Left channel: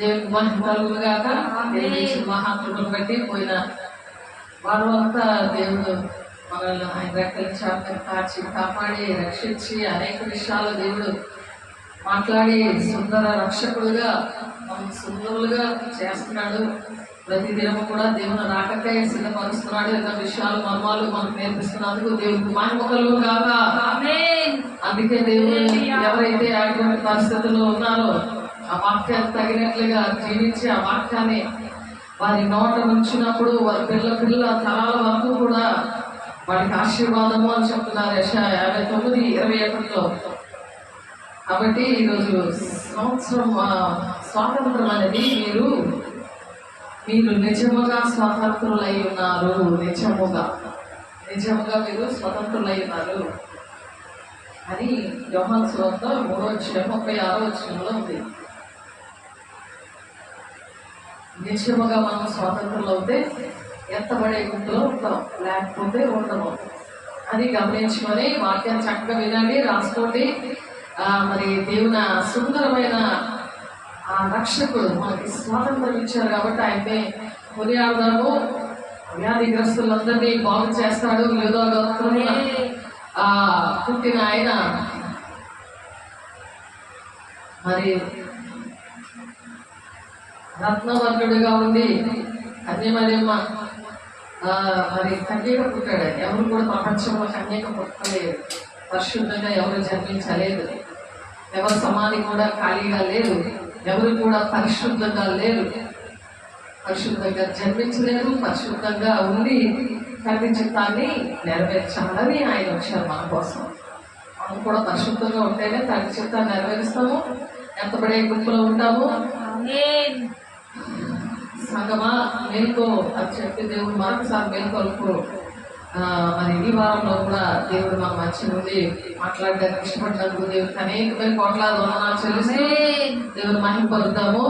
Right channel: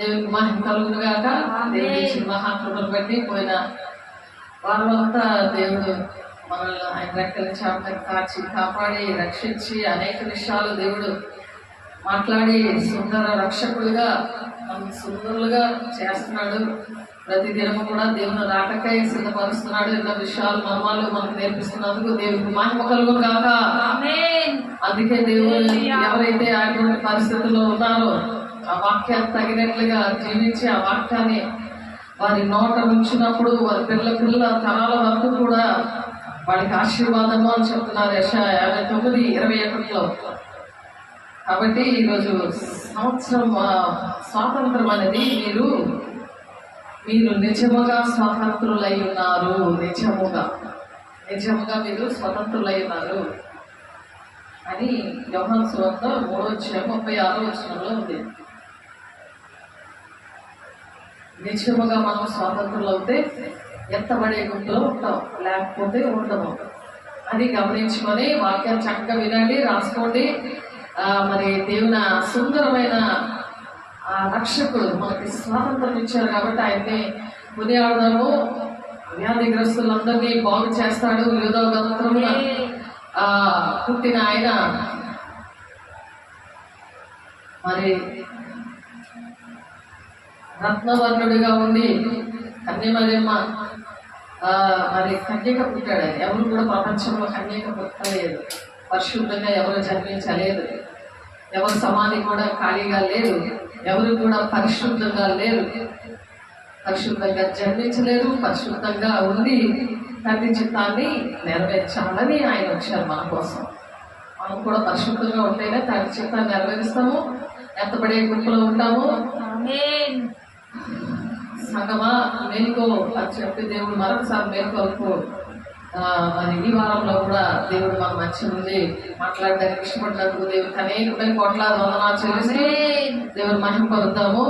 దేవునికి మహిమ కలుగును గాక. దేవుని మహాత్ములను బట్టి పోయిన వారంతా దేవుడు మనల్ని ఆయన రెక్కల చాటును కాచి కాపాడి రక్షించి అనేక విషయాలు దేవుడు మాట్లాడి సుందర రక్షకుడుగా మనం సుందరులుగా చేస్తున్నాడు. ప్రతి దినము కూడా దేవుని రాకకై సిద్ధపరుస్తున్నాడు. ఎన్నో విషయాలు మర్మాలు మనకు నేర్పిస్తున్నందుకు దేవుడికి మహిమ కలుగును గాక. అందుకే దేవుడు ఎవరైతే అటువంటి పరిస్థితుల్లో ఉన్నారో ఆ వాక్యాన్ని తగినట్లుగా జీవించి ఆ వాక్యాన్ని వారి నోట ఉంచినప్పుడు వారి పిల్ల తరాల వరకు కూడా వాడికి ఆశీర్వాదము అని చెప్తున్నారు యెషయా 59:21. కాబట్టి ఈరోజు సంవత్సరం స్వాతంత్రం అనేది మీరు నిజముగా స్వాతంత్రులై ఉన్నారు. నిజముగా మీరు స్వతంత్రులై ఉన్నారు అని యోహాను సువార్త 3:36 ఉంది. నిజముగా మనం స్వాతంత్రులు అవుతే ఎత్తబడే గుంపులో ఉంటాం, లేకపోతే ఉండము. అది గమనించుకొని వాక్యాన్ని చక్కగా వినండి, రాసుకోండి. మరి దేవుని సుందరమైన ఆ రక్షకుడు మనకి స్వాతంత్రం ఇచ్చారు కాబట్టి ఆయన్ని కొనియాడదాము. వ్యాధిగ్రస్తులందరినీ బాగు చేస్తాడు. యూదా గోత్రమున పుట్టిన ఆయన మరి రత్నవర్ణుడిగా ఉండి కన్యమరియమ్మ మరి కన్యక పుట్టాడు. ఎవరు కూడా ప్రపంచంలో కన్యక పుట్టలేదు, పరిశుద్ధంగా ఎవరు జన్మించలేదు, ఎవరు సమాధి కూడా ఖాళీగా లేదు, ఎవరు కూడా పరిశుద్ధంగా లేరు, పరిశుద్ధంగా జన్మించలేదు. పరిశుద్ధంగా ఉండి తండ్రి చిత్తాన్ని నెరవేర్చాలని ఆయన వచ్చారు మన కోసం. మనం కూడా పరిశుద్ధంగా ఉంటేనే తండ్రి చిత్తాన్ని నెరవేరుస్తాము, ఎత్తబడే గుంపులో ఉంటాము. సంగమా మేల్కో అని చెప్పి దేవుడు మరొకసారి మేల్కొల్పు. మరి ఈ వారంలో కూడా దేవుడు మన మంచి నుండి మాట్లాడడానికి ఇష్టపడినందుకు దేవుడికి అనేకమైన కోట్లాది వందనాలు చెల్లిస్తూ దేవుడు మహిమ పొందుతాము.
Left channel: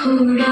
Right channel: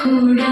రక్షకుడా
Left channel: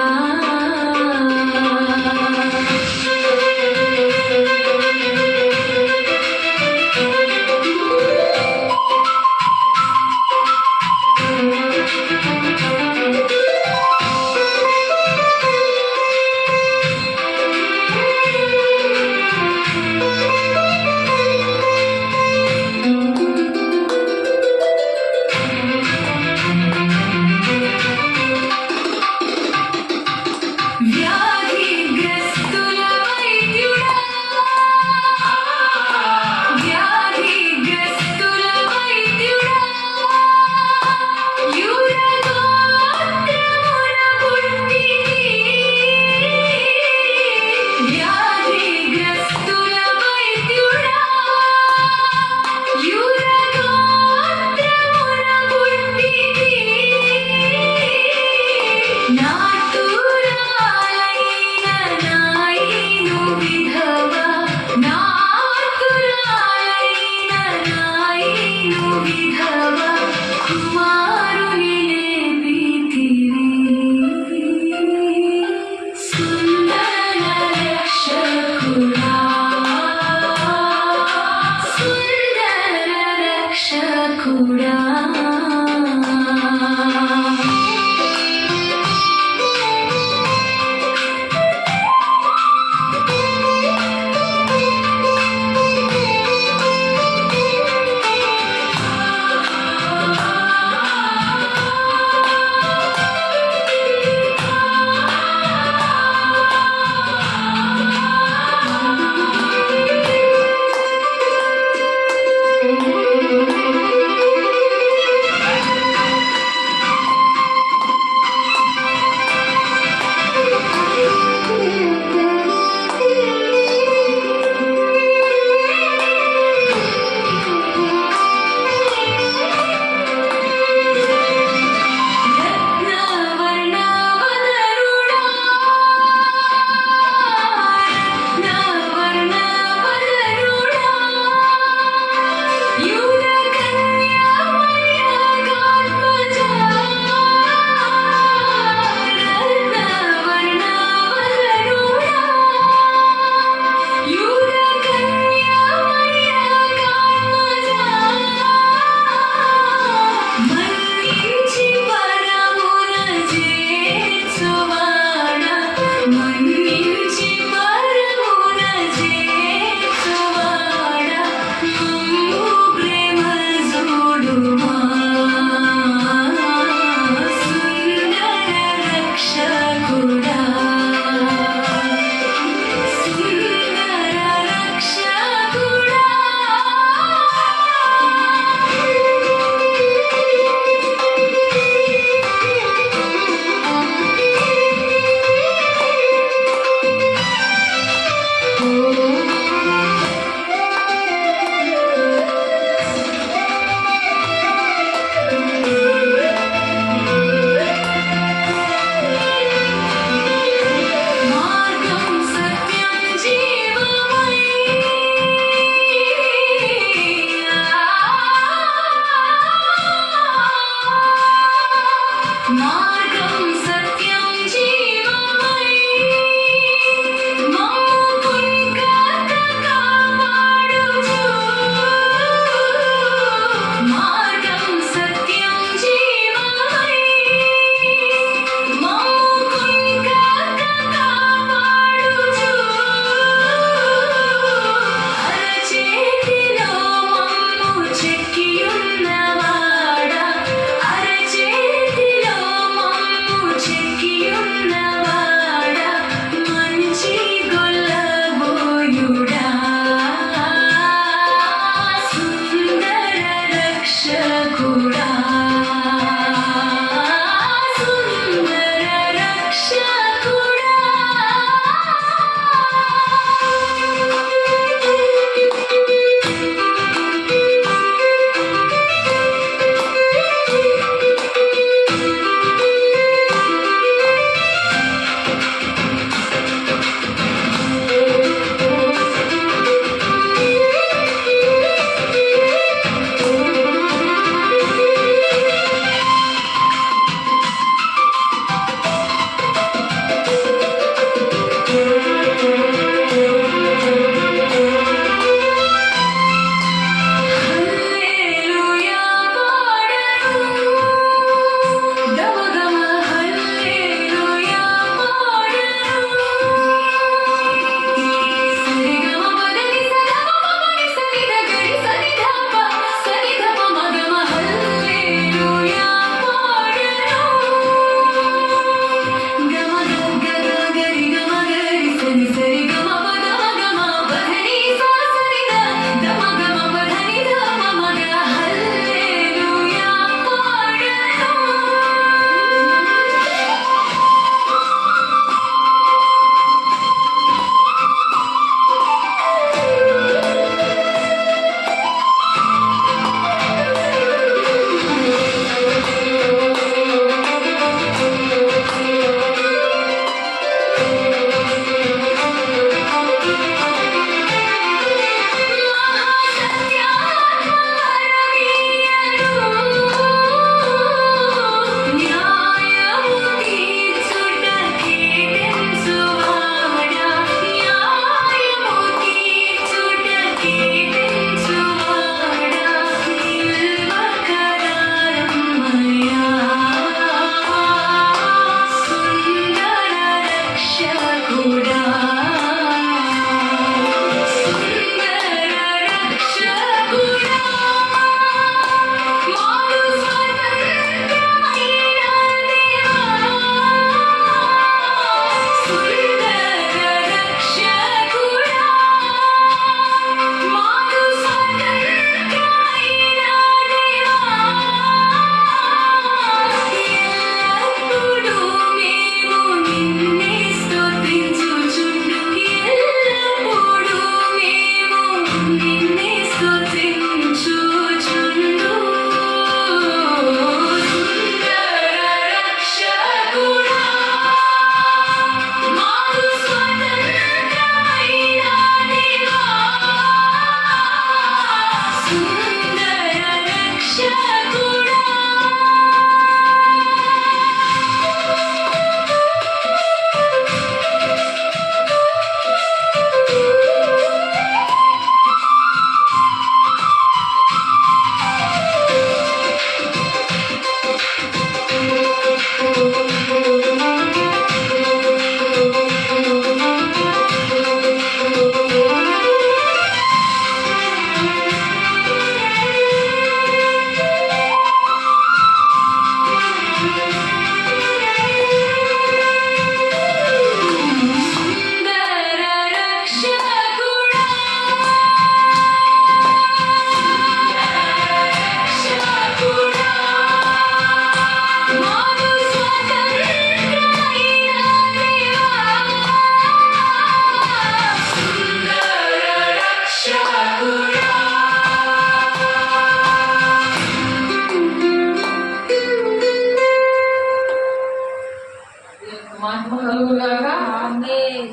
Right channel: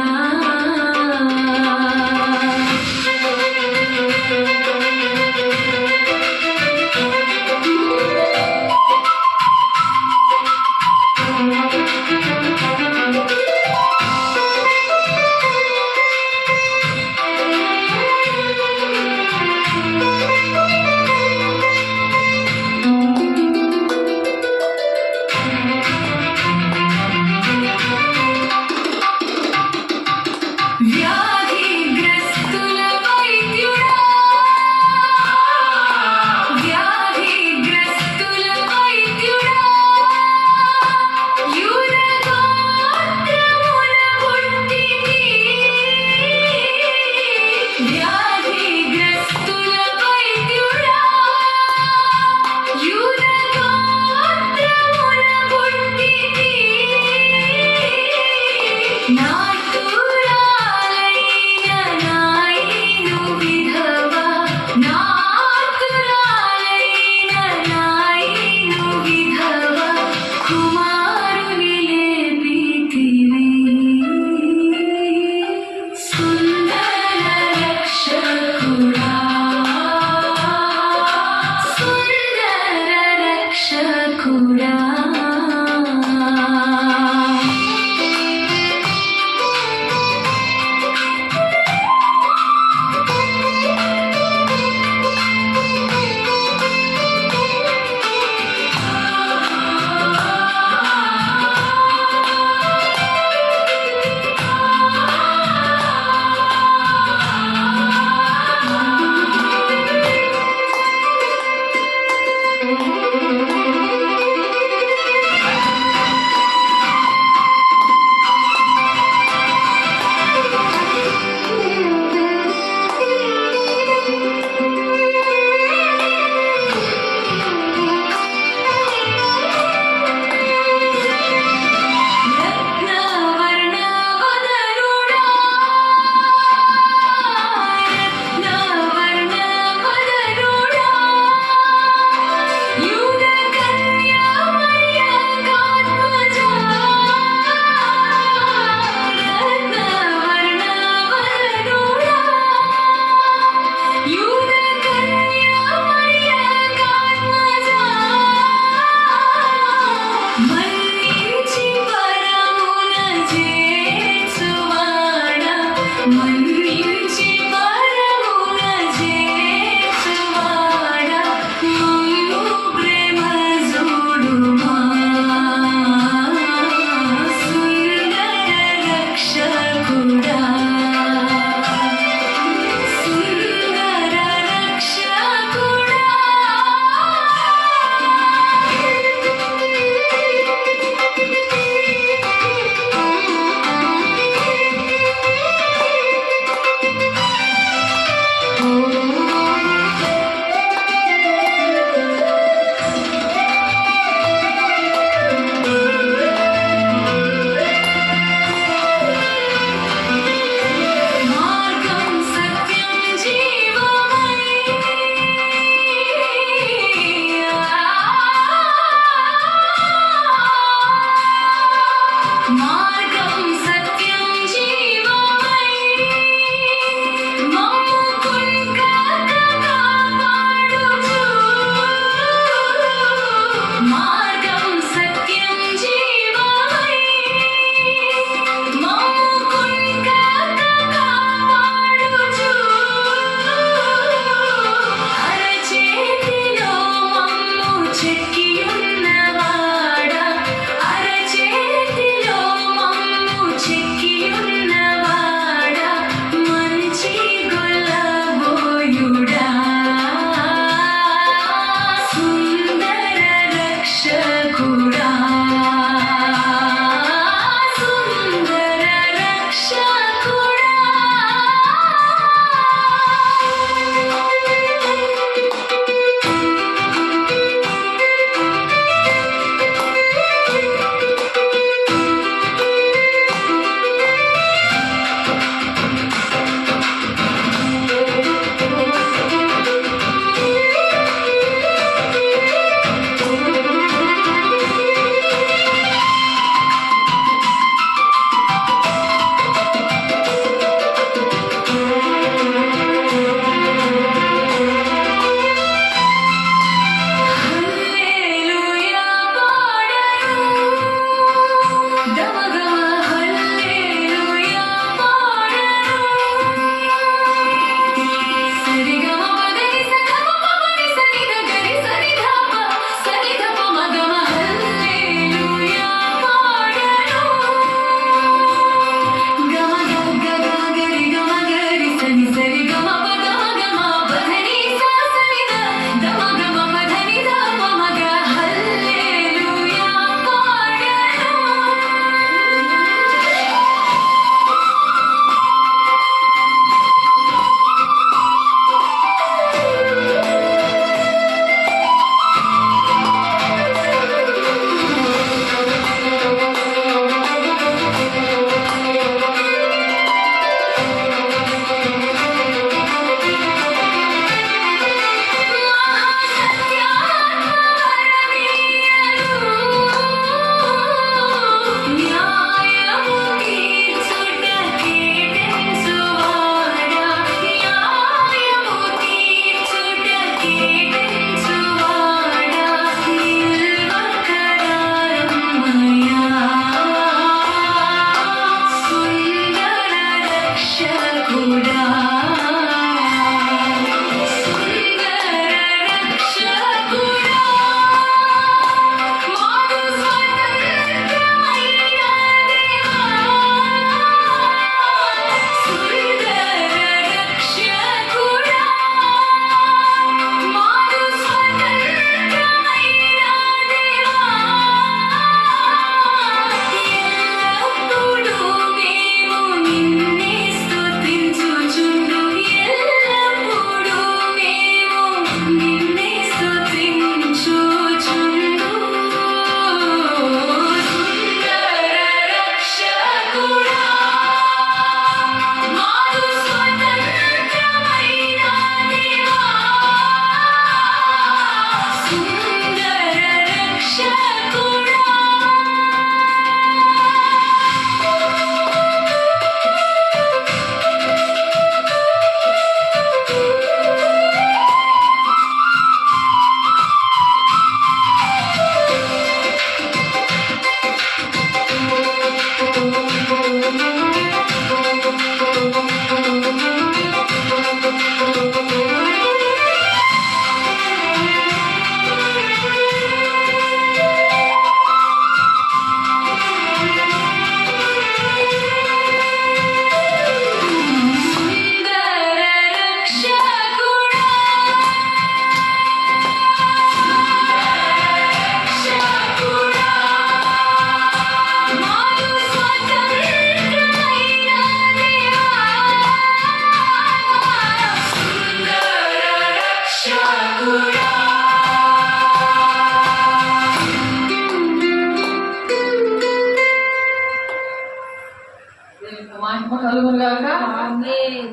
మహిమ కలుగుగాక. ఆమేన్.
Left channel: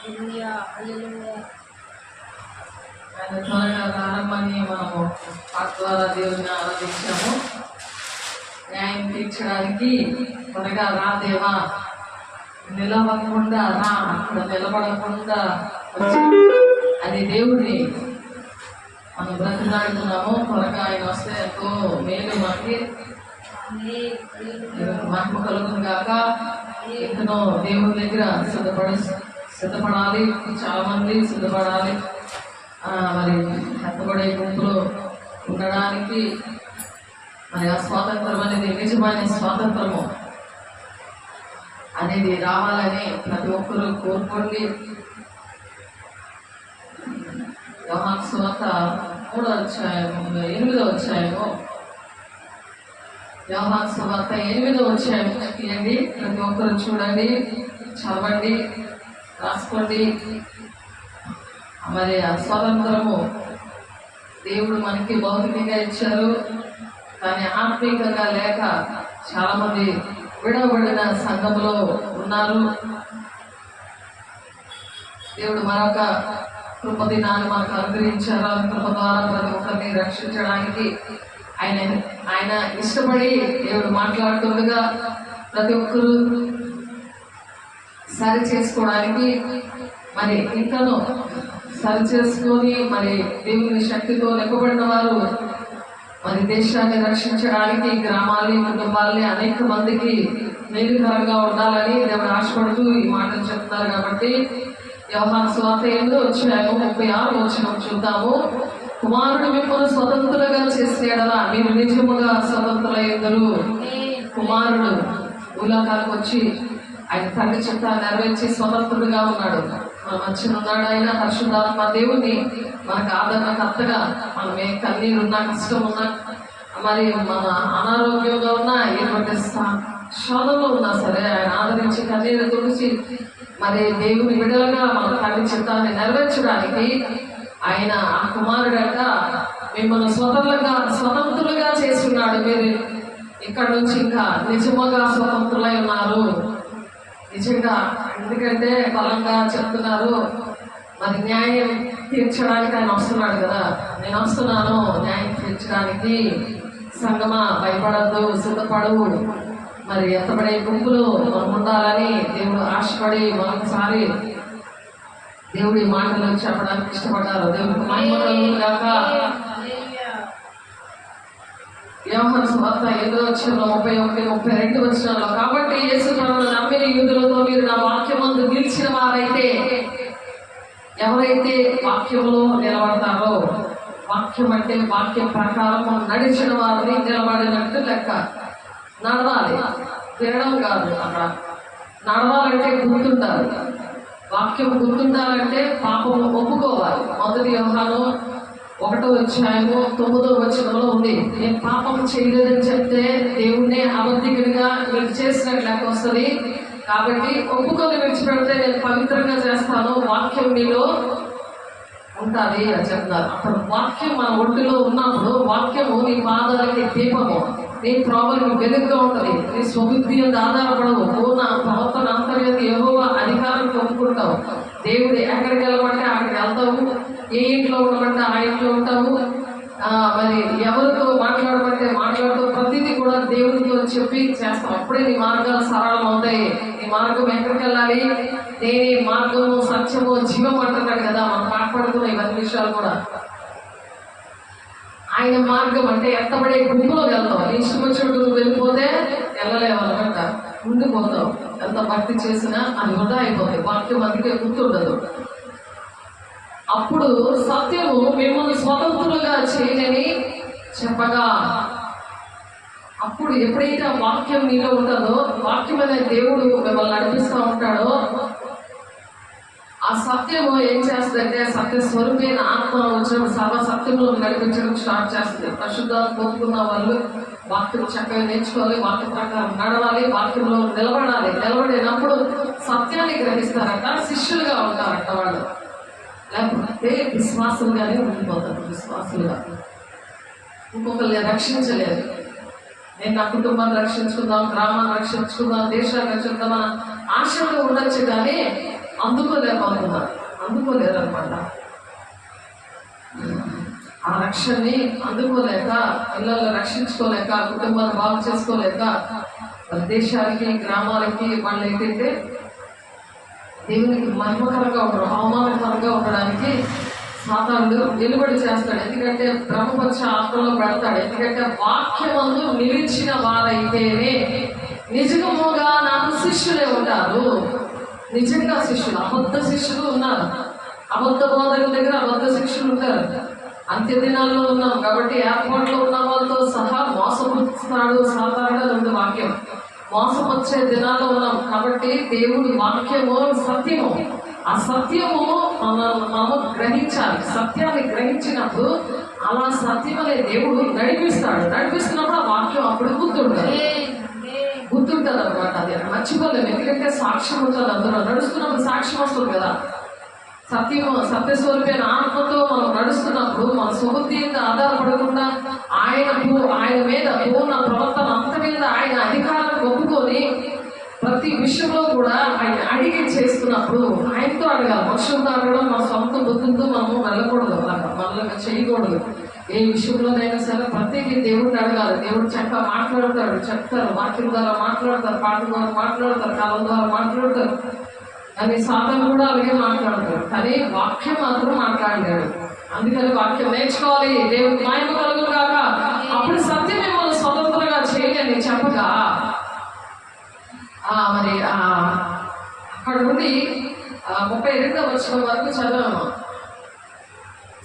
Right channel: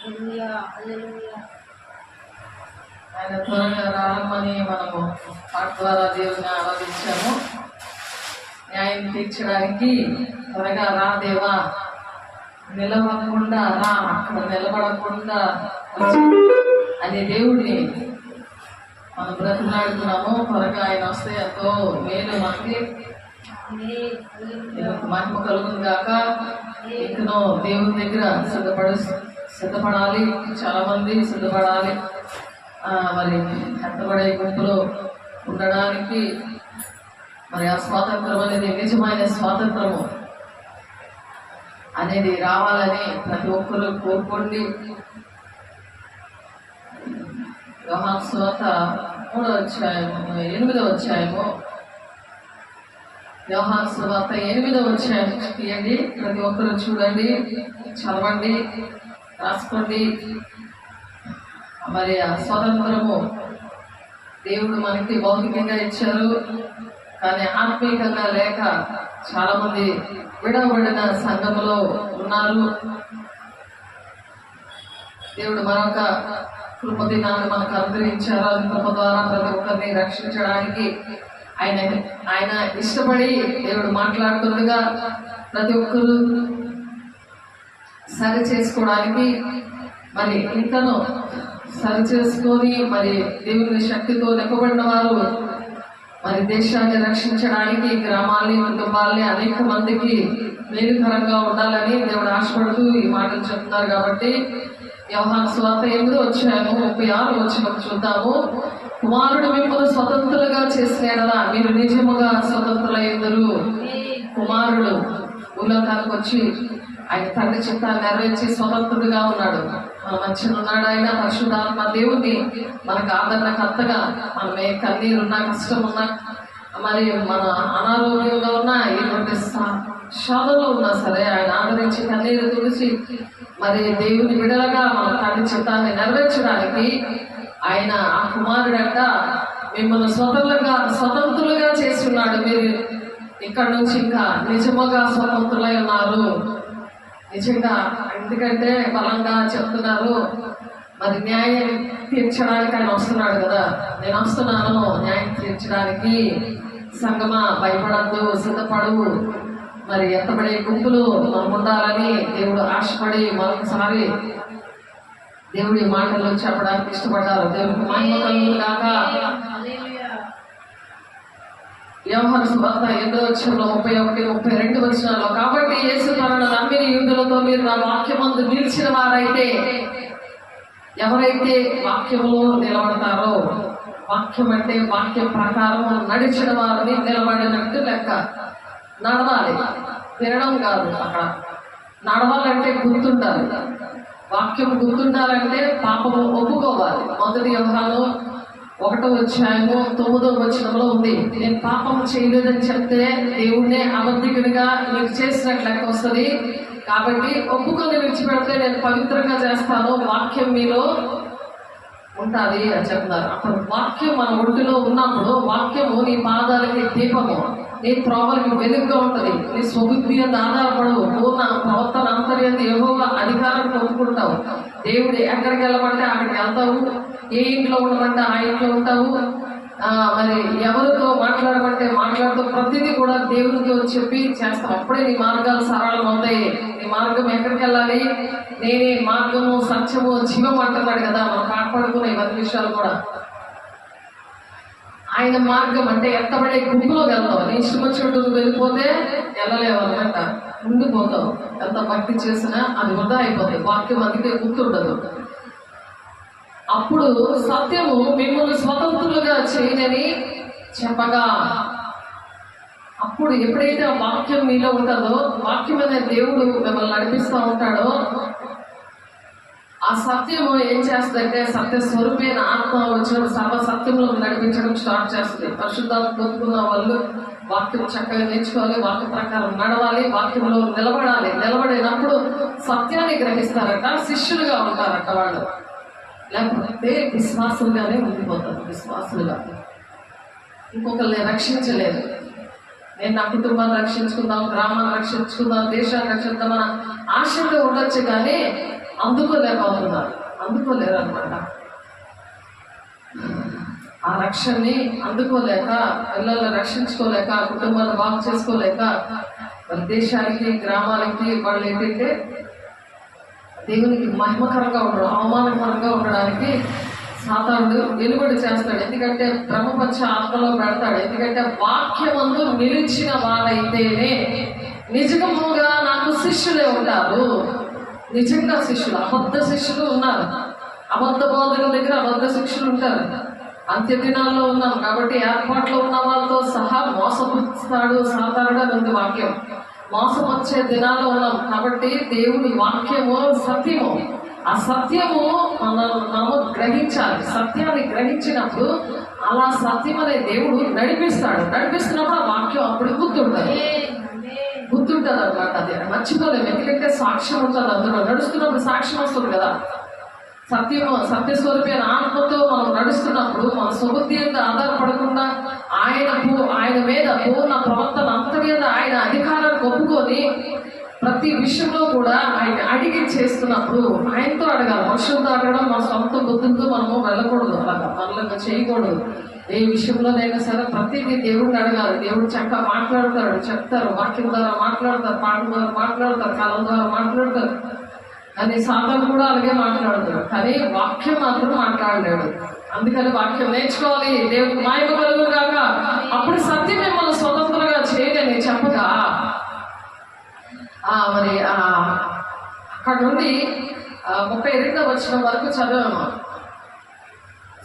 హల్లెలూయా హల్లెలూయా. ఆయన త్వరగా రారమ్మని మనము పాట ద్వారా దేవుని ఆరాధించాము. న్యాయం తీర్చడానికి త్వరగా రా దేవా, నిలవకుండా రా, అక్కడ నిలబడకుండా అని దేవుడిని మనం బ్రతిలాడుతున్నాము. త్వరగా ఆయన వస్తే ఎంతో మేలు మనకి. మహిమ కలుగును గాక. ఎన్నో దేవుని దగ్గర సిద్ధపడాలి. చాలా మంది సిద్ధపడాలి. మరి ఎత్తబడే గుంపులో ఉండడానికి మరి ఆ స్వాతంత్రం అనేది నిజమైన స్వాతంత్రము అనేది రావాలని ప్రతి ఒక్కరూ కోరుకోండి. యోహాను సువార్త 3వ అధ్యాయము 8వ అధ్యాయము యోహాను సువార్త 8వ అధ్యాయం తీయండి. ప్రతి ఒక్కరూ చూడండి, చదవండి, రాసుకోండి. మరి ఆ స్వతంత్రము దేవుడు మనకి భౌతికంగా ఇచ్చారు, కానీ ఆత్మీయంగా లేక చాలా మంది విడవబడిన సంఘంలో ఉన్నారు. దేవుడు మరొక కృప దినాన్ని మనకు అనుగ్రహించారు. ఆ కృప ద్వారా ప్రతి ఒక్కరిని రక్షించడానికి ఆయన ఇష్టపడి దేవుడు మాట్లాడుతుండగా ప్రతి ఒక్కరు సరి చేసుకోవడానికి మరి ఇంకనూ సరి చేసుకొని మరి దేవుని శక్తితో నింపబడిన వారు మరి దేశాన్ని రక్షించడానికి గ్రామాల్ని కుటుంబాల్ని అనేక మందికి మేలుకరంగా ఉండాలని దేవుడు ఆశపడుతూ ఈ మాటలు చెప్తున్నారు. కాబట్టి యోహాను సువార్త 8వ అధ్యాయము 36వ వచనం చూద్దాము. కుమారుడు మిమ్మల్ని స్వతంత్రులుగా చేసిన యెడల మీరు నిజముగా స్వతంత్రులయ్యుందురు. కుమారుడు భూలోకానికి వచ్చి ఆయన తండ్రి చిత్తాన్ని నెరవేర్చి స్వతంత్రుడుగా ఉన్నాడు. మన మధ్యన ఉన్నాడు ఆయన. పరిశుద్ధాత్మ దేవుని మనకు ఆదరణకర్తగా, మనం ఏ కన్నీరు ఉన్నా, కష్టం ఉన్నా, మరి మన అనారోగ్యంగా ఉన్నా, ఎటువంటి శోధనలో ఉన్నా సరే ఆయన ఆదరించి కన్నీరు తుడిచి మరి దేవుని విడలగా మన తండ్రి చిత్తాన్ని నెరవేర్చడానికి ఆయన ఆ కుమారుడంట మిమ్మల్ని స్వతంత్రులుగా చేసి ఉన్నాడు. మీరు ఇక్కడ నుంచి ఇంకా నిజముగా స్వతంత్రులై ఉన్నారు. నిజంగా ఎందుకంటే బలంగా చెప్తున్నారు. మరి న్యాయం తీర్చడానికి ఆయన వస్తున్నాడు కదా. నేను వస్తున్నాను న్యాయం తీర్చడానికి. సంగమా భయపడద్దు, సిద్ధపడు. మరి ఎత్తబడే గుంపులో మనం ఉండాలని దేవుడు ఆశపడి మరొకసారి దేవుడి మాటలు చెప్పడానికి ఇష్టపడ్డారు. దేవుడికి మహిమ కలుగును గాక. యోహాను సువార్త 8వ అధ్యాయంలో 31, 32 వచనాల్లో కాబట్టి యేసు తనను నమ్మిన యూదులతో మీరు నా వాక్యమందు నిలిచిన వారైతే, ఎవరైతే వాక్యంలో నిలబడతారో, వాక్యం అంటే వాక్యం ప్రకారం నడిచిన వారిని నిలబడినట్టు లెక్క. నడవాలి, తినడం కాదు. అక్కడ నడవాలంటే గుర్తుండాలి. వాక్యం గుర్తుండాలంటే పాపము ఒప్పుకోవాలి. 1 యోహాను 1వ అధ్యాయము 9వ వచనంలో ఉంది. నేను పాపం చేయలేదని చెప్తే దేవుణ్ణే అబద్ధికునిగా మీకు చేసినట్లు లెక్క వస్తుంది. కాబట్టి ఒప్పుకొని విడిచిపెడితే నేను పవిత్రంగా చేస్తాను, వాక్యం మీలో ఉంటుంది అని చెప్తారు. అప్పుడు వాక్యం మన ఒంటిలో ఉన్నప్పుడు వాక్యము నీ పాదాలకి దీపము, నీ త్రోవలకి వెలుగుగా ఉంటుంది. నీ స్వబుద్ధి అంత ఆధారపడవు. పూర్ణ ప్రవర్తన అంతర్యంత యెహోవా అధికారం పొందుకుంటావు. దేవుడు ఎక్కడికి వెళ్ళమంటే అక్కడికి వెళ్తావు. ఏ ఇంట్లో ఉండమంటే ఆ ఇంట్లో ఉంటావు. మరి ఎవరితో మాట్లాడమంటే మాట్లాడుతూ ప్రతిదీ కూడా దేవునితో చెప్పి చేస్తావు. అప్పుడే నీ మార్గాలు సరళం అవుతాయి. నీ మార్గం ఎక్కడికి వెళ్ళాలి? నేనే మార్గము, సత్యము, జీవం అంటున్నాడు కదా. మనం కాపాడుకునే ఇవన్నీ విషయాలు కూడా ఆయన మార్గం అంటే ఎత్తబడే గుంపులో వెళ్తావు. నీ ఇష్టం చోటు వెళ్ళిపోతే వెళ్ళలేవు అనమాట, ఉండిపోతావు. ఎంత భక్తి చేసినా అది వృధా అయిపోతాయి. వాక్యం అందుకే గుర్తుండదు. అప్పుడు సత్యము మిమ్మల్ని స్వతంత్రులుగా చేయనని చెప్పగా, అప్పుడు ఎప్పుడైతే ఆ వాక్యం మీలో ఉంటుందో, వాక్యం అనే దేవుడు మిమ్మల్ని నడిపిస్తూ ఉంటాడో, ఆ సత్యము ఏం చేస్తుందంటే సత్య స్వరూపైన ఆత్మ వచ్చిన సత్యంలో నడిపించడం స్టార్ట్ చేస్తుంది. పరిశుద్ధాత్మ పొందుకున్న వాళ్ళు వాక్యం చక్కగా నేర్చుకోవాలి, వాక్య ప్రకారం నడవాలి, వాక్యంలో నిలబడాలి. నిలబడినప్పుడు సత్యాన్ని గ్రహిస్తారట, శిష్యులుగా ఉంటారట వాళ్ళు. లేకపోతే విశ్వాసులుగానే ఉండిపోతారు. విశ్వాసులుగా ఇంకొకరిని రక్షించలేదు. నేను నా కుటుంబాన్ని రక్షించుకుందాం, గ్రామాన్ని రక్షించుకుందాం, దేశాన్ని రక్షిద్దాం మన ఆశతో ఉండొచ్చు, కానీ అందుకోలేకపోతున్నారు, అందుకోలేరు అనమాట. ఆ రక్షణని అందుకోలేక, పిల్లల్ని రక్షించుకోలేక, కుటుంబాన్ని బాగు చేసుకోలేక, వాళ్ళ దేశానికి గ్రామాలకి వాళ్ళు ఏంటంటే దేవునికి మహిమకరంగా ఉండడం, అవమానకరంగా ఉండడానికి సాతానుడు వెలువడి చేస్తాడు. ఎందుకంటే బ్రహ్మపక్ష ఆత్మలో పెడతాడు. ఎందుకంటే వాక్యమందు నిలిచిన వారైతేనే నిజముగా నాకు శిష్యులే ఉంటారు. నిజంగా శిష్యులు, అబద్ధ శిష్యులు ఉన్నారు. అబద్ధ బోధకుల దగ్గర అబద్ధ శిష్యులు ఉంటారు. అంత్య దినాల్లో ఉన్నాం కాబట్టి ఏర్పాట్లో ఉన్న వాళ్ళతో సహా మోసపుస్తాడు సాతానుడు అని ఉంది వాక్యం. మోసం వచ్చే దినాల్లో ఉన్నాం కాబట్టి దేవుడి వాక్యము సత్యము. ఆ సత్యము మనము గ్రహించాలి. సత్యాన్ని గ్రహించినప్పుడు అలా సత్యం అనే దేవుడు నడిపిస్తాడు. నడిపిస్తున్నప్పుడు ఆ వాక్యం అప్పుడు గుర్తుంటుంది అనమాట. అది మర్చిపోలేము. ఎందుకంటే సాక్ష్యం ఉంటుంది. అందులో నడుస్తున్నప్పుడు సాక్ష్యం వస్తుంది కదా. సత్యము సత్యస్వరూపైన ఆత్మతో మనం నడుస్తున్నప్పుడు మన సుబుద్ధి మీద ఆధారపడకుండా ఆయన మీద పూర్ణ ప్రవర్తన అంత మీద ఆయన అధికారాన్ని ఒప్పుకొని ప్రతి విషయంలో కూడా ఆయన అడిగి చేస్తున్నప్పుడు ఆయనతో అడగాలి. మనుషులతో అడగడం మన సొంత బుద్ధులతో మనము వెళ్ళకూడదు, మనల్ని చేయకూడదు. ఏ విషయంలోనైనా సరే ప్రతిదీ దేవుడిని అడగాలి. దేవుడు చక్కగా మాట్లాడతాడు, చెప్తారు, వాక్యం ద్వారా మాట్లాడతారు, పాట ద్వారా మాట్లాడతారు, కాలం ద్వారా మాట్లాడతారు. కానీ సాతాను కూడా అలాగే మాట్లాడతాడు, కానీ వాక్యం మాత్రం మాట్లాడలేడు. అందుకని వాక్యం నేర్చుకోవాలి. దేవుడు మహిమ కలుగు కాక అప్పుడు సత్యం మిమ్మల్ని స్వతంత్రంగా చేయలేని చెప్పగా మరి అక్కడ నుండి 32వ వచనం వరకు చదివాము.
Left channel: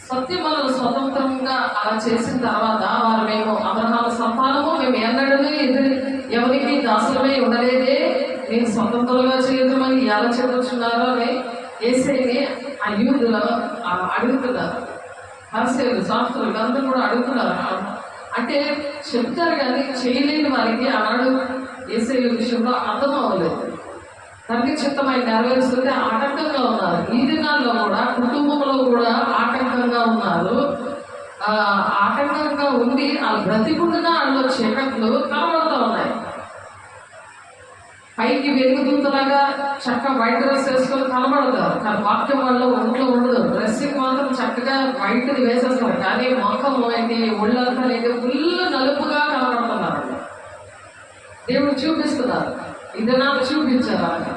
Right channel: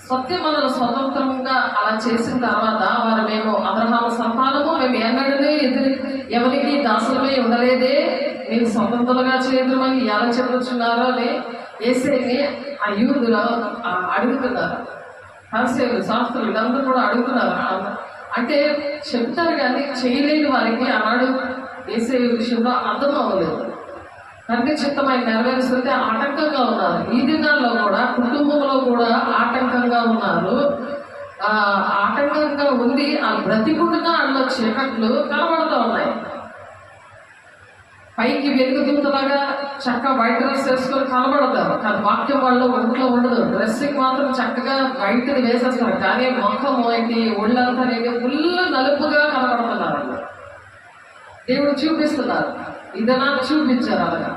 సత్యం మనల్ని స్వతంత్రంగా అలా చేసిన తర్వాత వారు మేము అబ్రహాము సంతానము, మేము ఎన్నడనే ఎవరికి దాసులమై ఉండలేదే, మేము స్వతంత్రంగా చేయమని ఎలా చెప్పొచ్చున్నారో అని యేసేని ఆ యూదులు అడుగుతున్నారు. పరిసయ్యులు, శాస్త్రులు అందరూ కూడా అడుగుతున్నారు. అంటే చెప్తారు కానీ చేయలేని వారికి ఆనాడు యేసే విషయంలో అర్థం అవ్వలేదు. తండ్రి చిత్తమైన నెరవేరుస్తుంటే ఆటంకంగా ఉన్నారు. ఈ దినాల్లో కూడా కుటుంబంలో కూడా ఆటంకంగా ఉన్నారు. ఆటంకంగా ఉండి ఆ బ్రతికుండుగా అందులో చీకట్లు కనబడుతూ ఉన్నాయి. పైకి వెలుగుతుందలాగా చక్కగా వైట్ డ్రెస్ వేసుకొని కనబడతారు, కానీ వాక్యం వల్ల ఒంట్లో ఉండదు. డ్రెస్సింగ్ మాత్రం చక్కగా వైట్ వేసేస్తారు, కానీ ముఖము ఏంటి, ఒళ్ళంతా ఫుల్ నలుపుగా కనబడుతున్నారు. దేవుడు చూపిస్తున్నారు, ఇదనా చూపించారు అలాగా.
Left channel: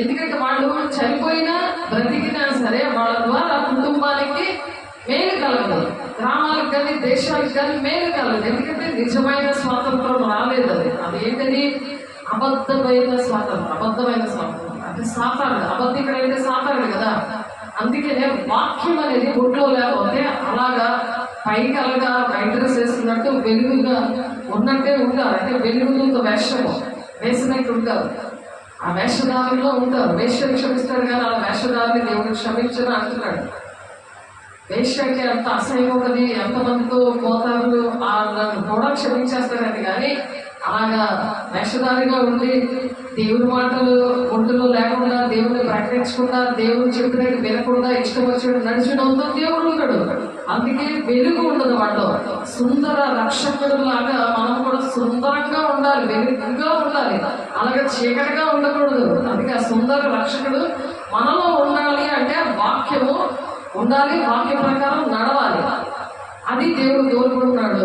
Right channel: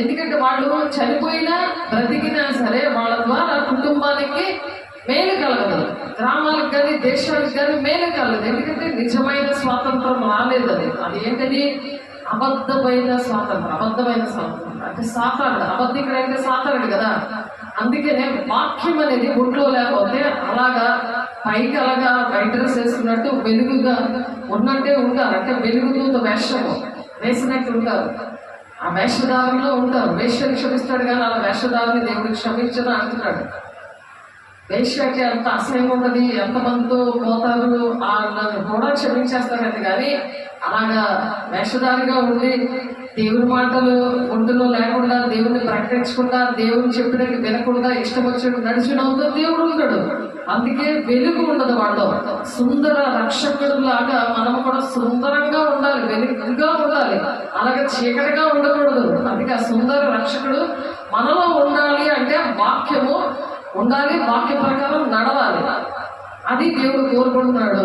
ఎందుకంటే వాళ్ళు చనిపోయినా బ్రతికినా సరే వాళ్ళ ద్వారా కుటుంబానికి మేలు కలగదు, గ్రామాలకు కానీ దేశాలకు కానీ మేలు కలగదు. ఎందుకంటే నిజమైన స్వాతంత్రం రాలేదు. అది ఏంటది? అబద్ధమైన స్వాతంత్రం. అంటే సాతానుడు, అబద్ధికుడు అంటే సాతానుడు కదా. అందుకనే వాక్యం అనేది ఒంట్లో లేకపోతే అలాగా పైకి అలాగా వైట్ డ్రెస్ వేసుకున్నట్టు వెలుగుగా ఉన్నట్టే ఉంటారు. అంటే వెలుగుతో వేషము వేసినట్టు ఉంటారు, ఆ వేషధారంలో ఉంటారు. వేష్యని క్షమిస్తాడు కానీ అలా వేషధారిని దేవుడికి క్షమించని అంటున్నాడు. వేష్య అంటే అంత అసహ్యం ఉన్నది, ఎంతమందితో పోతారు కూడా క్షమించేస్తారండి. కానీ అలాగా వేషధారిగా ఉండి దేవుడి మాటలు ఒంటిలో లేకుండా, దేవుడిని ప్రకటించకుండా, దేవుని చెప్పినట్టు వినకుండా ఇష్టం వచ్చినట్టు నడిచినంతో దేవుడు ఉంటాడు. అందుకే వెలుగు ఉండదు వాళ్ళు. సుందర రక్షకుడు లాగా మనం కూడా సుందరంగా ఉండాలి, వెలుగుగా ఉండాలి, అలాగే చీకటిగా ఉండకూడదు. అందుకే ఆ సుందర రక్షకుడు మనలో ఉండాలి అంటే వాక్యము ఉండాలి, వాక్య ప్రకారం నడవాలి. అది దేవుడు కోరుకుంటున్నాడు.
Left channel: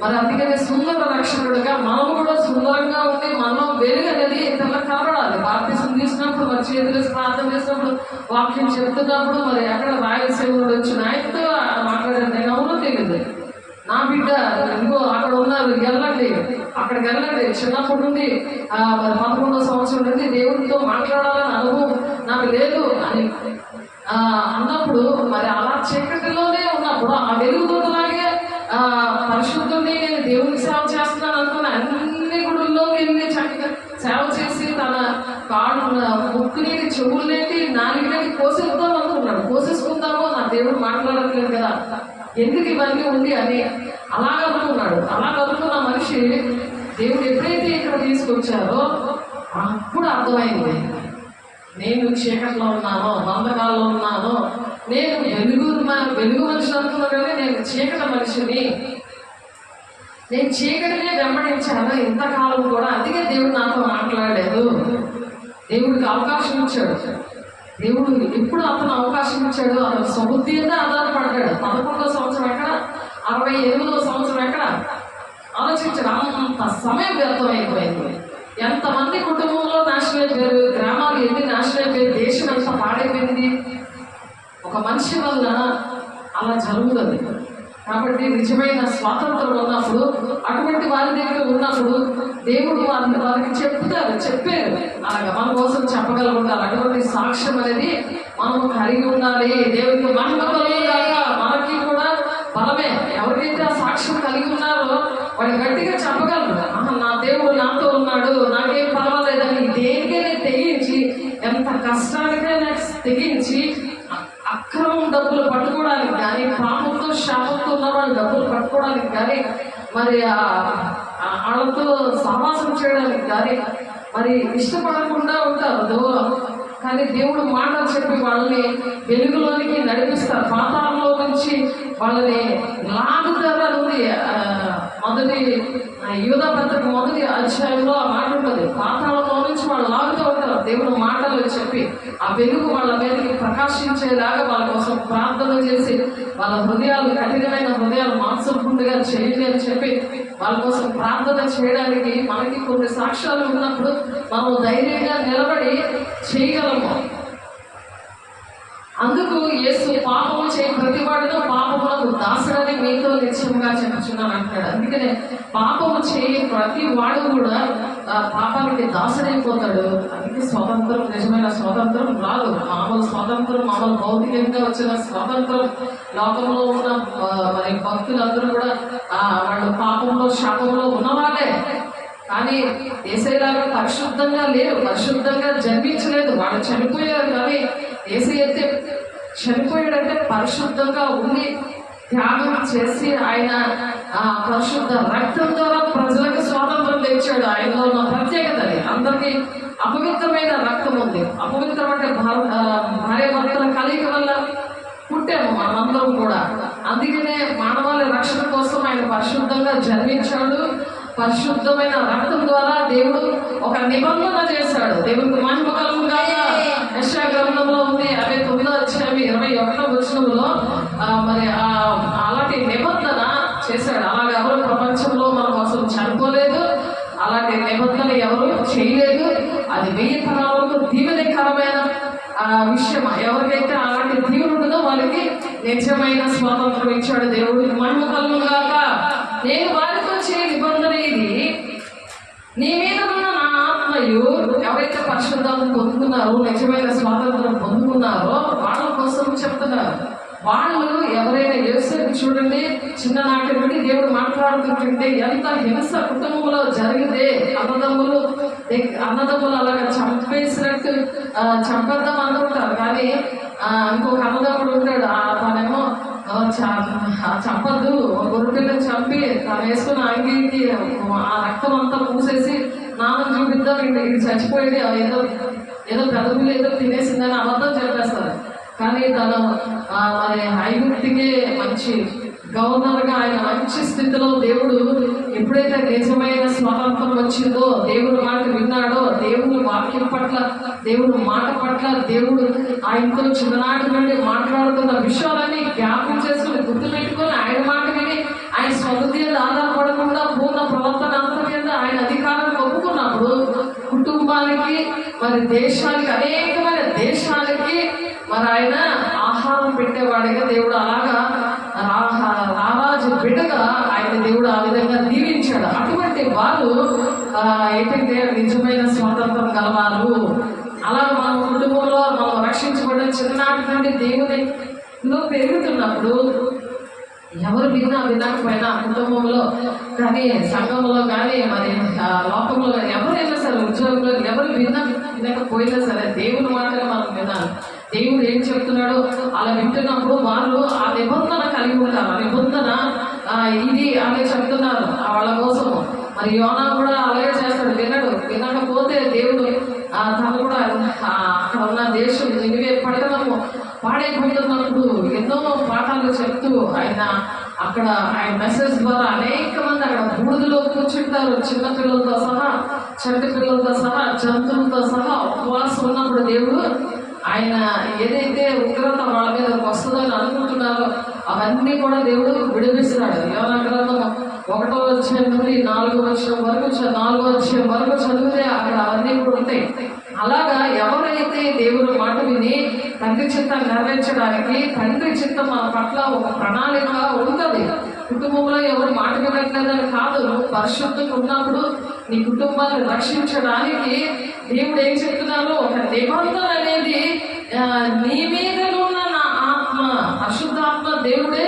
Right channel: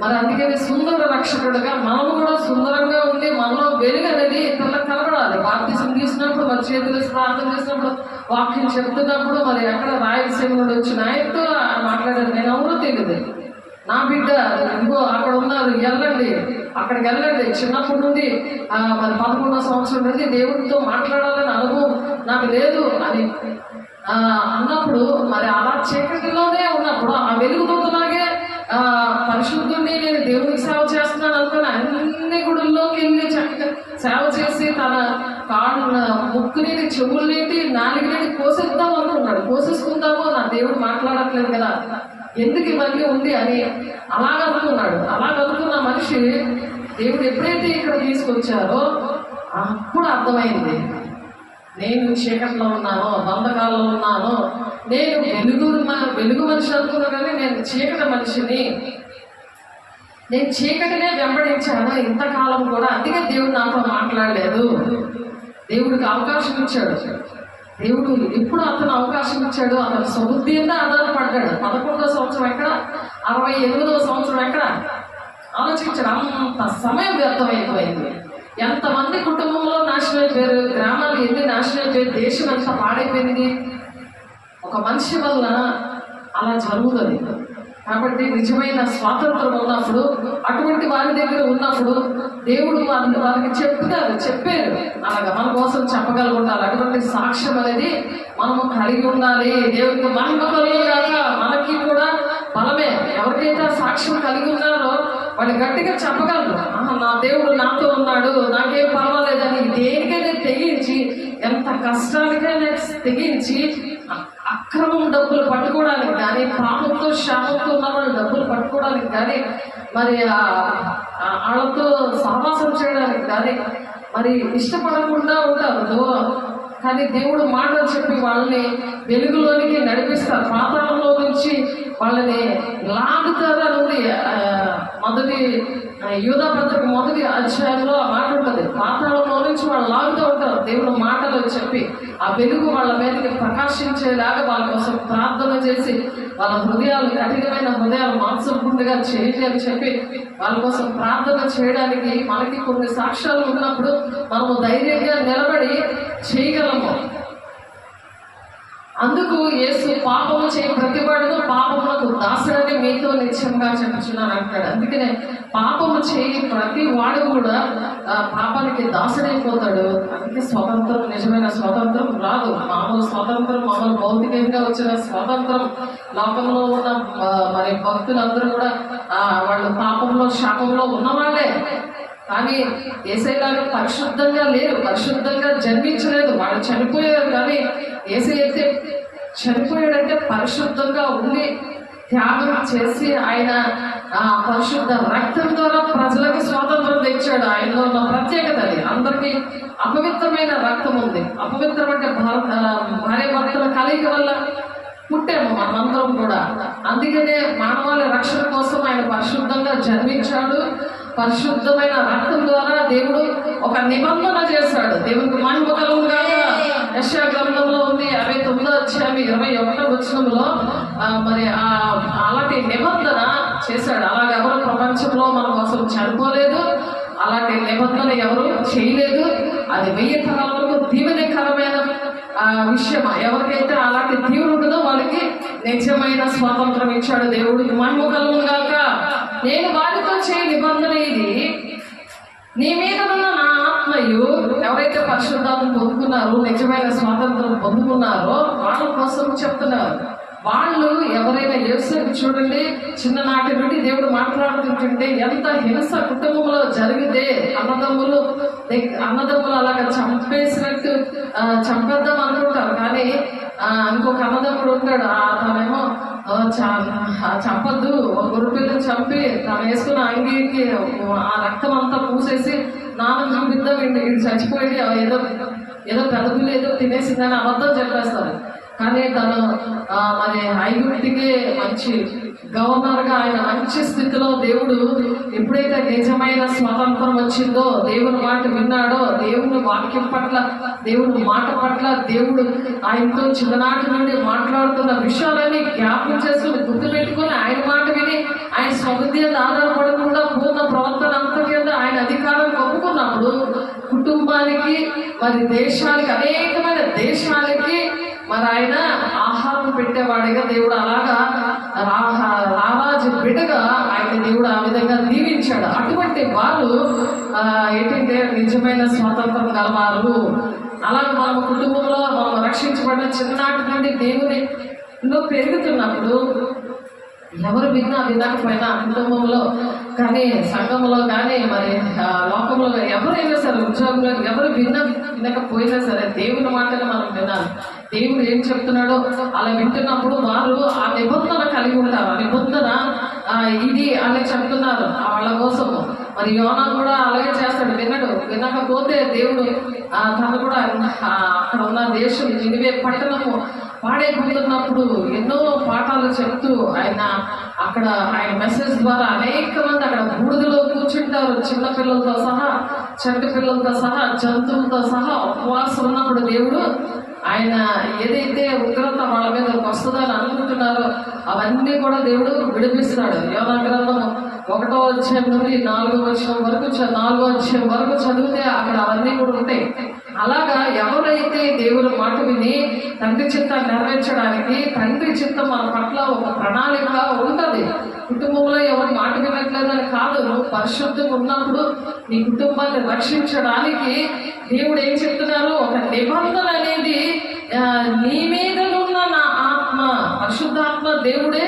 మరి అందుకని సుందర రక్షకుడుగా మనము కూడా సుందరంగా ఉండి మనలో వెలుగు అనేది ఇతరులకు కనబడాలి. బాప్తిసం తీసుకున్నప్పుడు, మరి చేతులు ప్రార్థన చేసినప్పుడు, వాక్యం చెప్తున్నప్పుడు, మరి అక్కడ రాయలసీమలో వచ్చిన ఆయనతో మాట్లాడారు. నేను ఎవరో తెలియదు, నా బిడ్డ ఇంకో అక్కడ ఉన్నారు, వెళ్ళండి, అక్కడికి వెళ్ళండి. చిన్నప్పటి నుండి మరి 11వ సంవత్సరం నుండి దేవుడితో మాట్లాడాలని అనుభవం నాకు లేదు అని అన్నప్పుడు, మరి అలా చీకటిలోనే ఉన్నప్పుడు ఆ వెలుగుదూతలాగే పరిశుద్ధుని నేను దేవుడికి సేవ చేస్తున్నాను అనుకుని అన్ని గుడుల్లోకి వెళ్ళి చక్కగా సేవ చేసి తన కాడు ముక్కుని, చెవులనేటి, నాలుగునేటి కోసేద్దాం అనుకున్నాడు. కోసేసుకుందాము, నా దేవుడు మాట్లాడట్లేదు కదా, ఎందుకు ఇవన్నీ ఉంది అని అలా అనుకున్నాడు. అలా అనుకున్న మనిషి దేవుడు ఎప్పుడైతే ఇక్కడ తీసుకొచ్చారో అప్పుడు అర్థమైంది, నేను చీకట్లో ఉన్నాను, బంధకాల్లో ఉన్నాను, నేను వెలుగు మనిషి అనుకున్నా కానీ నేను చీకటి మనిషిని. నేను చీకటినే వెంబడించాను ఇంతకాలం కూడా, అందుకే దేవుడు నాతో మాట్లాడలేదు. దేవుడికి అవకాశం ఇచ్చాడు. దేవుడు ఎప్పుడు అతను అవకాశం ఇచ్చాడు, అతను సమృద్ధి మీద ఆధారపడ్డాడు. 11వ సంవత్సరం ఎక్కడ, 68వ సంవత్సరం ఎక్కడ ఆలోచించాడు. అంత సమయం వ్యర్థమైపోయింది. ఎంతమంది కుటుంబంలో నాశనం అయిపోయారు, గ్రామాలు ఎన్ని నాశనం అయిపోయారు, దేశం ఎంత పాడైపోయింది. ఒక మనిషి వల్ల అలా జరుగుతుంది. కాబట్టి నిజమైన స్వాతంత్రం ఉన్నప్పుడు, అటువంటి వారి దగ్గర ఉన్నప్పుడు దేవుడు వారికి చెప్పారు అలాగా మన కోసం చెప్పగలుగుతారు. అటువంటి సాక్ష్యం అనేది మనము కలిగి ఉండాలి. దేవుడికి మహిమ కలుగుగాక. మనకి కూడా బలమే. ఎవరికైతే ఆ సాక్ష్యం కలిగి ఉన్నారో వాడు గట్టిగా చెప్పగలరు, నా దేవుడు నాతో ఉన్నాడు, నాకేం పర్వాలేదని. దేనికైనా తెగించి, ఎంత కష్టానికైనా తెగించి, అక్రమం డబ్బులు పట్టుకోవడానికి కానీ, పాపంతో శాపంతో ఉన్న వాళ్ళు డబ్బులు పట్టుకోవడానికి కానీ, మరి వాళ్ళతో సహవాసం చేయడానికి కానీ మరి ఇష్టపడకుండా ఉంటారు దూరం. కానీ దేవుడు మాటలు చెప్పి వాళ్ళని వెలుగులోనికి నడిపిస్తారు. పాతాళంలో నుంచి వాళ్ళని లాగుతారు అని ఉంది. మొదటి యూదా పత్రిక 1వ అధ్యాయంలో ఆ మాట ఉంటుంది. పాతాళంలో నుంచి వాళ్ళు లాగుతూ ఉంటారు. దేవుడు మాటలు చెప్పి ఆ వెలుగు వాళ్ళ మీదకి ప్రకాశించేలాగా వాళ్ళ కోసం ప్రార్థన చేసి, వాళ్ళ హృదయాలు, కఠినమైన హృదయాలు మాంసపుండుగా చేయండి అని చెప్పి వాళ్ళ కోసం ప్రార్థన చేయడానికి మనకి కొన్ని సాక్ష్యాలు ఉన్నప్పుడు మనము ధైర్యంగా నిలబడి చేయగలము. అందుకు యేసు పాపము చేయి ప్రతివాడును పాపములకు దాసుడని మీతో నిశ్చయంగా చెప్పుచున్నాను అంటాడు. అందుకనే పాపము చేయి ప్రతి వాడు కూడా పాపానికి దాసుడైపోతాడు. అందుకే స్వతంత్రం, నిజమైన స్వతంత్రం రాదు. మామూలు స్వతంత్రం, మామూలు భౌతికంగా వచ్చిన స్వతంత్రం. లోకంలో ఉన్న మరి భక్తులందరూ కూడా వాళ్ళు పాపంలో శాపంలో ఉన్నవాళ్ళే. కానీ యేసయ్యలాగా పరిశుద్ధంగా లేరు, పరిశుద్ధంగా జన్మించలేదు. వాళ్ళు చనిపోయారు. కానీ యేసయ్య అయితే చనిపోయాడంటే పరిశుద్ధంగా ఉండి త్యాగం చేసి ఆయన పరిశుద్ధ రక్తం ద్వారా ప్రజలకు స్వాతంత్రం తెచ్చాడు. ఆయనలో ఉన్న ప్రత్యేకత అది. అందరికీ అపవిత్రమైన రక్తం ఉంది. అపవిత్రం అంటే భార్య భర్తల కలయిక వల్ల పుట్టాము మనందరం కూడా. అందుకనే మానవాళి రక్షణ కోసం ఆయన పరిశుద్ధంగా జన్మించాడు. పరిశుద్ధమైన రక్తం ద్వారా దేవుడు ఒక నిబంధన చేశాడు. దేవుడికి మహిమ కలుగుగాక. యెషయా గ్రంథంలో ఉంది 69వ అధ్యాయం 21వ వచనంలో మరి అలాంటి నిబంధన చేశాడు. అలాగే ఎవరు ప్రపంచంలో మనం అసలు చనిపోలేదు, అలాంటి నిబంధన ఎవరు చేయలేదు. అది 1000 తరాల వరకు దీవెనకరమైన విషయం. ఎవరికైతే అలాంటి దీవులు ఉంటుందో వాళ్ళకి నిజమైన స్వాతంత్రం ఇచ్చాడు. దేవుడికి మహిమ కలుగుగాక. నేను వారితో చేయ నిబంధన ఇది, నీ మీద ఉన్న నా ఆత్మయు. ఎవరైతే పరిశుద్ధాలను పొందుకున్నారో, నిజమైన స్వాతంత్రం పొందుకున్నారో వాళ్ళ కోసం చెప్తున్నారు. వాళ్ళు ఎవరైనా యేసుని చూడండి, చిన్ననాటి నుండి దేవుడు మాట్లాడుతుంటే ఎంత హింస కుటుంబంలో జరిగితే అన్నదమ్ములు అలాగా చంపేసినట్టు చంపేద్దాం అనుకుంటారు. కానీ ఇంకొక అన్నదమ్ముడు ఉంటాడు, తనేమో చంపద్దు, ఒక గొర్రెపిల్లని చంపి తను వేసుకున్న అంగీకి ఆ రక్తం అంతా పూసేసి నాన్న చూపిద్దాం, ఇంటికి చచ్చిపోయి ఏదో పెదవులు ఏదో తినేసిందని అబద్ధం చెప్పేస్తారు. కానీ తను మరి ఐగుప్తికి మంచి గవర్నర్గా ఆయన మంచి స్థితిలో దేవుడు ఎప్పుడైతే నిజమైన స్వాతంత్రం వచ్చిందో, దేవుని మాట విన్నాడో, దేవుని వాక్యం పట్ల, దేవుని మాట పట్ల దేవుడు ఆయనతో చిన్ననాటి నుండి మాట్లాడుతున్న విషయాలన్నీ జ్ఞాపకం చేసుకుని గుర్తుపెట్టుకుని ఆయన మాట విని ఆయన స్వబుద్ధి మీద ఆధారపడకుండా పూర్ణ ప్రవర్తన అంతా కింద ఆయన అధికారం ఒప్పుకున్నప్పుడు కుటుంబానికి మరి దేశానికి, అనేకమైన దేశాలకి మరి ఆయన ఆహారం పెట్టేవాడిగా దేవుడు, అలాగా రారాజు బిడ్డగా ఆయన దేవుడు ఆ విధంగా దీవించాడు. అటువంటి వారు ఏంటంటే నిజమైన స్వాతంత్రం గలవారు. అలాగే మన కుటుంబంలో మనం రక్షించబడిన చిన్ననాటి నుండి దేవునిలో పెరుగుతున్నప్పుడు ఎవరు వినకపోయినా కుటుంబంలో కానీ, సంఘంలో కానీ, మరి లోకంలో ఎవరైనా సరే, ఉద్యోగంలో ఎవరు వినకపోయినా సరే దేవుని మాటని మనం వినాలి. దేవుడు ఏం చెప్తున్నాడో అలా వింటున్నప్పుడు వారు ఆ నిబంధన కలిగి ఉంటారు. ఆ నిబంధన ఇది అని చెప్తున్నారు వాళ్ళ కోసము. మరి యోనా కూడా అలాగే చేస్తాడు. వినకపోతే దేవుడు తను కూడా అక్కడ ఉన్న దేశం నినివే పట్టణము పాడైపోతున్నప్పుడు ఎన్నో పాఠాలు చెప్తూ ఆయన మెసేజ్ ద్వారా అనేక మంది అక్కడ తింటారు, చిన్న పిల్లలతో సహా, చంటి పిల్లలతో సహా, జంతువులతో సహా ఉపవాసం ఉన్నప్పుడు దేవుడు ఆయన ఏదైతే ఉగ్రత వాళ్ళ మీద వస్తుందని అనుకుంటున్నారో అవన్నీ కూడా దేవుడు విడిపిస్తాడు. యోనా గ్రంథం 1వ అధ్యాయం నుండి 4వ అధ్యాయం వరకు చదివితే అక్కడ అవన్నీ కూడా ఉంటాయి. అలాగా ఎవరైతే దేవుని మాట విని తండ్రి చిత్తాన్ని నెరవేర్చడానికి, తండ్రి చిత్తం మన పట్ల ఒక ప్రణాళిక ఉంటుంది. కుటుంబంలో ఎవరు మాట వినట్లేదని కాదు, నువ్వు పరిశుద్ధంగా ఉన్నప్పుడు నీ కుటుంబాన్ని రక్షించడానికి దేవుడు ఏం చెప్తున్నారు, ఒక నిబంధన అనేది నీ మీద ఉన్న నా ఆత్మ, పరిశుద్ధాత్మ దేవుడే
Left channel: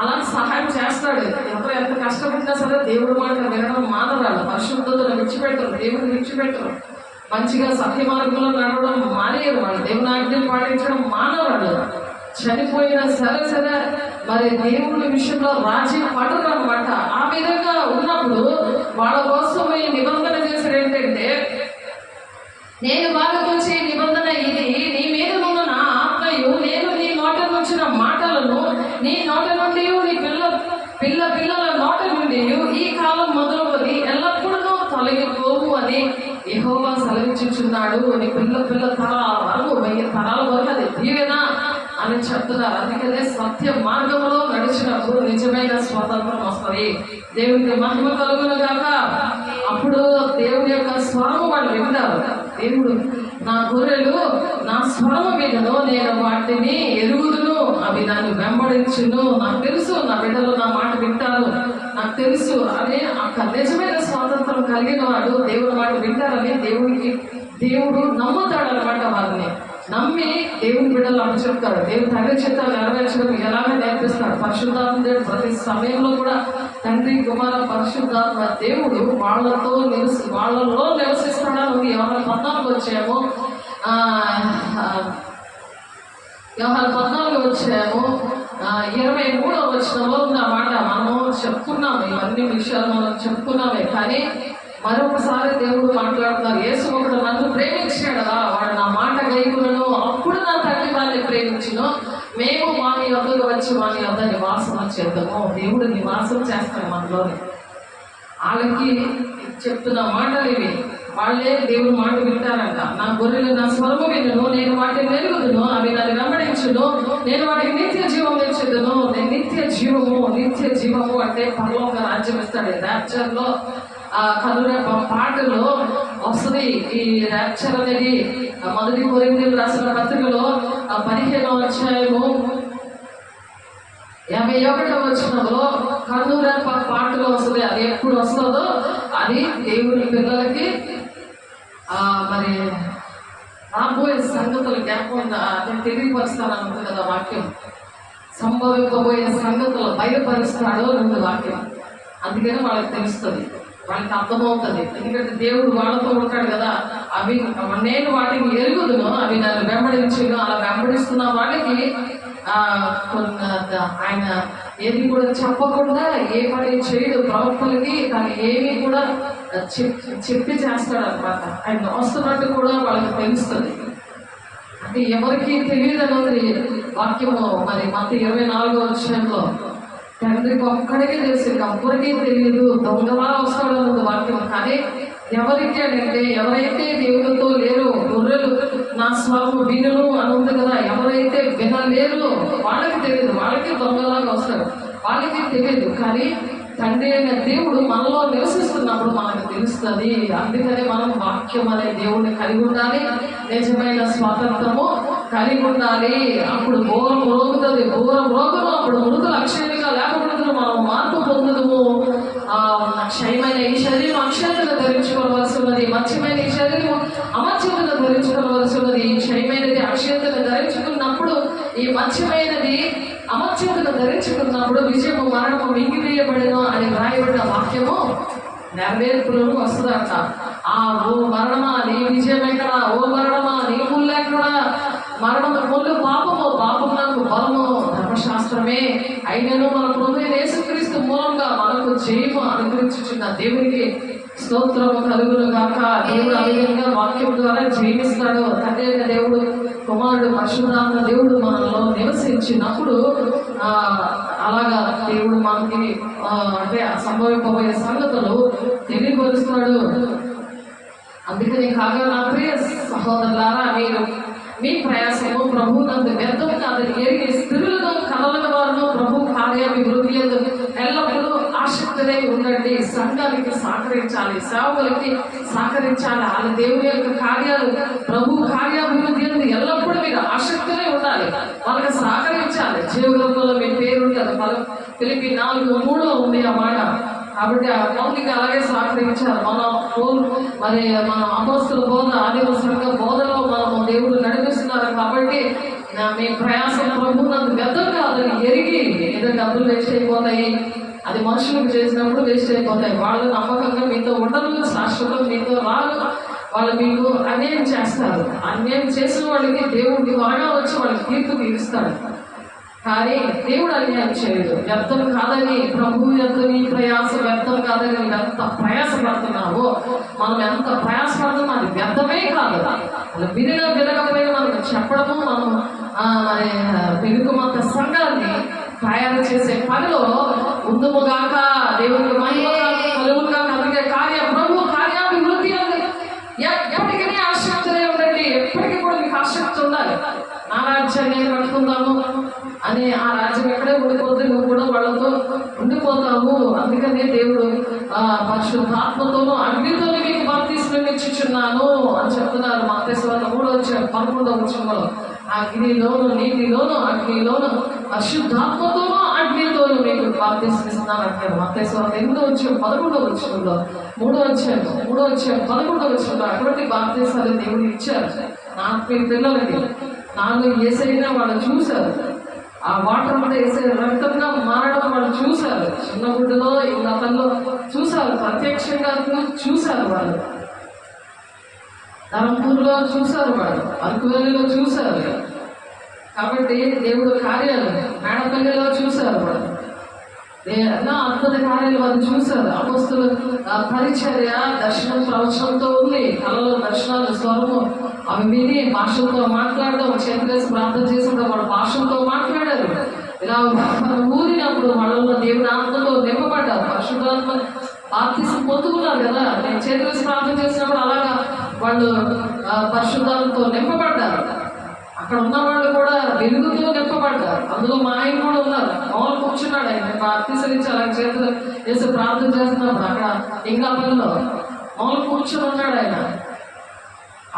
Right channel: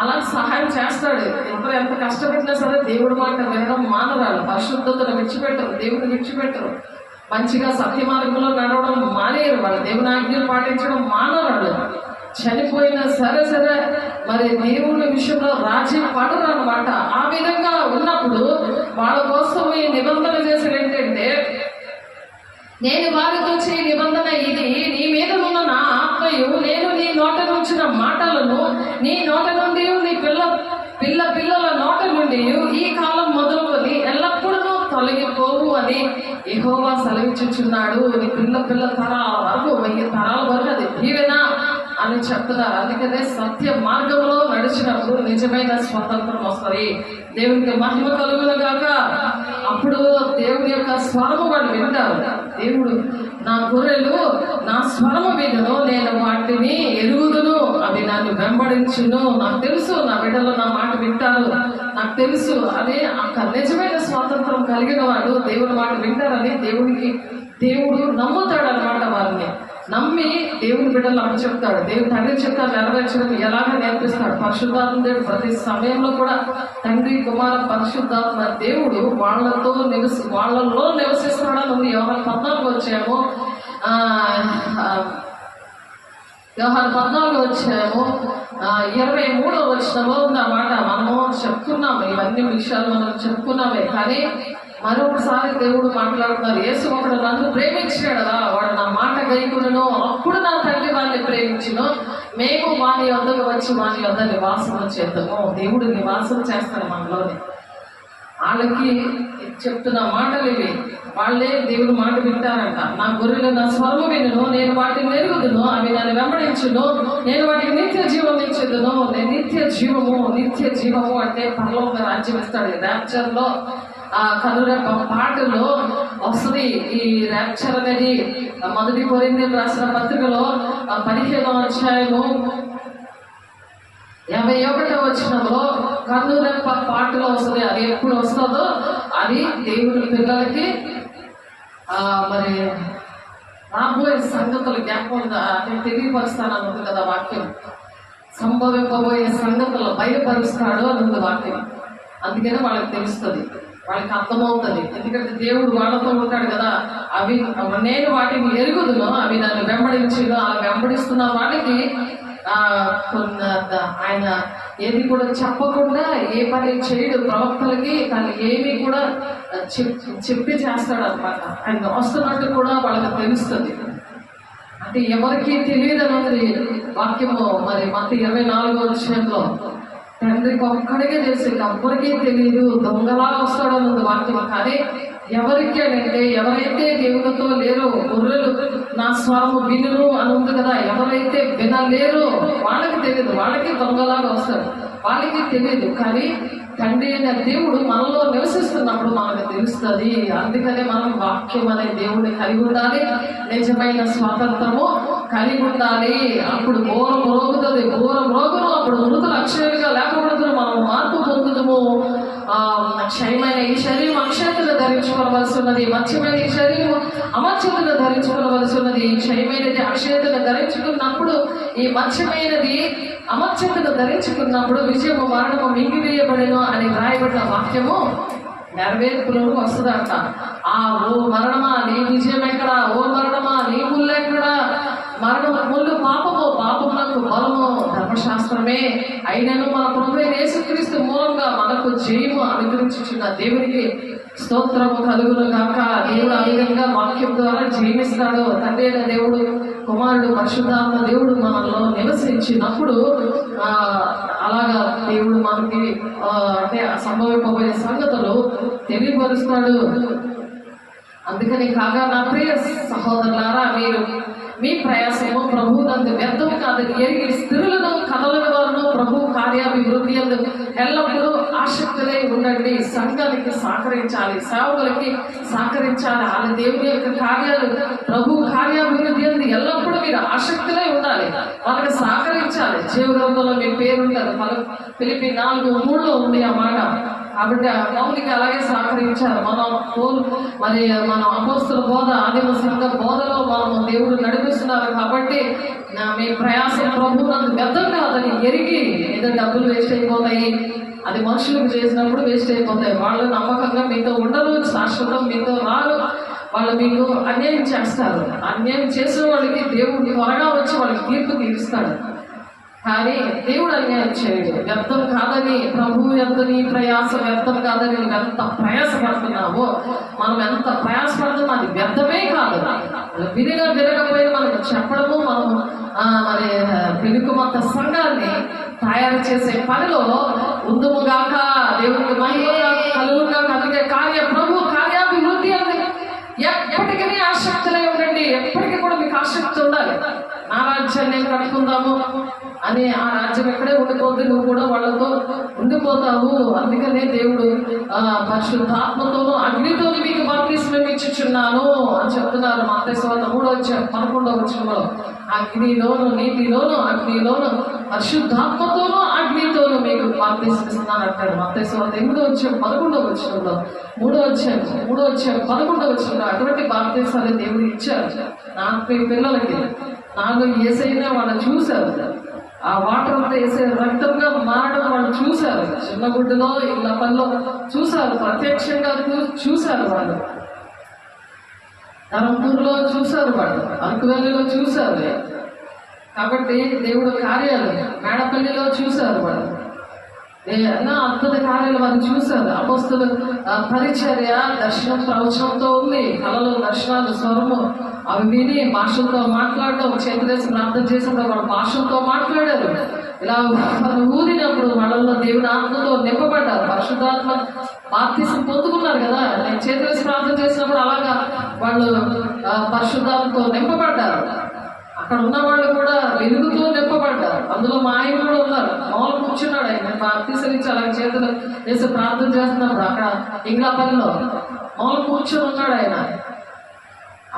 అలా సహాయం చేస్తాడు. ఎవరు ఎంత కష్టపడినా సరే దేవుడి మాట వినడం మానరాలు, పరిశుద్ధతను విడిచిపెట్టరు, దేవుడిని విడిచిపెట్టరు, మంచిగా సత్య మార్గంలో నడవడం మానేరు, వాళ్ళు దేవుని ఆజ్ఞలు పాటించడం మానవాళ్ళు. చనిపోయినా సరే మరి దేవుని విషయంలో రాజీ పడరు అనమాట. ఆ విధంగా ఉన్నప్పుడు వాళ్ళ కోసం ఈ నిబంధన చేసేది ఏంటంటే, నేను వాళ్ళతో చే నిబంధన ఇది, నీ మీద ఉన్న నా ఆత్మయు నేను నీ నోట నుంచిన మాటలను నీ నోట నుండి నీ పిల్లల నోట నుండి ఈ కాలం మొదలుకొని ఎల్లప్పుడూ తొలగిపోవు అని యెహోవా సెలవిచ్చుచున్నాడు. నీ పిల్ల తరాల వరకు 1000 తరాల వరకు అది దీవెన అని చెప్తున్నారు. అందుకనే సత్య మార్గంలో నడిచినప్పుడు నిజమైన స్వాతంత్రం వస్తుంది. దేవునికి మహిమ కలుగును గాక. అప్పుడు దేవుని యొక్క స్వరము వాళ్ళు వింటారు. దేవుడు నా గొర్రెలు నా స్వరము వినును, నేను వాటిని ఎరుగుదును, అవి నన్ను వెంబడించును. నాకు తెలుసు నా బిడ్డలు నా మాట వింటారు, నాకు తెలుసు అని అక్కడ నిజమైన స్వాతంత్రం కలిగిన వాడు దేవుని మాట వింటారని దేవుడు నమ్ముతాడు అనమాట. వారిని నమ్మి దేవుని బిడ్డలు అప్పుడు చెప్తాడు. దేవుడు తండ్రి చెప్తాను నెరవేర్చడం ఎలాగ నేర్పిస్తాడు. పరిశుద్ధాత్మ దేవుడు ప్రతి సమయంలో కూడా తండ్రి కుమార పరిశుద్ధాత్మ దేవుడు వాళ్ళలో నివసిస్తాడని ఉంది. యోహాను 14 వచ్చాము, యోహాను 14 వచ్చాము 23వ వచనంలో ఉన్నమాట. మనము చెప్పుకున్నాము, ఇవన్నీ విషయాలు మనం చెప్పుకున్నామే. కానీ మరొకసారి దేవుడు మాట్లాడుతున్నారు. యేసు ఒకడు నన్ను ప్రేమించాడదా, వాడు నా మాట గైకొనును, అప్పుడు నా తండ్రి వాడిని ప్రేమించును, మేము వాని వద్దకు వచ్చి వాని వద్ద నివాసం చేద్దాము. దేవుడు నివాసం చేస్తాడు మనలోని. వాళ్ళకి చెప్తున్న మాటలు ఇవి. వాళ్ళే దేవుడు మాట వింటారంట. నా గొర్రెలు నా స్వరము వినును, నేను వాటిని ఎరుగుదును, అవి నన్ను వెంబడించును, నేను వాటికి నిత్య జీవం ఇచ్చేదును. నిత్య జీవము అంటే పరలోక రాజ్యం ఇస్తాడు. ర్యాప్చర్లో కనురెప్ప పాటలో వస్తుంది. ఈ ర్యాప్చర్ అనేది 1 కొరింథీయులకు రాసిన పత్రికలో 15వ అధ్యాయము 51వ వచనంలో కనురెప్ప పాటలో వస్తుంది. అది ఎప్పుడు వస్తుందో అది దేవుని పిల్లలకి మరి రాబోయే సంగతులు జ్ఞాపకం తెలియపరుస్తాను అనుకుంది కదా వాక్యం. సంభవింపబోయే సంగతులు బయలుపరుస్తాడు అనుకుంది వాక్యం. అందుకని వాళ్ళకి తెలుస్తుంది, వాళ్ళకి అర్థమవుతుంది. ఎందుకంటే దేవుడు వాళ్ళతో ఉంటాడు కదా. అవి నేను వాటిని ఎరుగుదును, అవి నన్ను వెంబడించును. అలా వెంబడిస్తున్న వాళ్ళకి ఆయన ఏది కూడా చెప్పకుండా ఏ పని చేయడు. ప్రవక్తలకి తను ఏమి కూడా చెప్పి చేస్తాడు అనమాట. ఆయన వస్తున్నట్టు కూడా వాళ్ళకి తెలుస్తుంది. అంటే ఎవరికి తెలియదని ఉంది వాక్యము. మరి మత్తయి 24వ అధ్యాయంలో తండ్రికి ఒక్కడికే తెలుసు, ఎవ్వరికీ తెలియదు, దొంగలా వస్తాడన్నది వాక్యం. కానీ ఎవరికి అంటే ఎవరైతే దేవునితో లేరో, గొర్రెలు నా స్వరము వినును అని ఉంది కదా, ఎవరైతే వినలేరో వాళ్ళకి తెలియదు, వాళ్ళకి దొంగలాగా వస్తాడు, వాళ్ళకి తెలియదు. కానీ తండ్రి అయిన దేవుడు మనలో నివసిస్తున్నప్పుడు మనకు తెలుస్తుంది. అందుకని మనం వాక్యం అనే దేవుడిని కలిగి ఉండాలి, నిజమైన స్వాతంత్రము కలిగి ఉండాలి. అప్పుడు ఘోరం రోగుతుంది, రోగును అప్పుడు మృతులు అక్షయంగా లేకపోతే మనం మార్పు పొందుదము. క్షయమైన ఈ శరీరం అక్షయతను ధరించుకోవలసి ఉన్నది, మత్స్యమైన ఈ శరీరం అమత్స్యతను ధరించుకోవలసి ఉన్నది. క్షయమైనది అక్షయతను ధరించుకున్నప్పుడు, ఈ మత్స్యమైనది అమత్స్యతను ధరించుకున్నప్పుడు విజయము మరణము మింగివేయబడిను అని వ్రాయబడిన వాక్యము నెరవేర్పులోకి వస్తుందంట. ఓ మరణమా నీ విజయం ఎక్కడ, ఓ మరణమా నీ ముళ్ళు ఎక్కడ, మరణము ముళ్ళు పాపము, పాపమునకు బలము ధర్మశాస్త్రమే అయినను మన ప్రభువైన యేసుక్రీస్తు మూలంగా మనకు జయము అనుగ్రహించుచున్న దేవునికి స్తోత్రము కలుగును గాక. దేవుడు ఆ విధంగా వాక్యం ద్వారా జయమిస్తాడు. తండ్రి అయిన దేవుడు, కుమారుడు, పరిశుద్ధాత్మ దేవుడు మనలో నివసించినప్పుడు అలాగా దేవుడు మనకి అంటే సంభవింపబోయే సంగతులు తెలియపరుస్తాడు. అందుకని కాగా నా ప్రియ సహోదరులారా, మీరు మీ ప్రయాసము ప్రభువునందు వ్యర్థం కాదని ఎరిగి స్థిరులను కలలని వారును ప్రభు కార్యాభివృద్ధి యందు ఎల్లప్పుడూ ఆసక్తులై ఉండండి. సంఘానికి సహకరించాలి, సేవకులకి సహకరించాలి. ఆ దేవుని యొక్క కార్యాలు ప్రభు కార్యాభివృద్ధి యందు ఎల్లప్పుడూ మీరు ఆసక్తులై ఉండాలి, వాళ్ళకి సహకరించాలి. జీవగ్రంథంలో మీ పేరు ఉంటుంది, ఫిలిప్పీ 4:3 ఉంది ఆ మాట. కాబట్టి ఆ మౌలిక అలాగే సహకరించారు. మన అపోస్తుల బోధ, ఆదిమ సంఘ బోధలో మనం దేవుడు నడిపిస్తున్నారు. కాబట్టి మీ ప్రయాసం ప్రభువునందు వ్యర్థం కాదని ఎరిగి, ఏదో డబ్బులు వేస్ట్ అయిపోతాయి, అది మనుషులకు చేసినప్పుడు వేస్ట్ అయిపోతాయి. వాళ్ళు నమ్మకంగా మీతో ఉండరు, శాశ్వతం మీతో రారు, వాళ్ళు మీకు అన్యాయం చేస్తారు. అన్యాయం చేసిన వాళ్ళకి దేవుడు త్వరగా వచ్చి వాళ్ళకి తీర్పు తీరుస్తాడు. కానీ దేవుడు అన్యాయం చేయడు. వ్యర్థం కాదని, ప్రభువు యొక్క నీ ప్రయాస వ్యర్థం కాదని నువ్వు ఎంత ప్రయాసపడుతున్నావో, మనం ఎంత ప్రయాసపడుతున్నాం అది వ్యర్థమే కాదు. అలా వినకపోయినా మనకు చెప్పడము, మనం మరి వెలుగుమంత సంఘాన్ని తయారు చేసే పనిలో ఉందుముగాక, దేవునికి మహిమ కలుగుగా కలిగే ప్రభు కార్యాభివృద్ధి అని ఎప్పటికీ ఆసక్తులై ఉండండి. ఎప్పటికీ కూడా మీకు ఆసక్తి ఉండాలి. నా రాజ్యాన్ని ఏం కట్టుకుందాము అని, ఆ రాజ్యం ఎక్కడే ఉండిపోతే నువ్వు కూడా వాళ్ళతో ఉండిపోతావు. అందుకనే దేవుడు పరిశుద్ధాత్మతోనూ అగ్నితోని మీకు బాప్తిస్మం ఇచ్చుచున్నాను అని చెప్తున్నారు. మత్తయి 3:11 అగ్నిలోను, నీటిలోను, అగ్నిలోను, పరిశుద్ధాత్మతోనూ అగ్నితోనూ మీకు బాప్తిస్మిస్తున్నాను అంటాడు. మత్తయి 8:11 3:11 అటువంటి బాప్తిసాలు దేవుడు ఇచ్చారు నాకు పిల్లలకి. నాలో ఏసైనా వాళ్ళు చూశారు, ఆ వాటర్ అంతా వేసే రక్తంగా మారడం వాళ్ళు చూశారు. చిన్న గుడ్డలో ఇళ్ళ పనిలో చూశారు, ప్రత్యక్షంగా చూశారు వాళ్ళు. ధరంపూర్లో చూశారు, వాళ్ళు అరకువెల్లిలో చూశారు. కాబట్టి దేవుడు కార్యాలు మేడపల్లిలో చూశారు, వాళ్ళు ఎన్నో అద్భుత కార్యాలు వాళ్ళు చూశారు. అపోస్తలు పరిచర్య దర్శనం ప్రవచనంతో ఉంది. కళలో దర్శనాలు, స్వరము అవి విని భాషలతో మాట్లాడడం, చేతులేసి ప్రార్థన చేసినప్పుడు వాళ్ళ భాషలతో మాట్లాడారు. ఇలా ఊదినప్పుడు వాళ్ళలో దేవుడి ఆత్మతో నింపబడ్డారు. పరిశుద్ధాత్మ బాప్తిసం పొందుకున్నారు కదా. నేను చేతులేసి ప్రార్థన చేసినప్పుడు అలాగా వాళ్ళు పరిశుద్ధాత్మతో నింపబడ్డారు. అక్కడ ఉన్న వాళ్ళు కూడా వెలుగుతూ నింపబడ్డారు. అందులో మా ఆయన కూడా ఉన్నారు. మామూలు కూర్చున్నాడు ఆయన, బాప్తిసం అలా చేతులు వేసి ప్రార్థన చేస్తున్నప్పుడు అక్కడ ఇంకా పనిలో మామూలు కూర్చొని ఉన్నాడు ఆయన.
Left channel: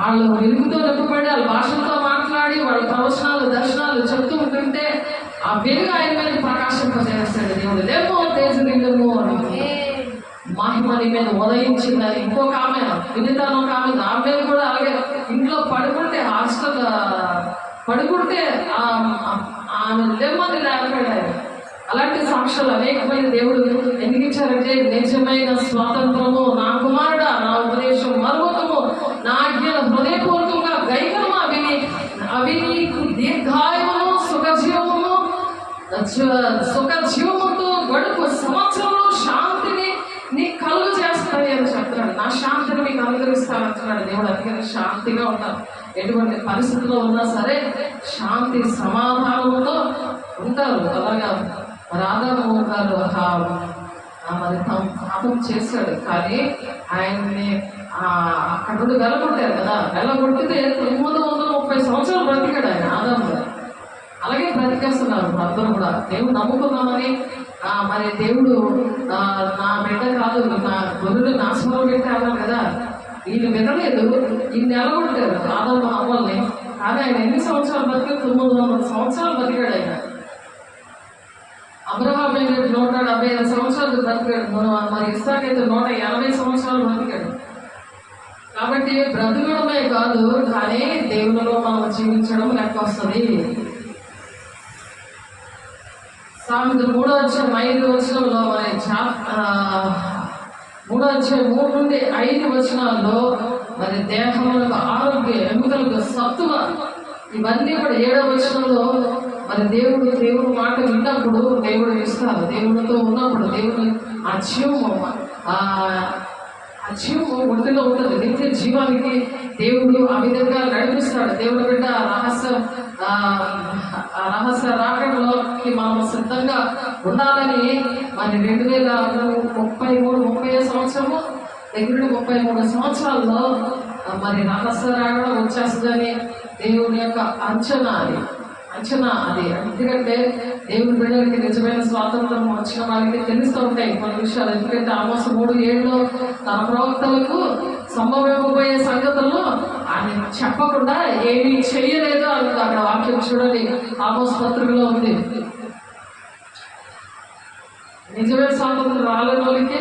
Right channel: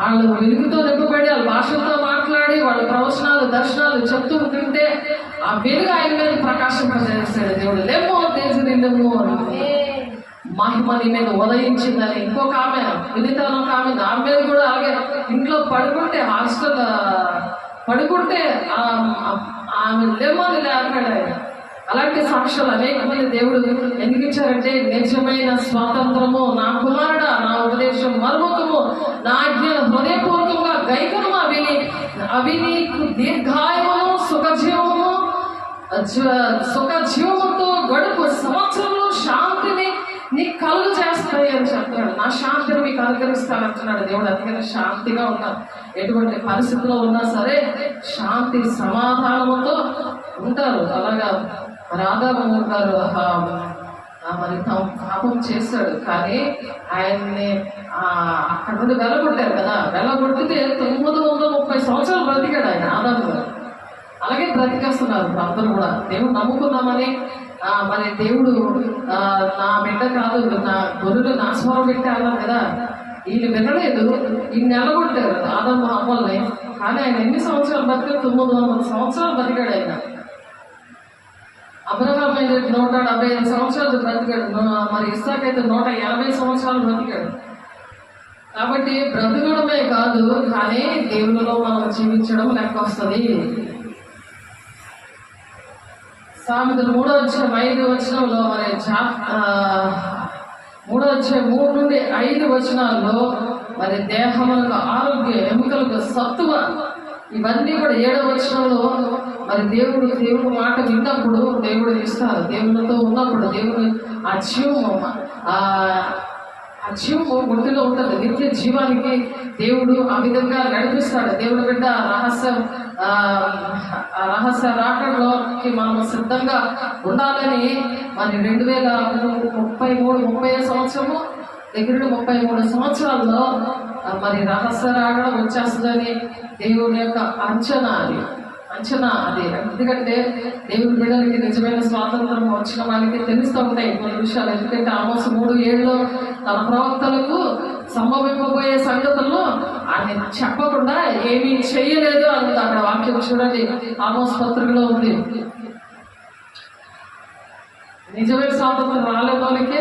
వాళ్ళు వెలుగుతో నింపబడి వాళ్ళ భాషలతో మాట్లాడి వాళ్ళ ప్రవచనాలు, దర్శనాలు చెప్తూ ఉంటుంటే ఆ వెలుగు ఆయన మీద ప్రకాశింపజేస్తాడు దేవుడు. లేమో తేజరిల్లము మహిమ నీ మీద ఉదయించిందని. ఇంకొక ఆమె వినితాను, ఒక ఆమె నా మీద కూడా అలాగే ఇంట్లో పడుకుంటే, హాస్టల్ పడుకుంటే ఆమె లేమోని లేకపోయాడు. అలాంటి సాక్ష్యాలు అనేకమైన దేవుడు ఎందుకు ఇచ్చారంటే, నిజమైన స్వాతంత్రము నా కుమారుడా, నా ఉపదేశం మరువకము, నా ఆజ్ఞలు హృదయపూర్వకంగా గైకము, అవి నీకు దీర్ఘాయువును సుఖజీవముతో గడుపు సంవత్సరంలో శాంతిని నీకు కలుగు చేస్తాయి అని చెప్తున్నాడు. నా శాంతిని మీకు అనుగ్రహిస్తానంటున్నాడు దేవుడు. అందుకని శాంతిగా ఉన్నారు. ఎటువంటి పరిస్థితిలో ఉన్నా సరే శాంతి సమాధానంతో ఉంటారు. అలాగా రాధామోహన్ గారు మరి పాపం చేశాడు, కానీ ఆయన్ని అక్కడ నుండి వెళ్ళగొట్టారు కదా. వెళ్ళగొట్టితే 930 సంవత్సరాలు బ్రతికాడు ఆయన, ఆదాము గారు. అలాగే బ్రతికేస్తున్నారు అందరూ కూడా. దేవుడు నమ్ముకున్నామని మరి దేవుడు నా బిడ్డ కాదు, నా గొర్రెలు నా స్వరం పెట్టారు కదా. వీళ్ళు వినలేదు, ఈయన నెలగొట్టారు ఆదాము అవ్వల్ని. కానీ ఆయన ఎన్ని సంవత్సరాలు బ్రతికాడు? 900 సంవత్సరాలు బ్రతికాడు ఆయన. అబ్రహాం అయితే 175 సంవత్సరాలు బ్రతికాడు. మరి ఇస్సాకు అయితే 180 సంవత్సరాలు బ్రతికాడు. కాబట్టి బ్రతకడమే కాదు, కానీ దేవునిలో మనం జీవించడం లెక్క వస్తుంది. సామెతలు 3:5 మరి 3:3-5 మరి దేహములకు ఆరోగ్య, ఎముకలకు సత్తువ, ఇవన్నీ కూడా 7వ మరి దేవుడు మాట విన్నప్పుడు దేవుడు ఇస్తారు. దేవుడితో ఉన్నప్పుడు దేవుడు ఆ జీవము ఒడిలో ఉంటుంది. నిత్య జీవానికి దేవుడు ఆ విధంగా నడిపిస్తాడు. దేవుడు బిడ్డ రహస్య రాకడలోకి మనం సిద్ధంగా ఉండాలని మరి 2033-30 సంవత్సరము దగ్గర 33 సంవత్సరాల్లో మరి రహస్య రాగడం వచ్చేస్తుందని దేవుని యొక్క అంచనా అది. ఎందుకంటే దేవుని బిడ్డలకి నిజమైన స్వాతంత్రం వచ్చిన వాళ్ళకి తెలుస్తూ ఉంటాయి కొన్ని విషయాలు. ఎందుకంటే ఆమోసు 3:7 తన ప్రవక్తలకు సంభవింపబోయే సంగతులను ఆయన చెప్పకుండా ఏమీ చెయ్యలేదు అని అక్కడ వాక్యం చూడండి, ఆమోసు పత్రికలో ఉంది. నిజమైన స్వాతంత్రం రాలేని వాళ్ళకే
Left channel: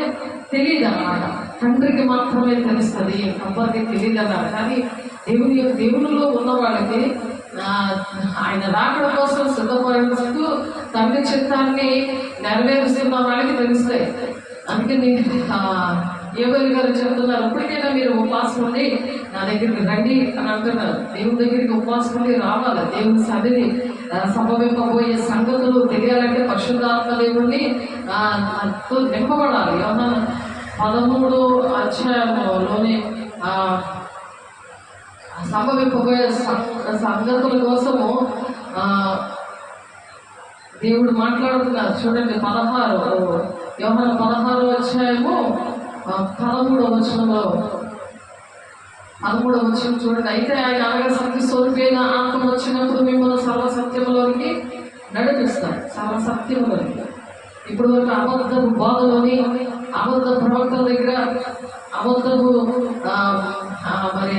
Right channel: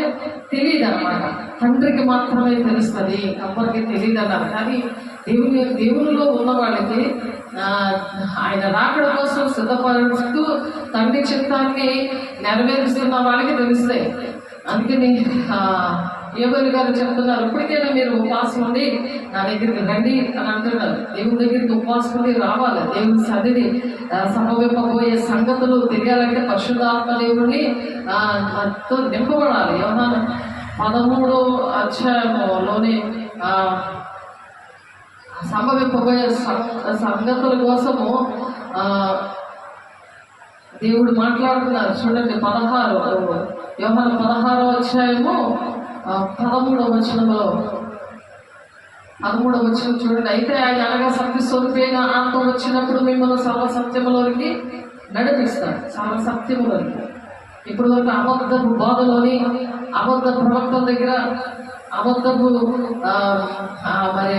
తెలియదు అన్నమాట, తండ్రికి మాత్రమే తెలుస్తుంది, ఎవరికి తెలియదు అన్నారు. కానీ దేవునిలో ఉన్న వాళ్ళకి ఆయన రాకడ కోసం సిద్ధపరుస్తూ తండ్రి చిత్తాన్ని నెరవేరుస్తున్న వాళ్ళకి తెలుస్తాయి. అందుకని యోగేలు గారు చెప్తున్నారు, ఇప్పటికైనా మీరు ఉపవాసం ఉండి నా దగ్గరికి రండి అని అంటున్నారు. దేవుని దగ్గరికి ఉపవాసం ఉండి రావాలి. దేవుని సన్నిధి సంభవింపబోయే సంగతులు తెలియాలంటే పరిశుద్ధాత్మ దేవుని నింపబడాలి. యోహాను 13వ అధ్యాయంలోని సంభవింపబోయే సంగతుల కోసము దేవుడు మాట్లాడుతున్నారు. చూడండి, యోహాను 16వ అధ్యాయము 13వ వచనంలో 13వ వచనం చూడండి. అయితే ఆయన అనగా సత్య స్వరూపైన ఆత్మ వచ్చినప్పుడు మిమ్మల్ని సర్వసత్యములోనికి నడిపిస్తాడు. సర్వసత్యములోనికి. ఇప్పుడు వరకు అబద్ధపు బోధలోని, అబద్ధ ప్రవక్తల దగ్గర అబద్ధపు మరి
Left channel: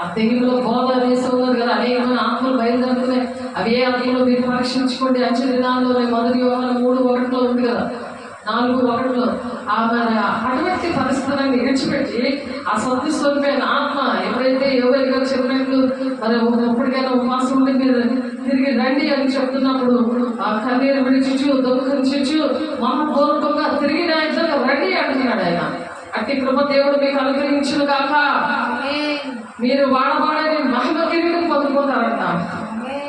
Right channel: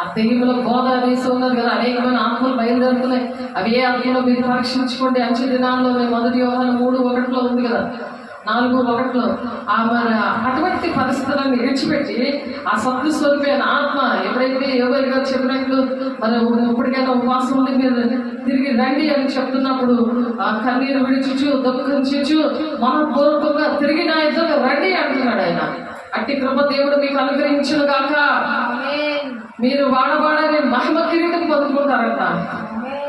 ఆ తెగిలో బోధ అనేసి ఉన్నారు కదా, అనేకమైన ఆత్మలు బయలుదేరుతున్నాయి. అవి ఏ ఆత్మలో మీరు పరీక్షించుకోండి. అంచె దినాల్లో 1 యోహాను 3:1 ఉంది కదా, 4:1 మరి అటువంటి పరిస్థితులను విడిచిపెట్టి ఆ సత్య స్వరూపైన ఆత్మ ఎప్పుడైతే ఎవరి గారు చెప్పినట్లు మరి ఎప్పటికైనా ఉపవాసం ఉండి మీరు తిరిగి రండి అని చెప్తున్నప్పుడు ఆ కన్నీరు విడిచుచు దుఃఖించు మనపూర్వకంగా తిరిగి నా ఇద్దరు రండి అంటున్నాడు ఆయన. అట్టి కృప దేవుడు మీకు అనుగ్రహించును గాక. మీరు వాడబాడని మహిమ కిరీటం పొందుకుంటారంట.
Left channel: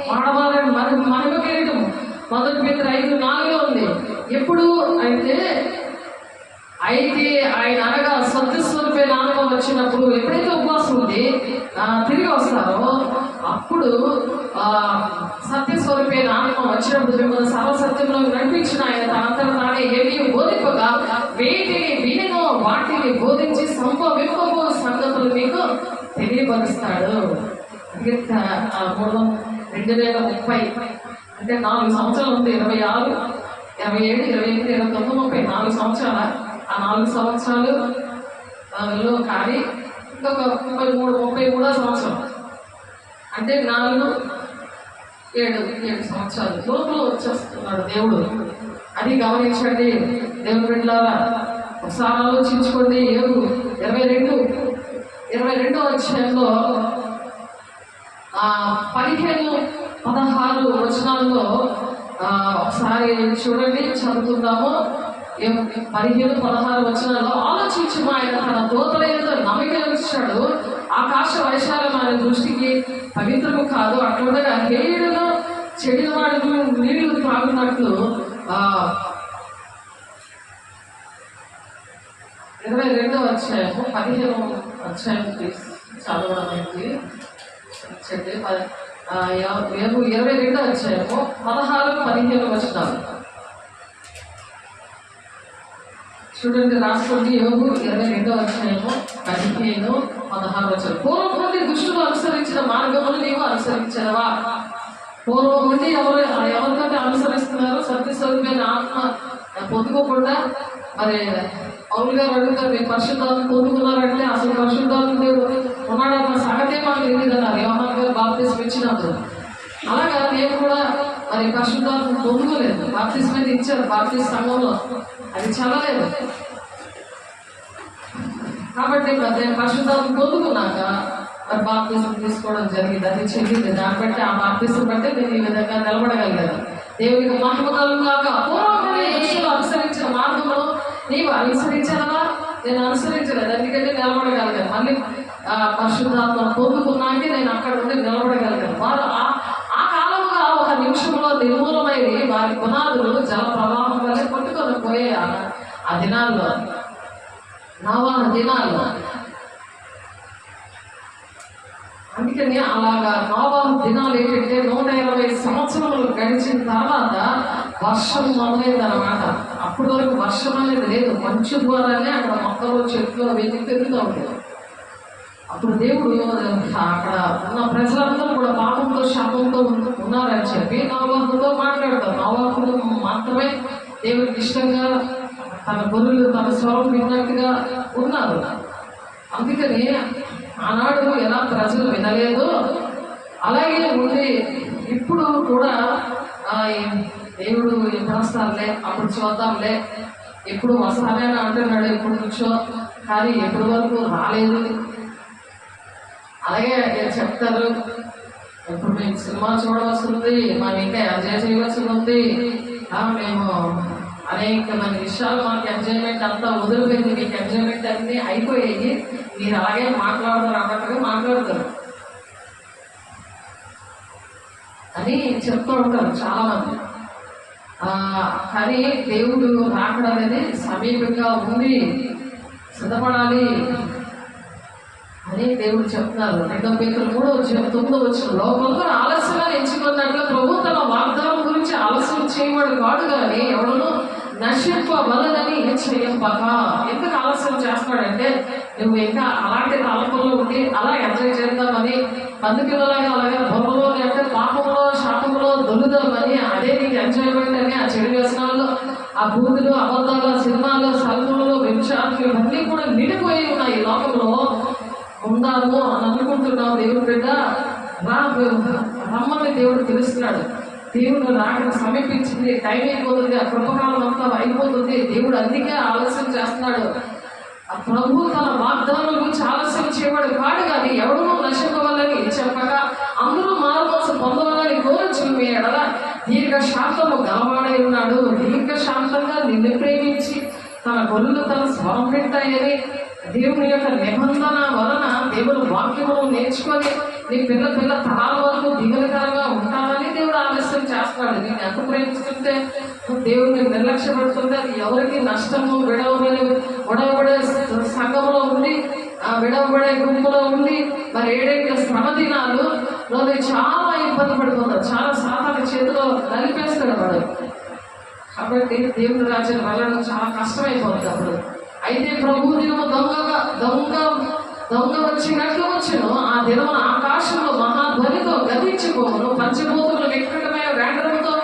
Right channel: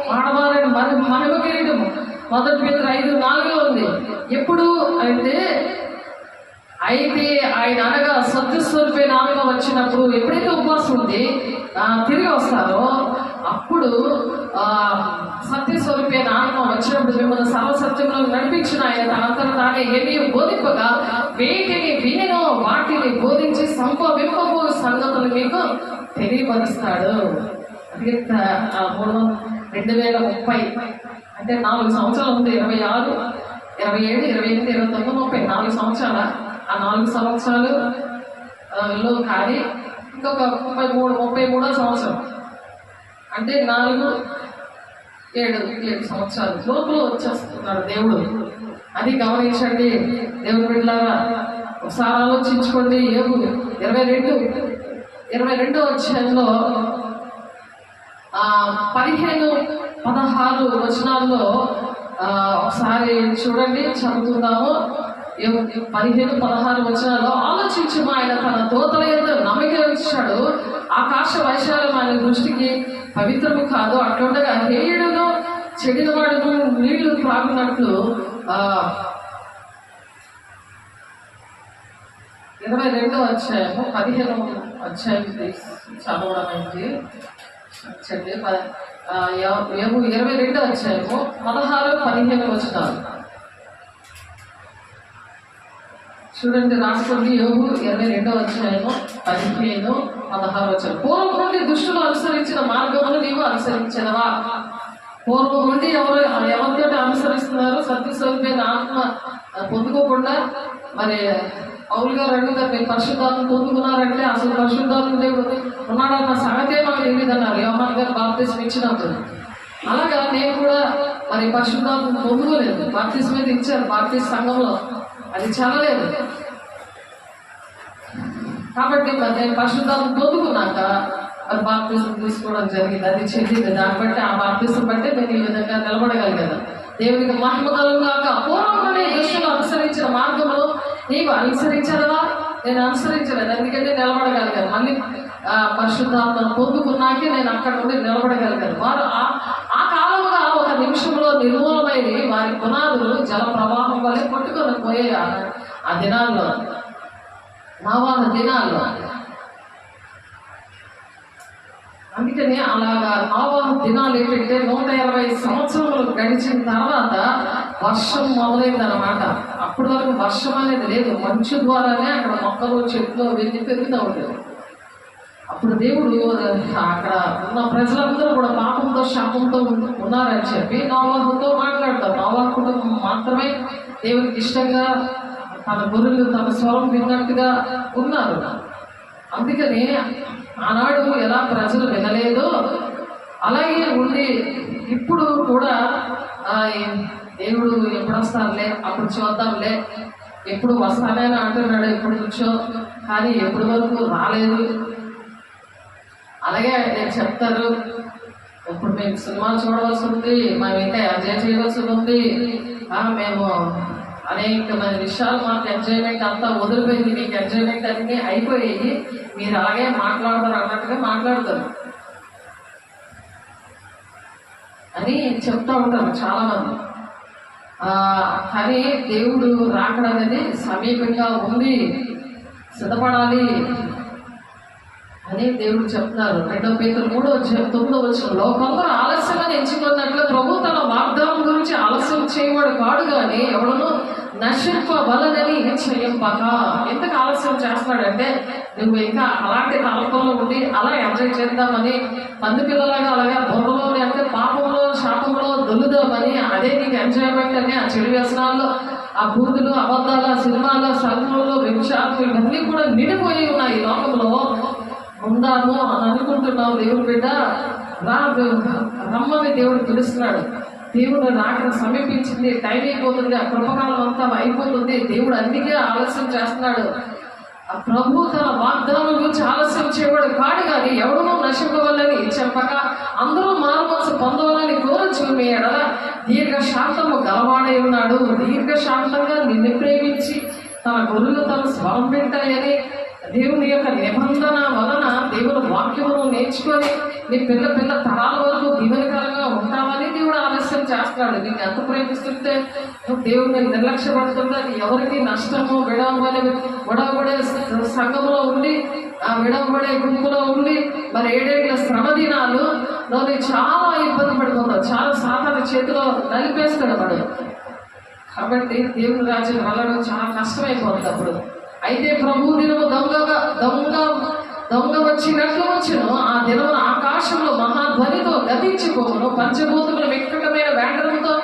వాడబాడని మహిమ కిరీటం 1 పేతురు 5:4 ఉంది. ఎప్పుడు అయితే ఆయన అనగా సత్య స్వరూపైన ఆత్మ వచ్చినప్పుడు, ఎప్పుడైతే ఉపవాసం ఉంది తిరిగి వస్తారో అప్పుడు సత్య స్వరూపైన ఆత్మ వచ్చినప్పుడు మిమ్మల్ని సర్వసత్యంలో నడిపించిన ఆయన తనంతట తానే ఏమీ బోధింపగా వేటిని వినో వాటిని బోధించి సంభవింపబో సంగతులు మీకు తెలియపరుస్తాడు. అందుకే 2030 అంటే 4 సంవత్సరాలు ఉంది. 26, 27, 28, 29, 30 4 సంవత్సరాల. ఆ 4 సంవత్సరాలు కానీ ఇంకొక 33వ సంవత్సరం అంటే 7 సంవత్సరాలు లోపల వచ్చేస్తున్నాడు దేవుడు. అది గమనించండి దేవుని బిడ్డలారా, ఒకసారి ఆలోచించుకోండి. 22వ అధ్యాయంలో 15-16 వచనాల్లో ఒకసారి చూడండి, చదువుతున్నాము. 15-16 వచనాల్లో ఆలోచించి ఆయన తన దూతల యందు నమ్మిక ఉంచాడు. ఆకాశ వైశాల్యం ఆయన దృష్టికి పవిత్రము కాదు. అట్లుండగా హేయుడును చెడిన వాడును నీళ్లు త్రాగునట్లు 22వ అధ్యాయము 15వ అధ్యాయం చదవడానికి 22వ అధ్యాయము 16-15 వచనాలు చూడండి. రాష్ట్రంలో యోగు 22వ అధ్యాయము 15-16 వచనం. పూర్వం నుండి దుష్టులు అనుసరించిన మార్గమును నీవు అనుసరించదవా? పూర్వం నుండి ఎవరితో అనుసరిస్తున్నారు? సత్య స్వరూపైన ఆత్మ పొందుకోకుండా మరి పౌలు గారు అడుగుతారు, మీరు పరిశుద్ధాత్మ పొందుకున్నారంటే అసలు పరిశుద్ధాత్మ దేవుడు ఉన్నాడన్న సంగతే మనకు తెలియదు అన్నారు యోహాను గారు బాప్తిస్మం ఇచ్చినప్పుడు. అలాగా నేను కూడా మరి పరిశుద్ధాత్మ పొందుకోలేదు. బాప్తిస్మం మీద ఇచ్చారు బాప్తిస్ట్ సంఘంలో, అది చల్లలేదు. కాబట్టి మరి నేను పరిశుద్ధాత్మ పొందుకున్నాక మరి బాప్తిస్మం తీసుకోవడం జరిగింది. అది చెల్లింది. దాన్ని బట్టి ఆ బాప్తిస్మం బట్టి నేను ఈ విధంగా నిలబడగలిగాను. దేవునికి మహిమ కలుగుగాక. పూర్వమే దుష్టులు అనుసరించిన మార్గంలో నీవు అనుసరించదవా? నేను అనుసరించలేదు, అందుకంటే నిలబడగలిగాను. మళ్ళీ పరిశుద్ధాత్మ పొందుకున్నాకే నేను అక్కడ ఉండి నిలబడగలిగాను. వారు ఆ కాలంగా ఒక నిమిషంలో నిర్మూలమైంది. వారి పునాదులు జల ప్రవాహం వల్లే కొట్టుకొని పోయాయి ఆ దినాల్లో, నవాల దినాల్లో. అందుకని అలాగా నోవాహు దినాలు ఏంటంటే 120 సంవత్సరాలు గడిచిన తర్వాత వర్షం మొదలైందనమాట. అప్పటి వరకు వర్షం అనేది లేదు, మంచు ద్వారానే అక్కడ మొక్కలు చెట్లు అవన్నీ పెరుగుతూ ఉండేవి. అప్పుడు దేవుడు అక్కడ ఉన్న ప్రజలందరూ కూడా పాపంతో శాపంతో ఉన్నారని చెప్పి నోవాహుతో మాట్లాడతారు. నోవాహుడు మాత్రమే దేవుడికి ఇష్టంగా తన గొర్రెలు తన స్వరం విన్నట్టుగా ఉన్నారు. అందుకని ఆనాడు ఎలా ప్రజలు వినలేదో అలాగే ఉండి ఇప్పుడు కూడా దేవుడు ఎప్పుడు వస్తారులే, అప్పుడు చూద్దాంలే, ఎప్పుడు వస్తానే అని అంటున్నాడు ఎప్పుడు నుంచో, కానీ ఎప్పటి వరకు రాలేదు. అలాగే నేను చెప్తారు, ఇప్పుడు మేము సినిమా చూడవలసి ఉంది, మనం ఇంకా ఎంజాయ్ చేయవలసి ఉంది, మేము అనేకమైన విషయాలు మాకు ఎంజాయ్మెంట్ అంతా వదిలిపోయింది, మీకు ఎంజాయ్మెంట్ అన్నీ అయిపోయాయి, మీరు అలాగే మాట్లాడతారు అన్నట్టుగా మాట్లాడతారు అని చెప్తూ ఉంటారు చాలామంది. కానీ దేవుడు రాకడం అనేది సమీపంగా ఉంది, సిద్ధపడాలి అని దేవుడు చెప్తున్నారు. 2 పేతురు 3:9 కొందరు ఆలస్యమని ఎంచుకున్నట్లు ప్రభు తన వాగ్దానం గురించి ఆలస్యం చేయవాడు కాడు, కానీ ఎవడను నశింపవలనని చేయంపక. ఎందుకు ఆలస్యం చేస్తున్నాడంటే నువ్వు ఇంకా అలాంటి తలపంలో ఉండి అలా ఎంజాయ్ చేద్దామని, పంది పిల్లలాగా అలాగా బుర్రలోనే అంటే పాపంలో శాపంలో దొల్లుదామని, అదే నీకు ఎంజాయ్మెంట్ అని ఆ చెడు వ్యసనాల్లో ఆ బూదులు అబద్ధాలు సినిమాలు సంఘంలో విచారాలు ఇవన్నీ కూడా నిండిపోయి ఉన్నాయి ఈ లోకంలో. ఉందాము అని అనుకుంటున్నావు, దేవుడు బిడ్డ రమ్మని దేవుడు పిలుస్తున్నాడు. దేవుడు రాకడ సమీపించింది, టైం అయిపోతుంది, ఆ కృపకాలం అంతా అయిపోతుంది. దేవుడు అందుకే ఆలస్యం చేస్తున్నాడు. ఆ ప్రభు తన వాగ్దానం గురించి ఆలస్యం చేయవాడు కాడు, కానీ ఎవడనో నశింపవాలని చెప్పక అందరూ మారుమనసు పొందవాలని కోరచ్చు. మీ ఎడల దీర్ఘశాంతము గలవాడై ఉన్నాడు. దీర్ఘశాంతంగా నిన్ను ప్రేమించి తన గొర్రెలు తన స్వరం వింటాయని దేవుని యొక్క నిబంధన వలన దేవుడు వాక్యమును నేర్చుకొని నీ పిల్ల తరాల వరకు దీవెనకరంగా ఉంటామని దేవుడు ఆలస్యం చేస్తున్నాడు. నేను ఎంత ప్రేమిస్తుంటే దేవుడిని నిర్లక్ష్యపడుతుంటే అది ఎవరికి నష్టము, విడవబడే సంఘంలో ఉండి ఆ విడవబడే గుంపులో ఉండి మరి 7 శ్రమ దినాలు చాలా ఇబ్బంది పడిపోతాడు, చాలా సాతాను చేతిలో నలిపేస్తాడు వాడు. కాబట్టి దేవుని రాజ్యం వెళ్ళడం చాలా కష్టమైపోతుంది అప్పుడు. అయితే ప్రభు దినము దొంగ వచ్చినట్లు వచ్చును, ఆ దినము ఆకాశంలో మహాధ్వనితో గతించిపోవును, పంచభూతములు వికటమైన వేండరంతో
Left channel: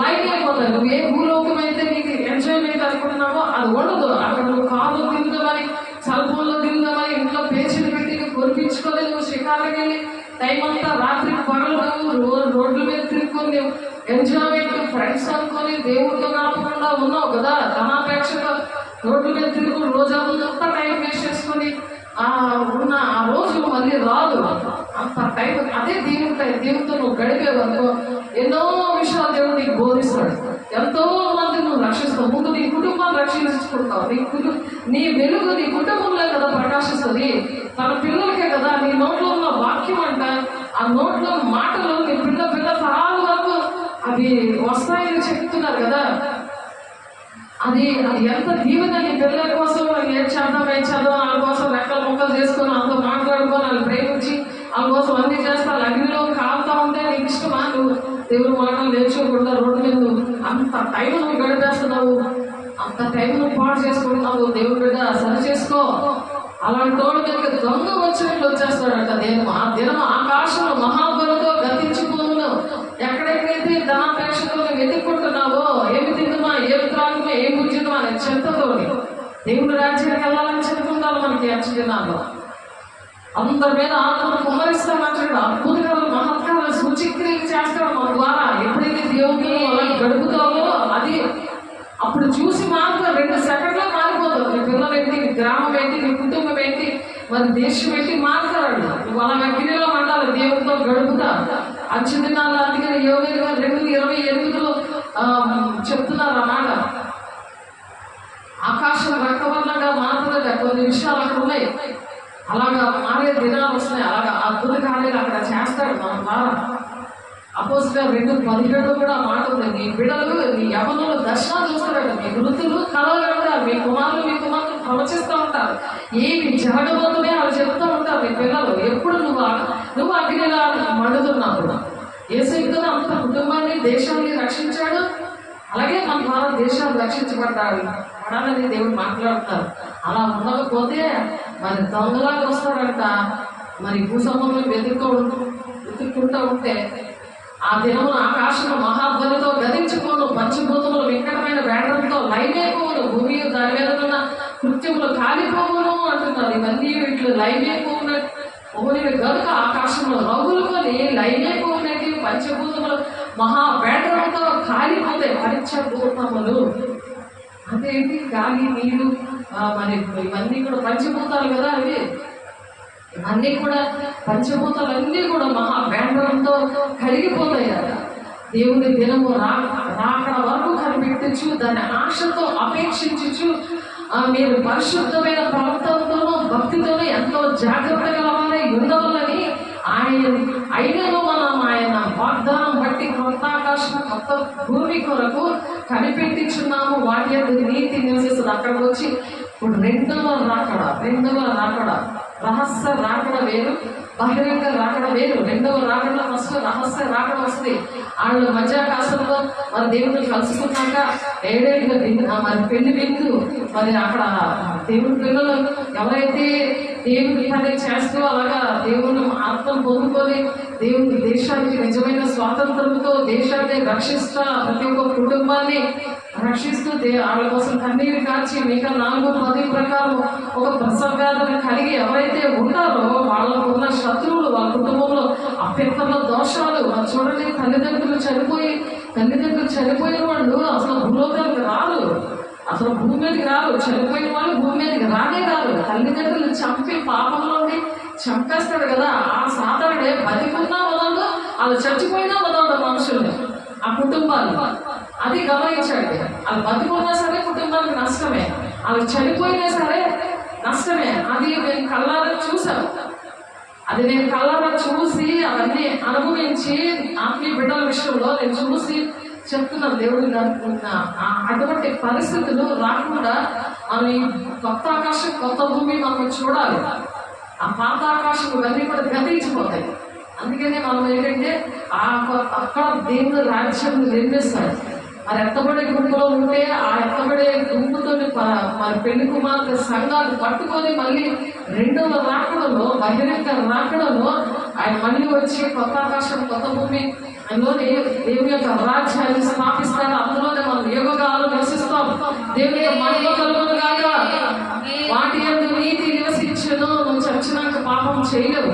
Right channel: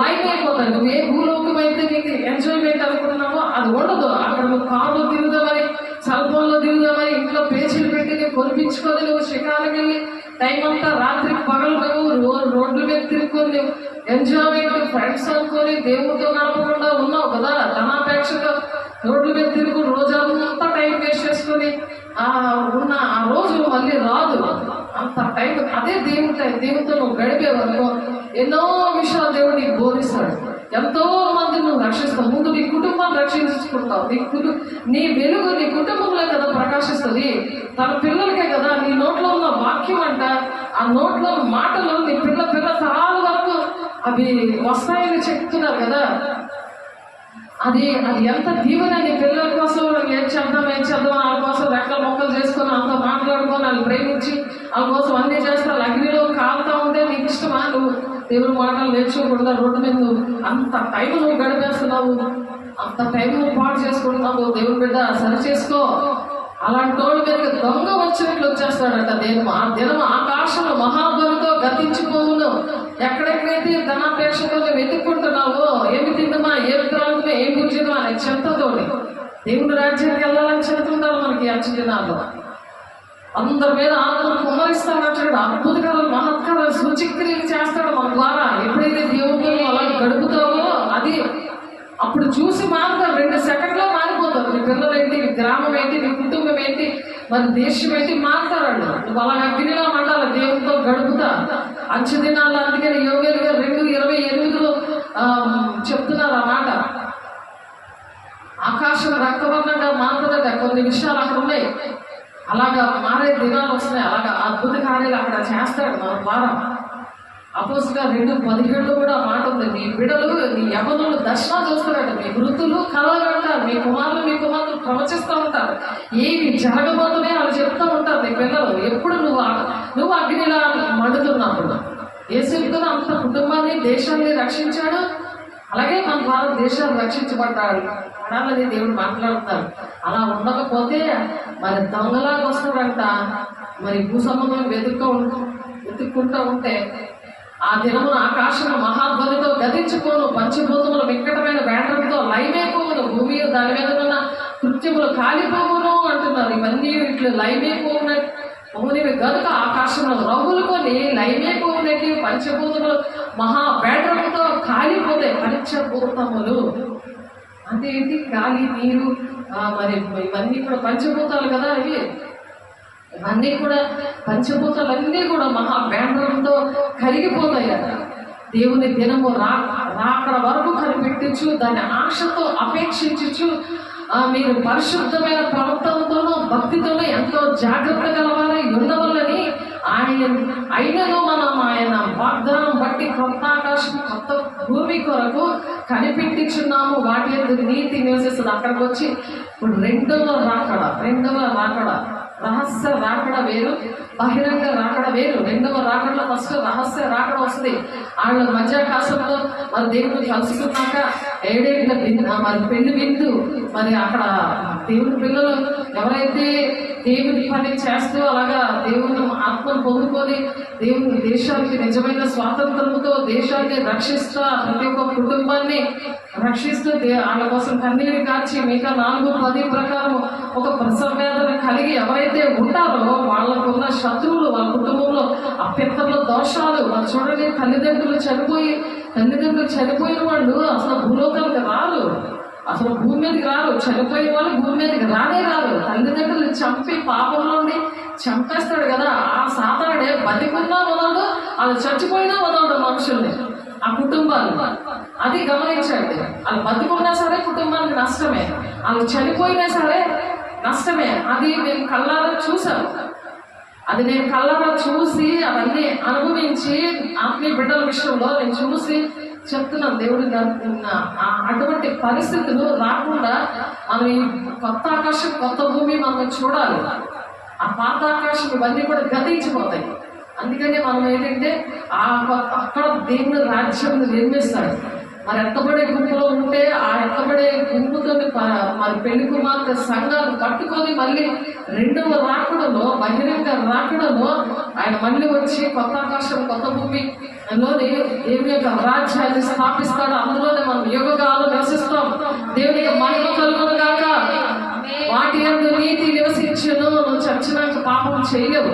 లైన్ అయిపోతాయి. నువ్వు ఏ భూలోకమైతే నీకు ఎంజాయ్మెంట్ అనుకుంటున్నావో అది ఉండదు. అక్కడ నువ్వు కార్లో తిరుగుదామని, సెల్ ఫోన్లో తిరుగుదామని, ఇంట్లో పేజీలు పెట్టి నువ్వు కొనిపించుకొని నువ్వు షికారుకి వెళ్ళి టైం అంతా రాత్రి పగలు నువ్వు రోడ్ల మీద తిరుగుకొని నువ్వు ఎంజాయ్మెంట్ ఫ్రెండ్స్ అనుకొని దేవుడితో గడపకుండా ఉన్నావు కదా. ధనాపేక్షగా రోడ్ల మీద తిరుగు రోజంతా టైం వేస్ట్ చేసుకొని ఉన్న ఆ రోజు మళ్ళీ రాదు. అంత టైం అదే దేవుడితో నువ్వు గడిపేవనుకో ఎన్నో విషయాలు దేవుడు నీకు బోధిస్తాడు, ఎంతో మంది నువ్వు రక్షిస్తావు. ముందు నీ కుటుంబాన్ని రక్షించుకుంటావు. నీ వెలుగు నీ కుటుంబంలో కదా ప్రకాశిస్తుంది, తన పిల్లలకే కదా. నీ నోట్లో ఉన్న వాక్యం అంట, ఆ నోట్లో మాటలు నీ పిల్ల తరాల వరకు అవి వస్తాయని చెప్తున్నారు కదా. అది ఎంత దీవెన నీ పిల్లల కోసం. ఏం చేద్దాం వాళ్ళ కోసం రెక్కలు మొక్కలు చేసుకొని వాళ్ళతో మాట్లాడుకొని వాళ్ళు ప్రేమించి వాళ్ళ కోసం అన్నీ చేస్తారు. అగ్నిలో కాలుతా ఉంటే నీకు ఇష్టమా? నువ్వు దేవుడు మాటలు నేర్చుకోకూడదా? రోడ్డు మీద నువ్వు అంత టైం నువ్వు గడిపేస్తున్నావు, అంత టైం నువ్వు పాటు చేసుకుంటున్నావు. దేవుడి బిడ్డ సరి చేసుకో. అలాంటి తోడు మీద దొంగ వచ్చినట్లు వచ్చేస్తాడంట. ఆ దినం ఆకాశంలో మహాధ్వనితో గతించిపోవును. ఎక్కడెక్కడైతే ధనాపేక్షకులను వెతుక్కుంటున్నావో, ఏమి తింటున్నా, ఏమి త్రాగుతున్నా, ఏమి కూర్చున్నా అనే చెత్తతోటి దేవుడి రాజ్యానికి వెళ్ళాలని చెప్తుంటారు. మనకి అచ్చు దినాల్లో అందరి మీద ఆత్మను కుమ్మరిస్తాడు. అద్భుతకాలు మహత్కారాలు సూచిక్రియలు చేస్తాడు మన ద్వారా. ఎప్పుడైతే దేవుడిని అలా గడుపుతావో అది అప్పుడు చూసి మారుతారు. 2 సెకండ్లో మారిపోతారు. నీ పిల్లలు ఏంటి, నీ గ్రామం ఏంటి, నీ కుటుంబం ఏంటి, మన దేశం ఏంటి మారుతాడు. నువ్వు అలా అగ్నిలో మండాలి, దేవుడితో గడుపుతా. అంచె దినాల్లో అందుకని యోగేలుగా 2:28 చెప్తున్నారు ఆ మాట. ఆకాశం రక్తవర్ణంగా మారుతుందట. కొన్ని విషయాలు అక్కడ ఉన్నాయి, అలాగా మారే దినాలు వస్తున్నాయి. అలాగా అద్భుత కార్యాలు అక్కడ చేస్తాడు మన ద్వారా. అపోస్తలుల 2:17 కూడా మాట ఉంది. మీ బిడ్డలు నీ యవ్వనులు దర్శనాలు చూస్తారట, మీ వృద్ధులు కలలు కంటారు, మీ కుమారులు ప్రవచిస్తూ ఉంటారు. ఏవి జరగబోతున్నాయి అవి చెప్తూ ఉంటారు నీ పిల్లలు. ఎప్పుడు నువ్వు అగ్నిలా మండుతున్నప్పుడు యేసు అంత కుటుంబాన్ని దేశాన్ని రక్షించాడు. అలాగే మన భారతదేశాలు రక్షించబడాలని దేవుడు మాట్లాడుతారు. అలా ఉండకపోతే మరి దొంగలాగా వస్తాడంట. మరి భూ సంబంధం వెతుక్కుంటూ ఉంటే ఆ దినమున ఆకాశము మహాధ్వనితో గతించిపోను, పంచభూతములు వికటమైన వేటంతో లైమైపోవును, భూమి దాని మీద ఉన్న కృత్యములు కాలిపోవును అంటున్నారు. ఇవన్నీ వీటిలో లైమైపోవునివి కనుక ఆకాశంలో రవ్వులుకొని లైమైపోవునటి పంచభూతములు మహావేటంతో కాలిపోతాయి. పంచభూతములు అంటే ఏంటి? గాలి, నీరు, మరి ఇవన్నీ కూడా పంచభూతాలు కదా. ఇవన్నీ కూడా పంచభూతాలన్నీ కూడా మహావేంద్రంతో కలిగిపోతాయి కదా. దేవుని దినము రాకడ వరకు కనిపెట్టచ్చు, దాని ఆశతో అపేక్షించచ్చు. మీరు పరిశుద్ధమైన ప్రవర్తనతోనూ భక్తితోనూ ఎంతో జాగ్రత్త గలవారై ఉండవాలని అయినను మనం ఆయన వాగ్దానం బట్టి కొత్త ఆకాశం కొత్త భూమి కొరకు కనిపెట్టించున్నాము. వాటి యొక్క నీతి నివసిస్తుంది. అక్కడికి వచ్చి ఇప్పుడు రెండవ రాకడ రహస్య రాకడ వేరు, బహిరంగ రాకడ వేరు. రెండవ రాకడలో ఫస్ట్ రహస్య రాకడ వస్తుంది. వాళ్ళ మధ్యాకాశంలో మరి దేవుడిని కలుసుకున్నాక ఏడేళ్ళ మరి పెళ్లి విందు. మరి అక్కడ దేవుని పిల్లలు ఎవరైతే దేవుని పని చేస్తూ అలాగా దేవుని ఆత్మను పొందుకొని దేవుని దేశానికి నిజమైన స్వాతంత్రంతో దేశాన్ని రక్షిస్తా ప్రతి ఒక్క కుటుంబాన్ని రక్షిస్తూ వాళ్ళ కోసం కన్నీరు కాచి మిగతా 4-10 ప్రకారం ఒక ప్రసవ వేదన కలిగి ఎవరైతే ఉంటారో వాళ్ళకు ఉన్న శత్రువులు, వాళ్ళ కుటుంబంలో అభ్యంతరంలో దోషాలు. మరి చూడండి, తల్లిదండ్రులు చనిపోయిన వాళ్ళు అసలు భూలోకానికి రారు, అసలు భూమి మీదకి రారు. చనిపోయిన వాళ్ళు భూమి మీదకి రారు. తల్లిదండ్రులు చంపి పాపంలోనే చంపేస్తాడు కదా. ఆ సాతానుడే బతికున్నా వదలడు, వాళ్ళు చచ్చిపోయినా వదలడు మనుషుల్ని, ఆ కుటుంబాలు. అది గమనించండి. వాళ్ళు బతికున్నా సరే కుటుంబానికి నష్టమే, వాళ్ళు చనిపోయినా సరే నష్టమే. అది నేను కళ్ళారా చూశాను. చూసి అవన్నీ అనుభవించి ఆత్మీయ బిడ్డల విషయంలో నేను చూసి చెప్తున్నాను. దేవుడు అటువంటి పరిస్థితులు రాకుండా మనం ఈ కొత్త ఆకాశం కొత్త భూమి మనం చూడాలి. ఆ పాత ఆకాశం ఇవన్నీ కూడా గతించిపోతాయి. అందుకని మనం ఏంటంటే అక్కడ దేవుడు రాజ్యం నిర్మిస్తాడు. మరి ఎత్తబడే గుంపులో ఉంటే ఆ ఎత్తబడే గుంపుతో మరి పెళ్లి కుమార్తె సంఘాలు పట్టుకొని మళ్ళీ రెండవ రాకడలో బహిరంగ రాకడలో ఆయన మళ్ళీ వచ్చి కొత్త ఆకాశం కొత్త భూమి దేవుని యొక్క రాజ్యాన్ని స్థాపిస్తాడు. అందులోనే మనం యుగకాలు నివసిస్తాం. దేవుని యొక్క మహిమ కలుగును గాక. వాటి యందు నీతి నివసించును. నువ్వు చచ్చినాక పాపం చేయలేవు.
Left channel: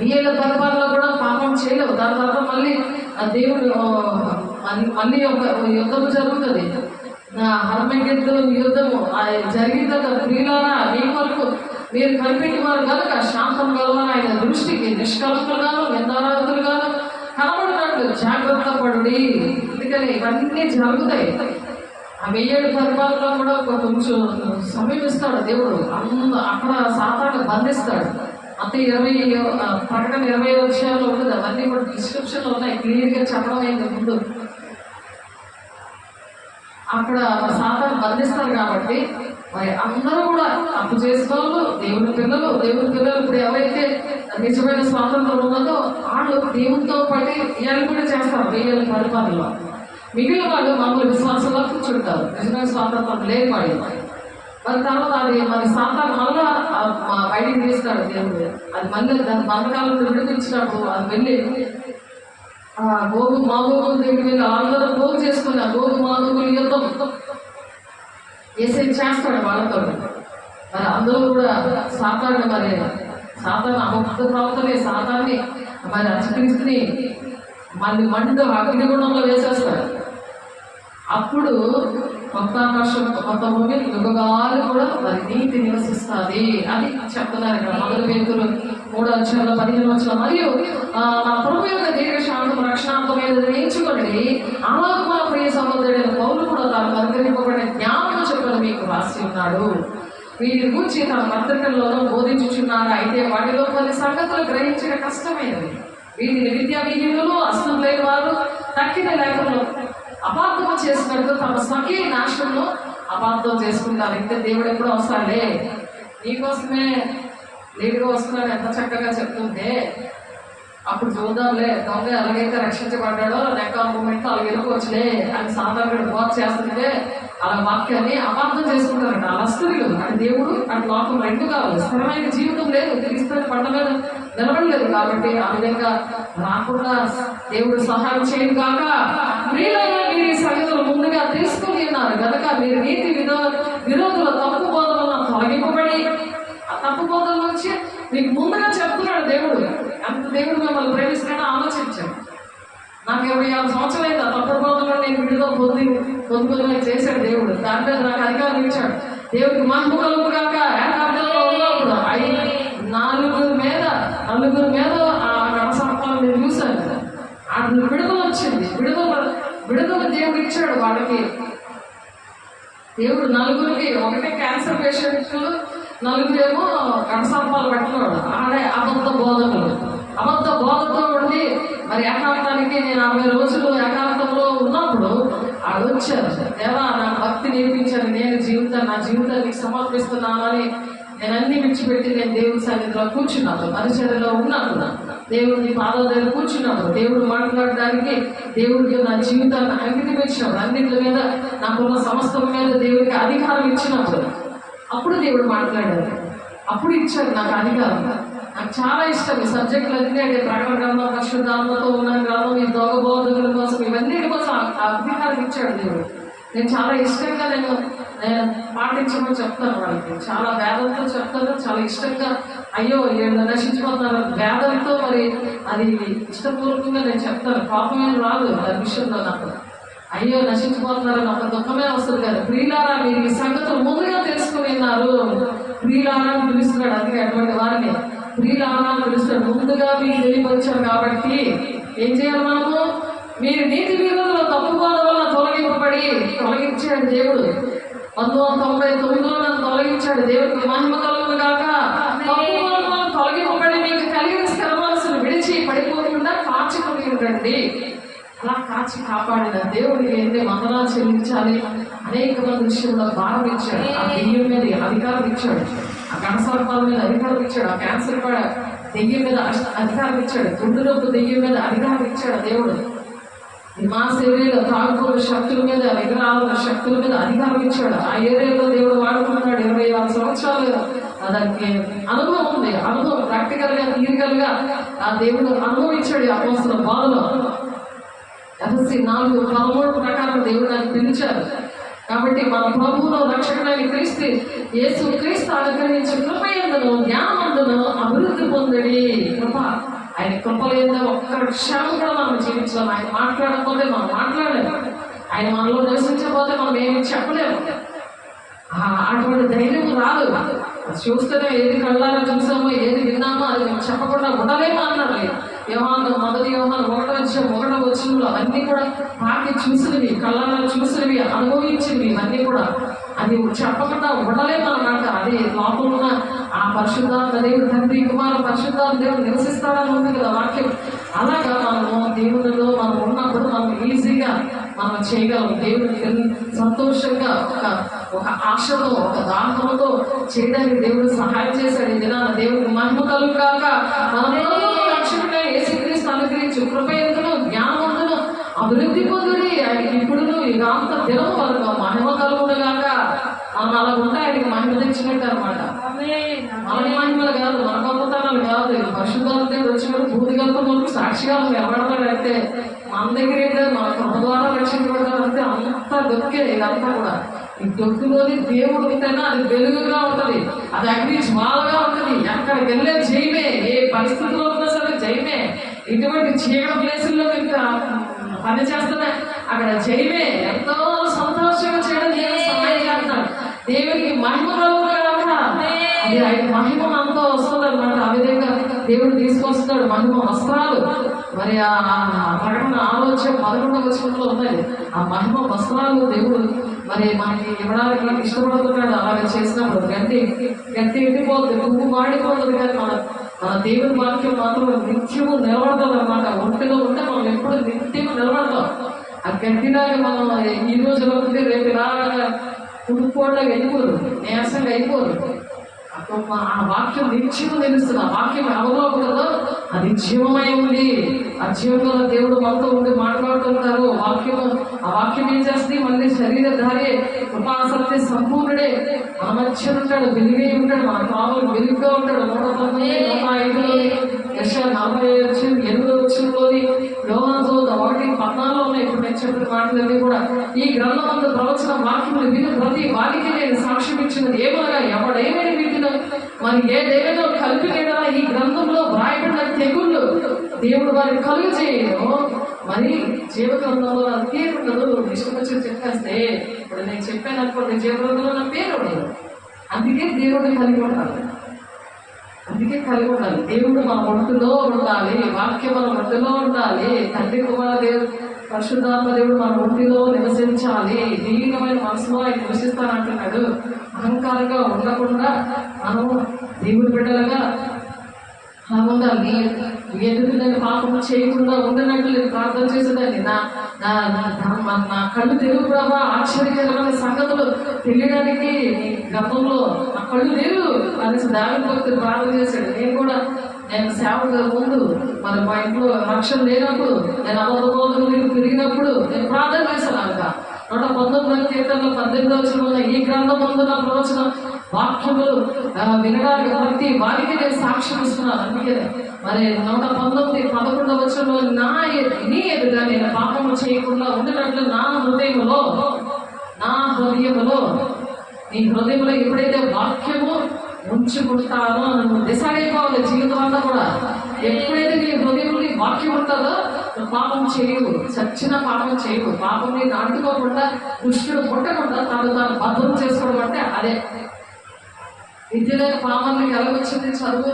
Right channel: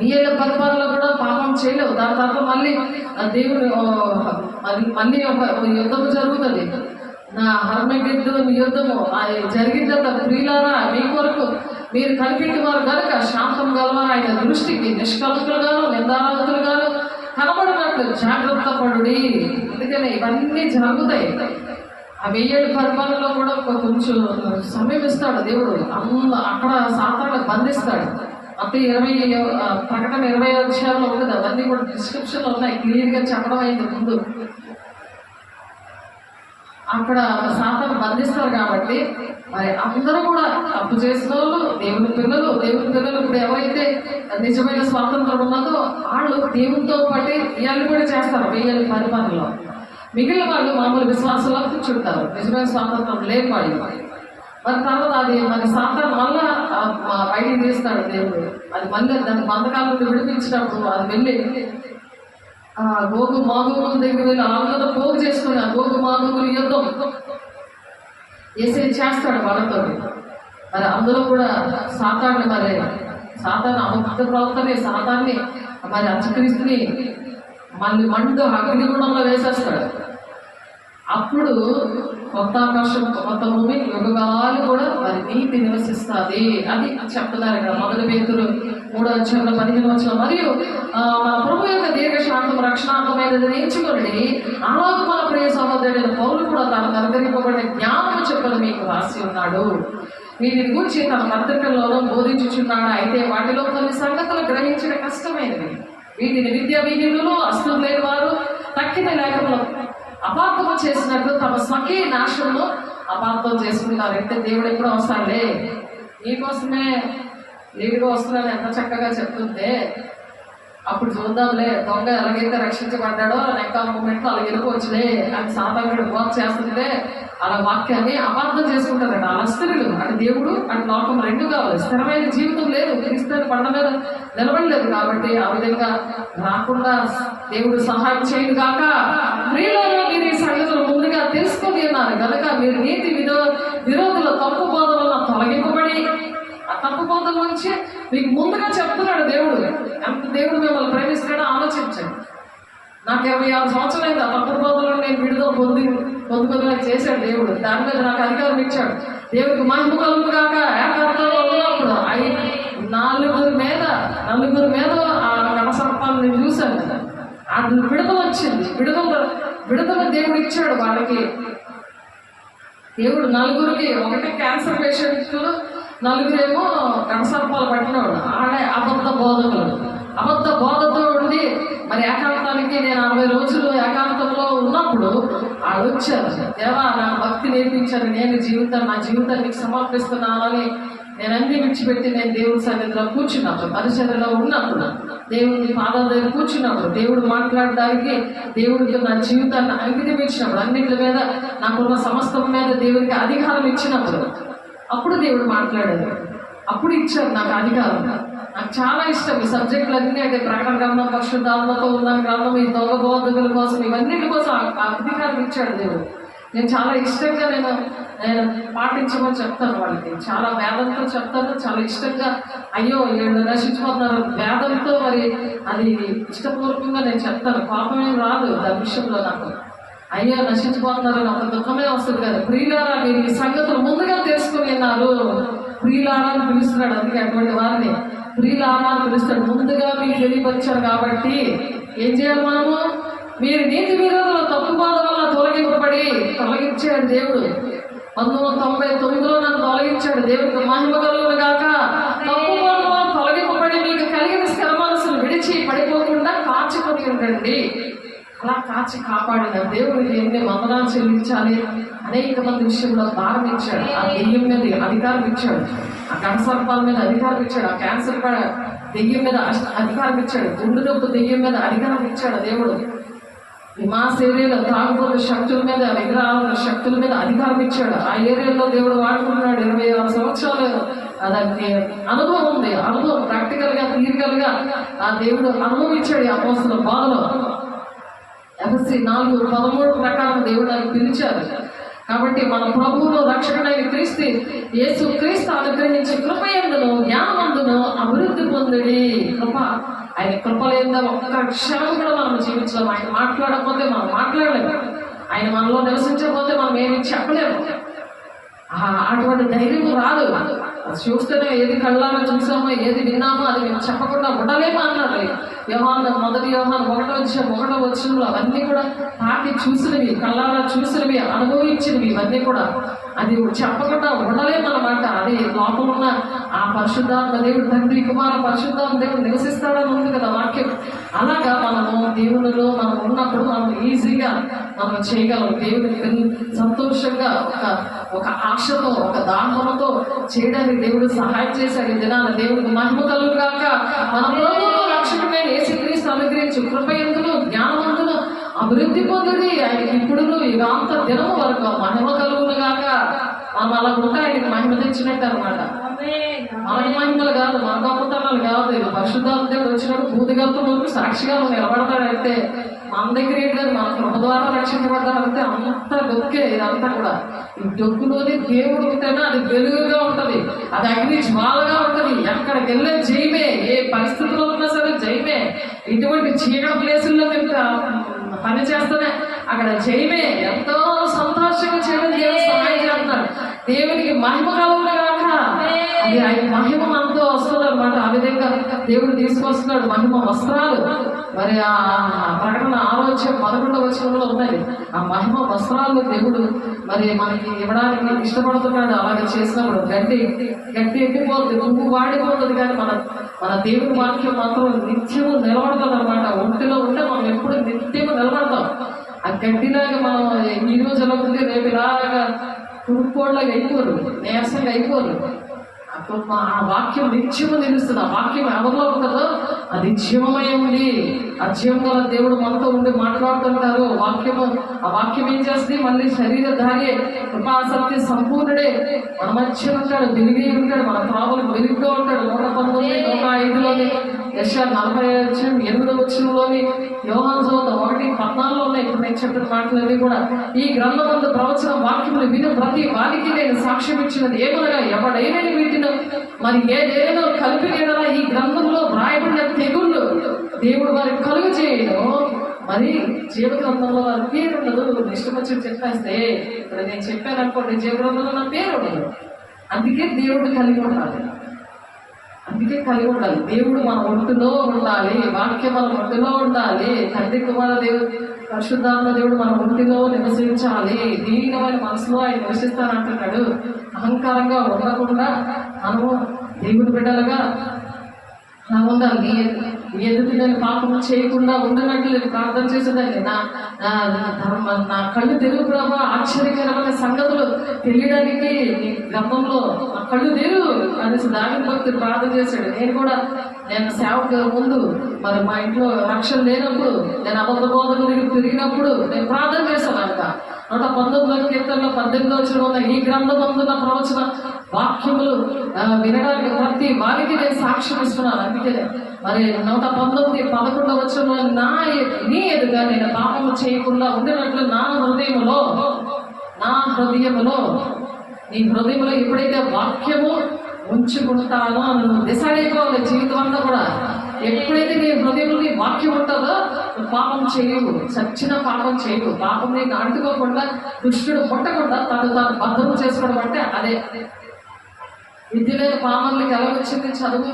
నీళ్ళ పరిపాలన కూడా పాపం చేయలేవు. దాని తర్వాత మళ్ళీ దేవుడు మళ్ళీ ఒక యుద్ధము జరుగుతుంది. హర్మగెద్దోను యుద్ధము జరిగిన తర్వాత ప్రియులారా మీ కొరకు మీరు కనిపెట్టి వారు కనుక శాంతం గలవారు ఆయన దృష్టికి నిష్కలంకులుగాను నిందారాధులుగాను కనబడినట్లు జాగ్రత్త పడుడి. అందుకని ఇవన్నీ జరుగుతాయి. ఆ 1000 ఏళ్ళ పరిపాలనలో కూడా కొంచెం సమయం ఇస్తాడు దేవుడు. అక్కడ సాతాన్ని బంధిస్తాడు. అంటే ప్రకటన 20 అధ్యాయంలో ఉంటుంది. అవన్నీ కూడా డిస్క్రిప్షన్లో ఉన్నాయి, క్లియర్గా చెప్పడం అయింది ముందు. అక్కడ సాతాను బంధిస్తారు కాబట్టి మరి అందరూ కూడా అప్పు చేసిన వాళ్ళు దేవుని పిల్లలు ఇప్పుడు ఎవరైతే నిజమైన స్వాతంత్రం ఉన్నదో వాళ్ళు దేవునితో పాటు ఇవన్నీ కూడా చేస్తారు 1000 ఏళ్ళ పరిపాలనలో. మిగిలిన వాళ్ళు మామూలు విశ్వాసంలో కూర్చుంటారు, నిజమైన స్వాతంత్రం లేని. మరి తర్వాత అది మరి సాతాను మళ్ళా బయటికి తీస్తాడు దేవుడు. అది మళ్ళీ దాని బంధకాలను విడిపించినప్పుడు అది వెళ్ళి గోగు మాగోగుల దగ్గర వెళ్ళి అందరూ పోగు చేసుకుని ఆ గోగు మాగోగుల యుద్ధం చేస్తాడు వాళ్ళతో. మరి అందులో కూడా సాతాను అభక్త ప్రవర్తనే సాతాన్ని మరి అంచక్రీస్తుని మళ్ళీ అగ్నిగుండంలో వేసేస్తాడు. అప్పుడు కొత్త ఆకాశం కొత్త భూమి యుగాలు కూడా మరి నీతి నివసిస్తుంది అని చెప్తున్నారు ఇక్కడ. 1 పేతురు 3:15 మరియు ప్రభు యొక్క దీర్ఘశాంతం రక్షణాత్మకమైనది ఎంచుకోండి. అలాగే మన ప్రియ సహోదరుడైన పౌలు కూడా తనకు అనుగ్రహింపబడిన జ్ఞానం చెప్పిన మీకు రాసి ఉన్నాడు. వీటిని గురించి తన పత్రికల్లోనూ బోధించుచున్నాడు. అయితే వాటిలో కొన్ని సంగతులు గ్రహించిన కష్టమైనవి. వీటిని విద్యా విహితులు అస్తం లేని వారు తక్కిన లేఖలో అపార్థం చేసినట్టు తమ స్వకీయ నాశనంలో అపార్థం చేసుకుంటారు. అయితే దేవుడు ఎప్పుడూ వస్తాడే నీకోసమే లేటుగా వస్తున్నాడు ఎంత చక్కగా చెప్తుంటే అప్పుడు చూద్దాంలే దొంగ ఎలాగైతే రక్షించబడ్డాడో నెక్క మూమెంట్ అలా వెళ్ళిపోవచ్చులే అని సాతానుడు వాక్ చేస్తుంటే అలా వాక్యాన్ని అపార్థం చేసుకుంటారట. అలా స్త్రీలు అటు దేవుడు అటు లోకం రెండు కావాలి. స్థిరమైన జీవితం లేదు, క్రీస్తుని పడ మీద నిలబడలేదు. కాబట్టి ఆ విధంగా రాకుండా దేవుడు సహాయం చేయను కాక. ప్రియులారా, మీరు ఈ సంగతులు ముందుగా తెలుసుకొని ఉన్నారు కనుక మీరు నీతి విరోధుల తప్పు బోధ వల్ల తొలగింపబడి ఆ తప్పు బోధల నుంచి మీకు ముందుగా చెప్తున్నాడు దేవుడు. ఎంత దేవుడు మిమ్మల్ని ప్రేమిస్తున్నాడో ఆలోచించండి. నాకు 26 సంవత్సరాలు ఆ తప్పు బోధలో నేను విడుదల పొందుకొని చేశాడు దేవుడు. దాని మీద నాకు అధికారం ఇచ్చాడు. దేవుడికి మహిమ కలుగు కాక. ఏకాంతంలో ఉన్నప్పుడు నలుగురు మీద ఆ కడసర్పాలను నేను చూశాను. అది విడుదల వచ్చింది. విడుదల దేవుడు ఇచ్చాడు వాళ్ళకి. దేవుడు నలుగురికి, ఒకటి క్యాన్సర్ పేషెంట్లు, నలుగురేమో కడసర్పాలు పట్టినవాడు. ఆడే అబద్ధ బోధతో ఉండి మరి ఏకాంతానికి నేను 60 రోజులు ఏకాంతంలో ఉన్నప్పుడు వాళ్ళు వచ్చారు. దేవా, నాకు భక్తి నేర్పించాను, నేను నా జీవితాన్ని నీకు సమర్పిస్తున్నానని నేను అన్ని విడిచిపెట్టి నేను దేవుడి సన్నిధిలో కూర్చున్నప్పుడు, పరిచర్యలో ఉన్నప్పుడు, దేవుడి పాదాల దగ్గర కూర్చున్నప్పుడు, దేవుడు మాట్లాడడానికి దేవుడికి నా జీవితాన్ని అంకితం ఇచ్చినప్పుడు, అన్నింటి మీద నాకున్న సమస్తం మీద దేవుడికి అధికారం ఇచ్చినప్పుడు, అప్పుడు దేవుడు మాట్లాడాడు. అప్పుడు ఇచ్చాడు నాకు అధికారం. నాకు చాలా ఇష్టం ఈ సబ్జెక్టులు అన్నీ. అంటే ప్రకటన గ్రంథం, పరిశుద్ధాత్మతో ఉన్న గ్రంథం, ఈ దొంగ బోధకుల కోసం, ఇవన్నీ కోసం అధికారం ఇచ్చాడు దేవుడు. నేను చాలా ఇష్టంగా నేను పాటించమని చెప్తాను వాళ్ళకి. చాలా వేదంతో చెప్తాను, చాలా ఇష్టంగా. అయ్యో వీళ్ళు నశించిపోతున్నారు వేదంతో, మరి అది ఇష్టపూర్వకంగా నేను చెప్తాను. కోపం ఏం రాదు దాని విషయంలో నాకు. అయ్యో నశించిపోతున్నారు ఒక దుఃఖమే వస్తుంది కదా. ప్రియులారా, మీరు ఈ సంగతులు ముందుగా తెలుసుకుని ఉన్నారు. ప్రియులారా అని పిలుస్తున్నాడు. అందుకే అటువంటి వారిని ప్రియులారా అని పిలుస్తాడు. ముందుగా మీకు తెలియపరిచారు కాబట్టి ఏం చేయాలి మనము? మీరు నీతి విరోధుల తప్పు బోధ వల్ల తొలగించాడు దేవుడు. 1999లో నన్ను తొలగించాడు. దేవుడికి మహిమ కలుగును గాక. తప్పు బోధ వల్ల తొలగింపబడి మీకు కలిగిన స్థిర మనసును విడిచి పడిపోకుండా కాచుకొని ఉండండి. అలా కాచి కాపాడిన దేవుడికి ఎన్ని వందనాలు చెల్లించాలి. అనేక మంది విషయంలో భారం ఇచ్చాడు. ఆ దెయ్యం మీద అధికారం ఇచ్చాడు. ఆ కణసర్పాల మీద అధికారం ఇచ్చాడు. ఆ క్యాన్సర్ కూడా దెయ్యం మీద అధికారం ఇచ్చాడు. గుండు నొప్పు దెయ్యం మీద అధికారం ఇచ్చాడు దేవుడు. మా శరీర తాగుబోల శక్తుల మీద, విగ్రహాల శక్తుల మీద అధికారం ఇచ్చాడు. ఆ ఏరియాలో దేవుడు వాడుకుంటున్నాడు. 26 సంవత్సరాలు దానికి అనుభవం ఉంది. అనుభవం ప్రాక్టికల్ గా, థియరికల్ గా ఆ దేవుడు అనుభవం ఇచ్చాడు. ఈ అపోస్తల బాధలో ఎఫెసీ 4:13 ప్రకారం దేవుడు దాన్ని పిలిచారు. కాబట్టి మన ప్రభువులో రక్షకుడైన యేసు క్రీస్తు అనుగ్రహించి కృపయందును జ్ఞానమందును అభివృద్ధి పొందిడి. కృప, ఆయన కృప లేదా ఒక్క క్షణం కూడా మనం జీవించలేము. ఆయన మాట్లాడకపోతే మనం మాట్లాడలేము. ఆయన మనలో నివసించకపోతే మనం ఏమి చెప్పలేము. అటువంటి ధైర్యం రాదు. చూస్తేనే ఏది కళ్ళారో చూసామో, ఏది విన్నామో అది మేము చెప్పకుండా ఉండలేమో అన్నారు. మొదటి యోహాను 1:1 అవన్నీ కూడా తాకి చూసినవి, కళ్ళారా చూసినవి, అనుభవించినవి, ఇవన్నీ కూడా అది చెప్పకుండా ఉండలేము అన్నమాట. అది లోపల ఉన్న ఆ పరిశుద్ధాత్మ దేవుడు, తండ్రి కుమార పరిశుద్ధాత్మ దేవుడు నివసిస్తాడని ఉంది కదా వాక్యం. అలాగా మనము దేవుడిలో మనం ఉన్నప్పుడు మనం ఈజీగా మనం చేయగలం. దేవుడికి సంతోషంగా ఒక ఆశతో, ఒక దాహంతో చేయడానికి దేవుడు సహాయం చేశాడు. ఈ దినాన దేవుడికి మహిమ కలుగు కాక. మన ప్రభువును రక్షకుడైన యేసుక్రీస్తు అనుగ్రహించి కృపయందును జ్ఞానవంతును అభివృద్ధి పొందుడి. ఆయనకి ఇప్పుడు యుగాంత దినం వరకు మహిమ కలుగును గాక. మనం అలా ఉంటే ఆయనకి మహిమ తెచ్చినట్టు అనమాట. మన మహిమలు కాదు, మన గొప్పతనాలు కాదు. పరిశుద్ధాత్మ దేవుడు వచ్చినప్పుడు భూతిగంతం వరకు సాక్షిగా నిలబడతాడంటే మన దగ్గర ఏంటంటే మన కృప ద్వారా రక్షించబడ్డారంటే అంత దొక్కే. ఇదంతా కూడా ఈ దొక్కులోని దేవుడు ఉంటేనే అది వెలుగుగా ఉంటుంది, అది అగ్ని జ్వాలగా ఉంటుంది. ఎక్కడికి వెళ్ళే జయమే, ఏ పరిస్థితిలో ఉన్నా సరే జయమే. ఇటువంటి చీకటి ప్లేసుల్లో ఇంకా పని చేస్తేనే అక్కడ జయమే. ఎంతో సంతోషంగా చేయడం దేవుడు సహాయం చేస్తున్నాడు. దేవుడికి మహిమ కలుగును గాక. అది ఆయన మహిమ అంతా వస్తుంది అనమాట. ఆ విధంగా దేవుడు తీసుకొస్తున్నాడు మహిమ వస్త్రాలు. మరి ఆ ప్రకటన 6:11 ఉన్నాయి. ఆ మహిమ వస్త్రాలు దేవుడు మరి మనకి ఇవ్వడానికి ఇష్టపడుతున్నాడు. అలాగే చేసినప్పుడు గట్టి ఎండిపోతుంది, పువ్వు వాడిపోతుంది. కానీ మన దేవుని వాక్యం మాత్రం నిత్యము నిలబడతాం అనమాట. ఒంటిలో ఉంటే మనం ఎప్పుడు నిత్యము నిలబడతాం. ఆ గట్టిలాగా మనం ఈ రోజు అవుతుంది, రేపు ఇలాగా తుడుపుకోవడానికి అయిపోరు, నీరసంగా అయిపోరు. ఆ వాక్యం నిత్యము నిలుస్తుంది. ఆ వాక్యం ఎవరిలో ఉంటుందో అది జీవమై ఉంది. ఆ జీవం గల దేవుడు మనతో ఉండి మాట్లాడుతుంటారు. ఆ వాక్యం ఏం చేస్తుంది? మళ్ళీ శరీరధారి కృపాసక్తి సంపూర్ణుడే మన మధ్య ఉంటాడు, వెలుగే ఉంటాడు, మన త్రావులకు వెలుగుగా ఉంటాడు. 119, 105లోని యెషయా 48 వచ్చంలోని యోహాను సువార్త 1:14 ఉన్నాయి. ఇప్పుడు నేను చెప్పిన మాటలన్నీ కూడా ఈ గ్రంథమందు ప్రవచన వాక్యములు విను ప్రతి వారికి నేను సాక్ష్యం ఇచ్చినది ఏమనగా, ఎవడైనా వీటిలో మరి ఏదేదో కలిపి నీడలా ఈ గ్రంథంలో వ్రాయబడిన తెగుళ్ళు దేవుడు వారికి కలుగు చేయడం. మరి జీవ గ్రంథంలో నా పేరు ఉండదు. ఇష్టం వచ్చి చెప్పేస్తే ఇప్పుడు నేను చెప్పాను అనుకోండి, జీవ గ్రంథంలో నా పేరు ఉండదు. అందుకే దేవుడు కలిగి ఉండాలి. దేవుడు మన ఒంటిలో ఉండాలి. వాక్యం మన ఒంటిలో ఉండాలి. తండ్రి కుమార దేవుడు పరిశుద్ధాత్మ దేవుడు మన ఒంటిలో నివసించాలి. దీనమైన మనసులో ఆయన నివసిస్తానంటున్నాడు. అహంకారంగా ఉండకుండా మనము దేవుడు బిడ్డలుగా ఉండాలి. నీ ఎదుటి నేను పాపం చేయకుండా ఉండనట్లు నేను ప్రార్థన చేసేదాన్ని. నా కళ్ళు తెరువు ప్రభా, ఆశ్చర్యకరమైన సంగతులు తెలియడానికి నీ గ్రంథంలో నా కళ్ళు తెరువు అనేసి దావిద భక్తుడు ప్రార్థన చేశాడు. నేను సేవకు ముందు మరి మా ఇంట్లో రక్షణ లేనప్పుడు, నేను అబద్ధ బోధకులు తిరిగినప్పుడు నేను ప్రార్థన చేశాను. అంట 119 కీర్తనలో 18 వచనంలో ఈ గ్రంథమందు నా ప్రవచన వాక్యములు వినడానికి ప్రతి వారికి నేను సాక్ష్యం ఇస్తున్నాను. అందుకే మరి 119, 11 వచనంలో నీ ఎదుగా నేను పాపము చేయకుండా ఉండినట్లు నా హృదయములో నీ హృదయంలో ఎప్పుడైతే వాక్యము ఉంచుకుంటానో నువ్వు డిసైడ్ అయిపోవాలి. జీవితం అంతా కూడా ఎప్పుడైతే నీ హృదయంలో నీ వాక్యం ఉంటుందో పాపం చేయవు, చచ్చిన పాపం చేయవు. పాపం నేను అంటుకోకుండా, దుష్టుడు పుట్టకుండా తాను భద్రం చేసుకోవడం అంటే అదే. విద్య లేని పాపంలోకి ఎలా వచ్చింది చదువు?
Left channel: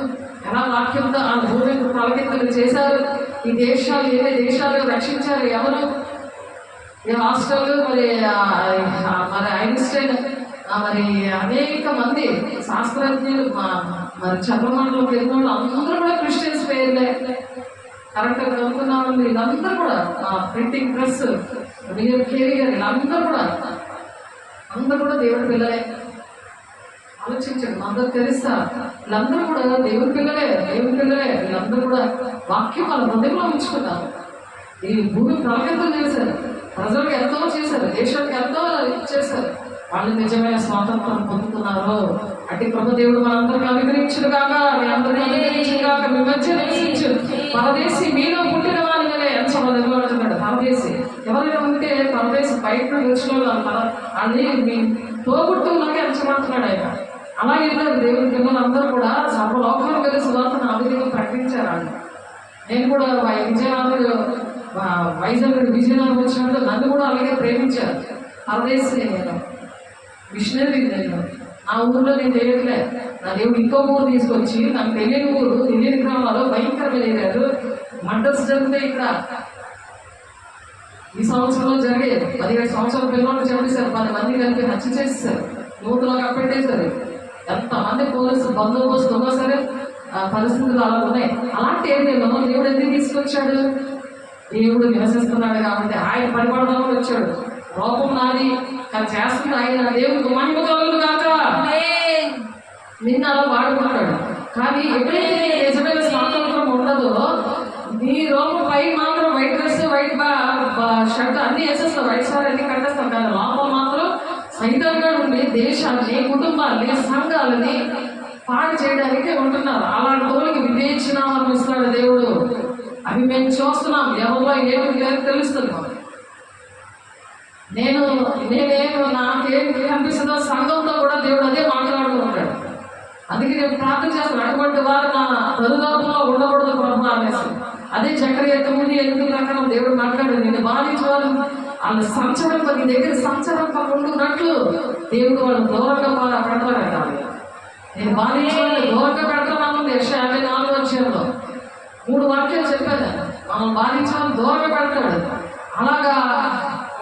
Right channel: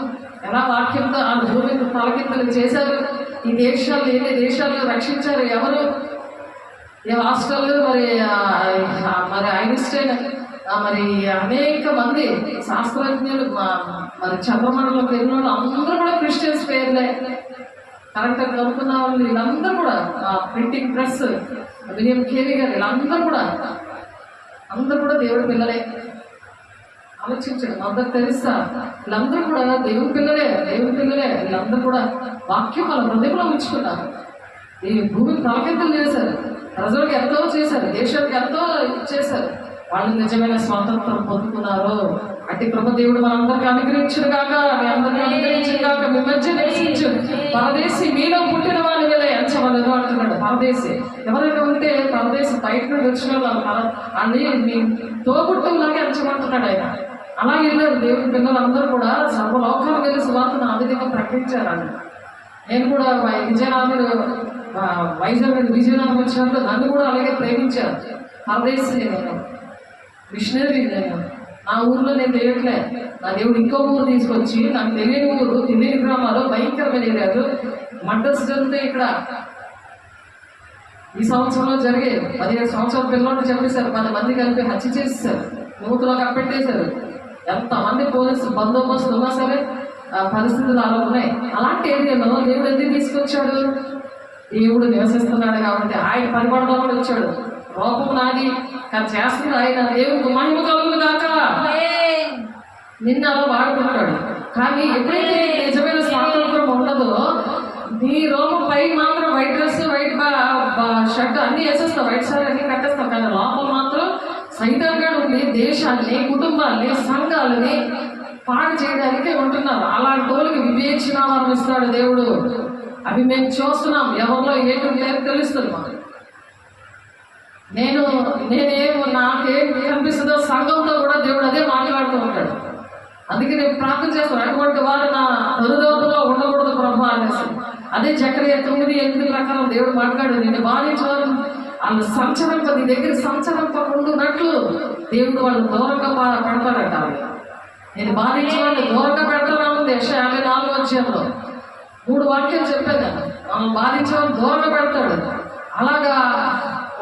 ఎలా వాక్యంతో ఆ భూమికి తలకింతలు చేశారు? ఈ దేశాలు ఎన్ని దేశాలు రక్షించారు? ఎవరు? ఈ హాస్టల్ మరి ఐన్స్టైన్ మరి అనేక మంది శాస్త్రజ్ఞులు మరి చంద్రమండలంలోకి వెళ్ళిన వాళ్ళు అందరూ కూడా క్రిస్టియన్స్ పేర్లే. కరెక్ట్గా కనుక్కున్న వాళ్ళు వీళ్ళందరూ కూడా ప్రింటింగ్ ప్రెస్ విలియం కేరీ గారు వీళ్ళందరూ కూడా దేవుడి పిల్లలే. ఆలోచించండి, మదర్ తెరిసా వీళ్ళందరూ కూడా దేవుడి పిల్లలే. వీళ్ళందరూ కూడా వాక్యం వాళ్ళ హృదయంలో ఉంచుకున్నారు. ఈ భూమిని తలకెంతలు చేశారు, ప్రజలకు ఎంతో చేశారు, దేశానికి ఎంతో చేశారు. వాళ్ళు నిజమైన స్వాతంత్రం పొందుతున్నారు. అట్టి కృప దేవుడు మనందరికీ అనుగ్రహించును గాక. మీ అందరికీ అనుగ్రహించును గాక. మీ మధ్య నివసించు పరదేశి మీలో పుట్టిన వారి మీద ఎంచమని అంటున్నాడు. పరదేశి ఎవరైనా ఉంటే పరదేశి బయట నుండి వచ్చిన వాళ్ళని మీ తోబుట్టులాగా ఎంచమంటున్నాడు ఆయన. అలాగే వెళ్ళారు దేవుడి పిల్లలందరూ కూడా సర్వలోకాలు వెళ్ళి సువార్తను ఆ విధంగా ప్రకటించారండి. నేను కూడా విజయనగరం వచ్చినప్పుడు నన్ను కూడా అలాగే ప్రేమించారు. పరదేశి నేను, మిషనరీ నేను. నా ఊర్లో నేను చేయట్లే, నా దేవుడు ఇంకో ఊరు తీసుకొచ్చి నాకు తెలియని ఊరు, తెలియని గ్రామాలు భయంకరమైన ఏరియాలు మర్డర్స్ జరిగితే ఇక్కడ ఈ సంవత్సరంలో జరిగే 15 సంవత్సరాల పిల్లలు చంపేశారు. 10 మంది కలిపి హత్య చేసేసారు, నూతులో కప్పెట్టేశారు. ఎంతమంది పోలీసు బందోబస్తు ఉన్నా సరే పరిస్థితులు అలా ఉన్నాయి. అలాంటి ఏరియాలో దేవుడు ఎందుకు తీసుకొచ్చాడు? దేవుడు నివసిస్తున్నాడు కాబట్టి ఆయన పరిపడదామని వచ్చాడు. రూపం నాది కానీ చేస్తుంది ఆయన. దేవుడికి మహిమ కలుగును గాక. నిన్న అలా వాడుకుంటాడు. కానీ ఎప్పుడైతే నిజమైన స్వాతంత్రం ఉండదో, నీ రోగం పై మాత్రం వైట్ డ్రెస్, వైట్ షర్ట్ అన్ని వేసేస్తావు, వైట్ సారీ అన్ని కట్టేస్తాం. కానీ లోపం మాత్రం సైతంగా ఉండి దేశాన్ని, కుటుంబాన్ని, సంఘాలని పాడు చేయడానికి ఉంటున్నారు. అలాంటి తోలికి వివేచనాలను ఇస్తాడు దేవుడు. అవి మేము చూస్తున్నాం. ఎవరిలో ఏమి తెలుస్తుంది. నాకేం అనిపిస్తుందో సంఘంతో కూడా దేవుడు అదే మాట్లాడుతూ ఉంటాడు. అందుకే నేను ప్రార్థన చేస్తాను, అటువంటి వారు నా దరిదాపుల్లో ఉండకూడదు ప్రభు అనేసి. అదే జకరియా 9:8 ప్రకారం దేవుడు మాట్లాడాడు. నేను బాధించేవారు వాళ్ళు నీ దగ్గర సంచరింపకుండునట్లు దేవుడు వాళ్ళు దూరంగా పెడతాడంట. నేను బాధించేవాళ్ళు దూరంగా పెడతాను. యెషయా 54 అధ్యాయంలో 3 వాక్యాలు చెప్పాను. మనం బాధించేవాళ్ళు దూరంగా పెడతాడు. అలాగా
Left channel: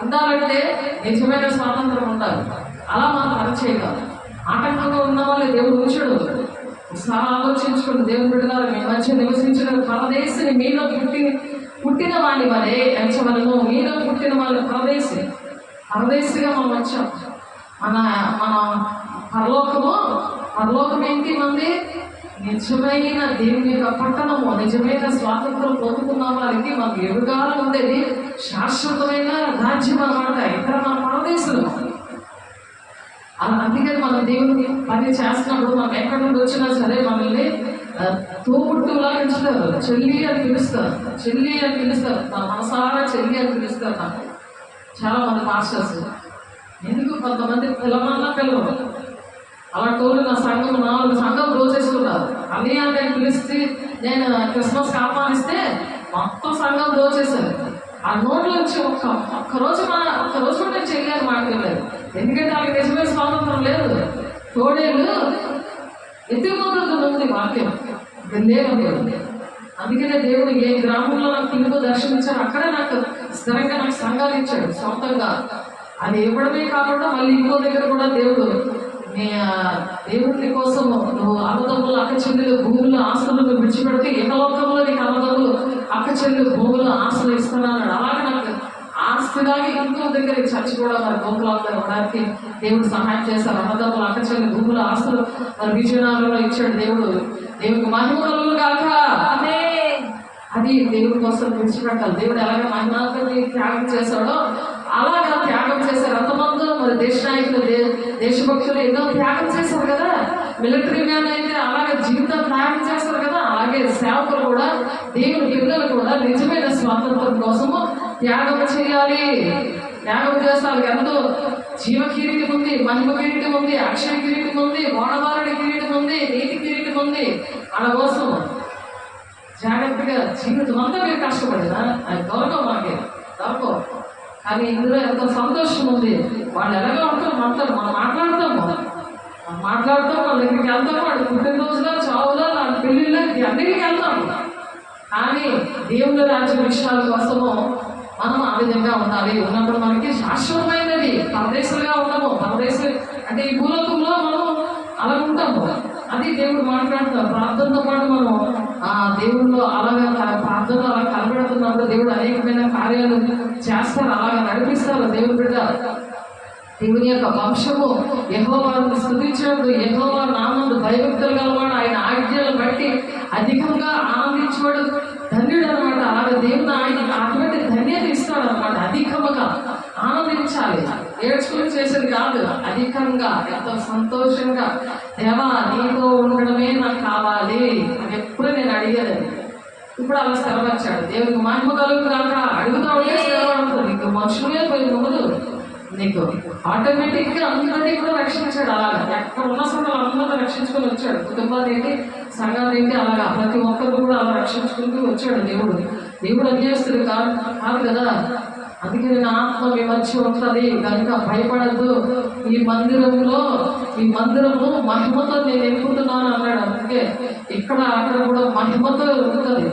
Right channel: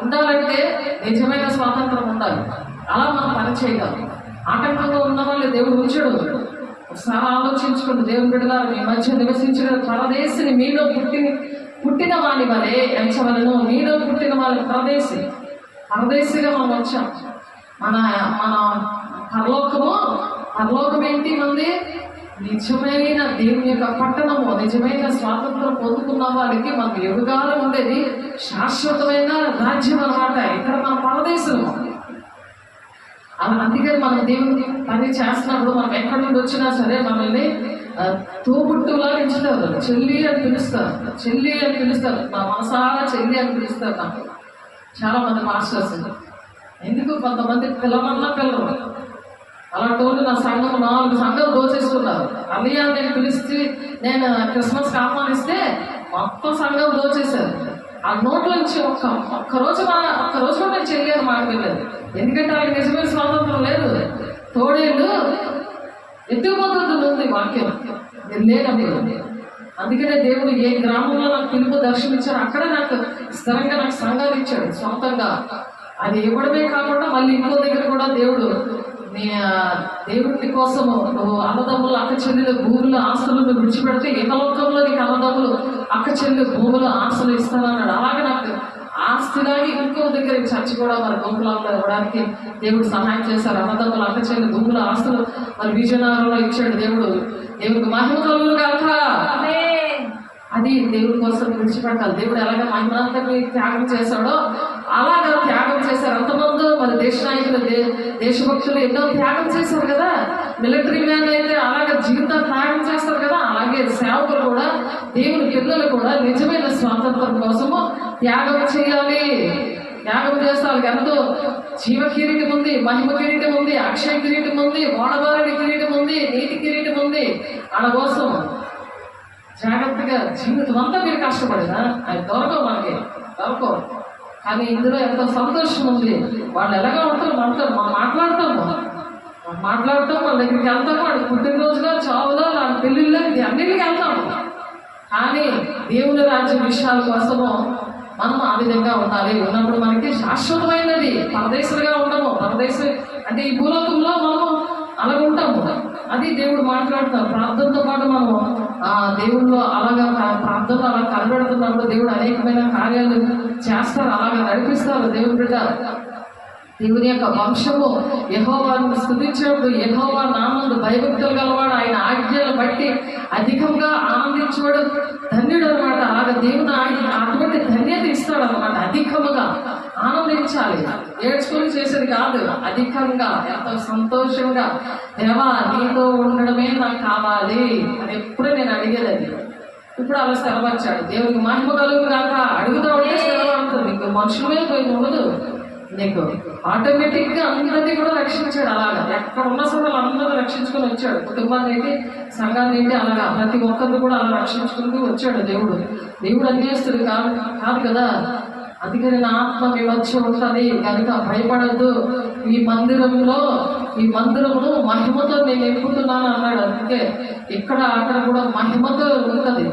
ఉండాలంటే నిజమైన స్వాతంత్రం ఉండాలి. అలా మనం పని చేయగలం. ఆటంకంగా ఉన్న వాళ్ళు దేవుడు ఉంచడు. ఒకసారి ఆలోచించుకుంటూ దేవుని బిడ్డలారా, మీ మధ్య నివసించిన పరదేశిని మీలో పుట్టిన వాని వలె ఎంచవలను. మీలో పుట్టిన వాళ్ళ పరదేశిగా మనం వచ్చాం. మన పరలోకము పరలోకం ఏంటి మంది? నిజమైన దేవుని యొక్క పట్టణము, నిజమైన స్వాతంత్రం పొందుకున్న వారికి మనకు యుగాలు ఉండేది శాశ్వతమైన రాజ్యం అన్నమాట. ఇక్కడ మన పరదేశంలో అందుకని మనం దేవుని పని చేస్తున్నప్పుడు మనం ఎక్కడి నుండి వచ్చినా సరే మనల్ని తోబుట్టులా పిలుస్తారు, చెల్లి అని పిలుస్తారు, చెల్లి అని పిలుస్తారు. నా మనసారా చెల్లి అని పిలుస్తారు నాకు చాలా మంది మాస్టర్స్. ఎందుకు? కొంతమంది పిల్లమన్నా పిల్లలు అలాంటి వాళ్ళు నా సంఘం 4 సంఘం దోచేసుకున్నారు. అన్నయ్య నేను పిలిచి నేను క్రిస్మస్కి ఆహ్వానిస్తే మొత్తం సంఘం దోచేశారు. ఆ నోట్లో నుంచి ఒక్కరోజు కూడా నేను చెల్లి అని మాట్లాడలేదు. ఎందుకంటే వాళ్ళకి నిజమైన స్వాతంత్రం లేదు. తోడేళ్ళు ఎత్తుకుపోతుంది ఉంది వాక్యం లేనప్పుడు. అందుకనే దేవుడు ఏ గ్రామంలో నాకు పిలుపు దర్శనమిచ్చారు అక్కడే నాకు స్థిరంగా నాకు సంఘాలు ఇచ్చాడు సొంతంగా. అది ఇవ్వడమే కాకుండా మళ్ళీ ఇంకో దగ్గర కూడా దేవుడు నీ దేవుడి కోసము నువ్వు అన్నదమ్ములు అక్క చెల్లెలు భూములు ఆస్తులు విడిచిపెడితే ఏకలోకంలో నీకు అన్నదమ్ములు అక్క చెల్లెలు భూములు ఆస్తులు ఇస్తానన్నాడు. అలాగే నాకు ఆస్తిలాగి ఇంకో దగ్గర చర్చ కూడా మరి గోకులంలో ఇవ్వడానికి దేవుడు సహాయం చేశారు. అన్నదమ్ములు అక్క చెల్లెలు భూములు ఆస్తులు మరి విజయనగరంలో ఇచ్చాడు దేవుడు. దేవుడికి మహిమ కలుగును గాక. అది దేవుడి కోసం విడిచిపెట్టాలి. దేవుడు ఎలాగే మహిమాంతని త్యాగం చేశాడో అలాగా త్యాగం చేశారు అంతమంది. మరి దేశ నాయకులు దేశభక్తులు ఎన్నో త్యాగం చేశారు కదా. మిలిటరీ మ్యాన్ అయితే అలాగే జీవితం త్యాగం చేస్తారు కదా. అలాగే సేవకులు కూడా దేవుని పిల్లలు కూడా నిజమైన స్వాతంత్రం కోసము త్యాగం చేయాలి. త్యాగం చేస్తారు. ఎంతో జీవ కిరీటం ఉంది, మహిమ కిరీటం ఉంది, అక్షయ కిరీటం ఉంది, వాడవారుడి కిరీటం ఉంది, నీతి కిరీటం ఉంది. వాళ్ళ కోసం జాగ్రత్తగా జీవితం అంతా మీరు కష్టపడినా అది దొరకవు, మనకి దొరకవు. కానీ ఇందులో ఎంతో సంతోషం ఉంది. వాళ్ళు ఎలాగో ఉంటారు, మాట్లాడతాం మన దగ్గరికి వెళ్తాము. వాడు పుట్టినరోజులో చావులో వాళ్ళ పెళ్ళిళ్ళకి అన్నిటికి వెళ్తాము. కానీ దేవుని రాజ్య విషయాల కోసము మనం ఆ విధంగా ఉండాలి. ఉన్నప్పుడు మనకి శాశ్వతమైనది. పరదేశులుగా ఉండము. పరదేశం అంటే ఈ భూలోకంలో మనం అలా ఉంటాము. అది దేవుడు మాట్లాడుతాం. ప్రార్థనతో పాటు మనం దేవుళ్ళు అలాగా ప్రార్థనలో అలా కనబెడుతున్నప్పుడు దేవుడు అనేకమైన కార్యాలు చేస్తారు, అలాగా నడిపిస్తారు. దేవుని బిడ్డ దేవుని యొక్క వంశము యెహోవాను స్తుతించేవాడు, యెహోవా నామందు భయభక్తులు గలవాడు, ఆయన ఆజ్ఞలు బట్టి అధికంగా ఆనందించేవాడు ధన్యుడు అనమాట. అలాగే దేవుడు ఆయన అటువంటి ధన్యత ఇస్తాడు అనమాట. అధికముగా ఆనందించాలి, ఏడ్చుకొని చేసేది కాదు. అధికంగా ఎంతో సంతోషంగా దేవా నీతో ఉండడమే నాకు కావాలి అని ఎప్పుడూ నేను అడిగేది. ఇప్పుడు అలా స్థిరపరిచాడు. దేవునికి మహిమ కలుగు కాక అడుగుతా ఉంటే స్థిరపడుతుంది. నీకు మనుషుల మీద పోయి ఉండదు. నీకు ఆటోమేటిక్గా అందరినీ కూడా రక్షించాడు. అలాగా ఎక్కడ ఉన్న సంఘాలు అందరూ రక్షించుకొని వచ్చాడు. కుటుంబాన్ని ఏంటి, సంఘాన్ని ఏంటి, అలాగా ప్రతి ఒక్కరిని కూడా అలా రక్షించుకుంటూ వచ్చాడు దేవుడు. దేవుడు అన్యాస్తుడు కాదు కదా. అందుకని నా ఆత్మ మీ మధ్య ఉంటుంది కనుక భయపడద్దు. ఈ మందిరమును మహిమతో నేను నింపుతున్నాను అన్నాడు. అందుకే ఇక్కడ అక్కడ కూడా మహిమతో ఉంటుంది.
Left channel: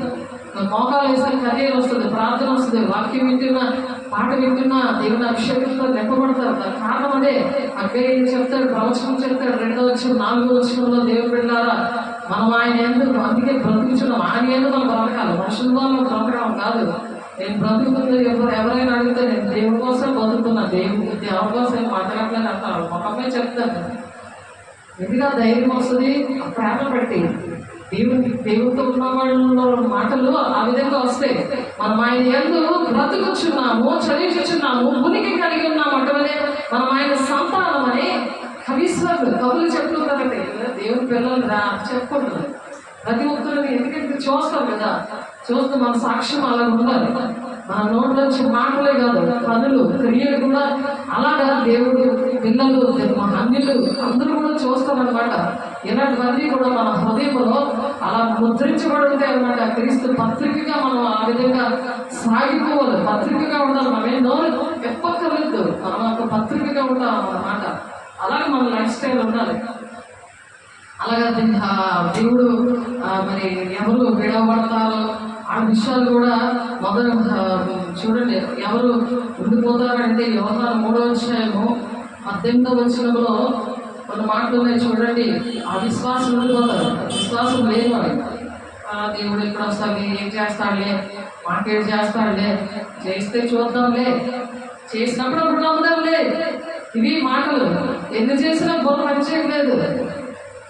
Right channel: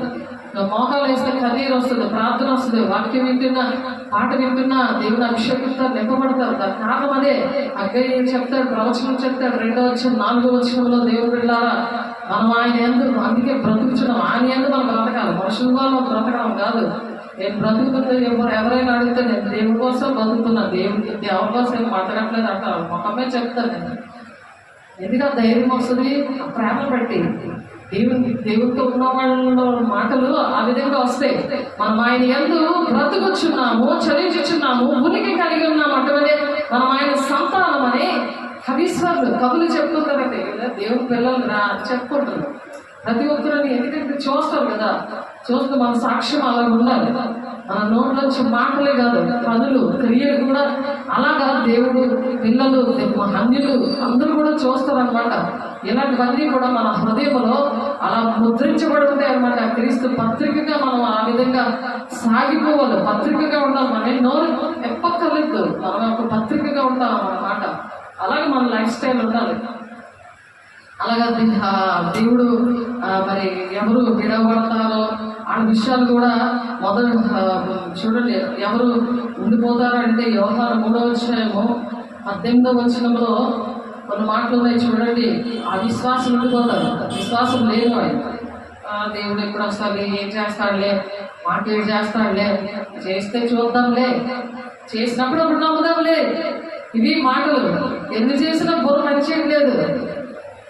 మోకాలు వేస్తే కన్నీరు వస్తుంది, ప్రార్థన వస్తుంది, వాక్యం వింటున్నా, పాట వింటున్నా, దేవుని అభిషేకంతో నింపబడతారు. దాని కారణం అదే. అగ్గయ్య చెప్తాడు, ప్రవచనం చెప్తాడు, 2వ వచనం 4వ వచనంలో దేవుడు వెళ్ళారా మనం ఆయన ఎందుకు అందుకే బ్రతుకుతున్నాం. ఆయన ఎందుకు మనం బ్రతకాలి, మనుషుల్లో బ్రతకాలం కాదు. నేను బ్రతుకుతుంది ఎవరైనా అడిగితే నేను దేవుడి కోసం బతుకుతున్నా, దేవుడి కోసం ఏం మాట్లాడలేదు అంటారు. మొక్కమే చెప్తాను. ఎందుకంటే ధైర్యం వస్తుంది ప్రేమ పెట్టి. దేవుడితో ఉన్న వాళ్ళ మాటలు ఆ విధంగా వస్తాయి. మనం ఆయన యందు బ్రతుకుచున్నాము, చదివించున్నాము, ఉనికి కలిగి ఉన్నాము. అటువలే మనం ఆయన సంతానం అని కవులు చెప్తుంటారంటే దేవుడి పిల్లలు చెప్పుకుంటారు ప్రతి ఒక్కరిని. ఎందుకంటే చూస్తారు కదా, చూస్తే మన సాక్ష్యం అలా ఉండాలి. మన నోట్లోంచి మాటలే కాదు, పనులు క్రియలు కూడా అలాగా దేవుడు పిల్లలు అన్యులు అందరూ కూడా చూస్తారనమాట. ఇలాంటివన్నీ కూడా మన హృదయంలో అలా ముద్రించబడి ఉంటాయి అనమాట. క్రీస్తు పత్రికగా మనం ఆ విధంగా సాగిపోవాలి, పత్రికగా ఉండాలి. మనం నోరు ఎప్పక్కర్లేదు, మనం ఒక పత్రికగా ఉంటాం అన్నమాట. అలాగే మన లైఫ్ స్టైల్ ఉండాలి. అలాగా దేవుడు మరి ఎవరు విడవబడతారో ఆ విషయాలు కూడా మొదలు చూడండి. ఎవరు ఉండిపోతారంటే యోహాను 3వ అధ్యాయము 18వ వచనంలో కొన్ని మాటలు ఉన్నాయి చూడండి. ఆ విశ్వాసం ఉండిపోతారు, విశ్వాసం లేనివాడు. దేవుడు ఎప్పుడు వస్తాడులే, ఏం చేస్తాడులే, మాకేం చేస్తాడులే, చేస్తే చూద్దాంలే, చేసినప్పుడు అప్పుడు నమ్ముదాంలే. ఇవి మాటలు. ఎన్ని చేసినా బుర్ర పనిచేయలేదు.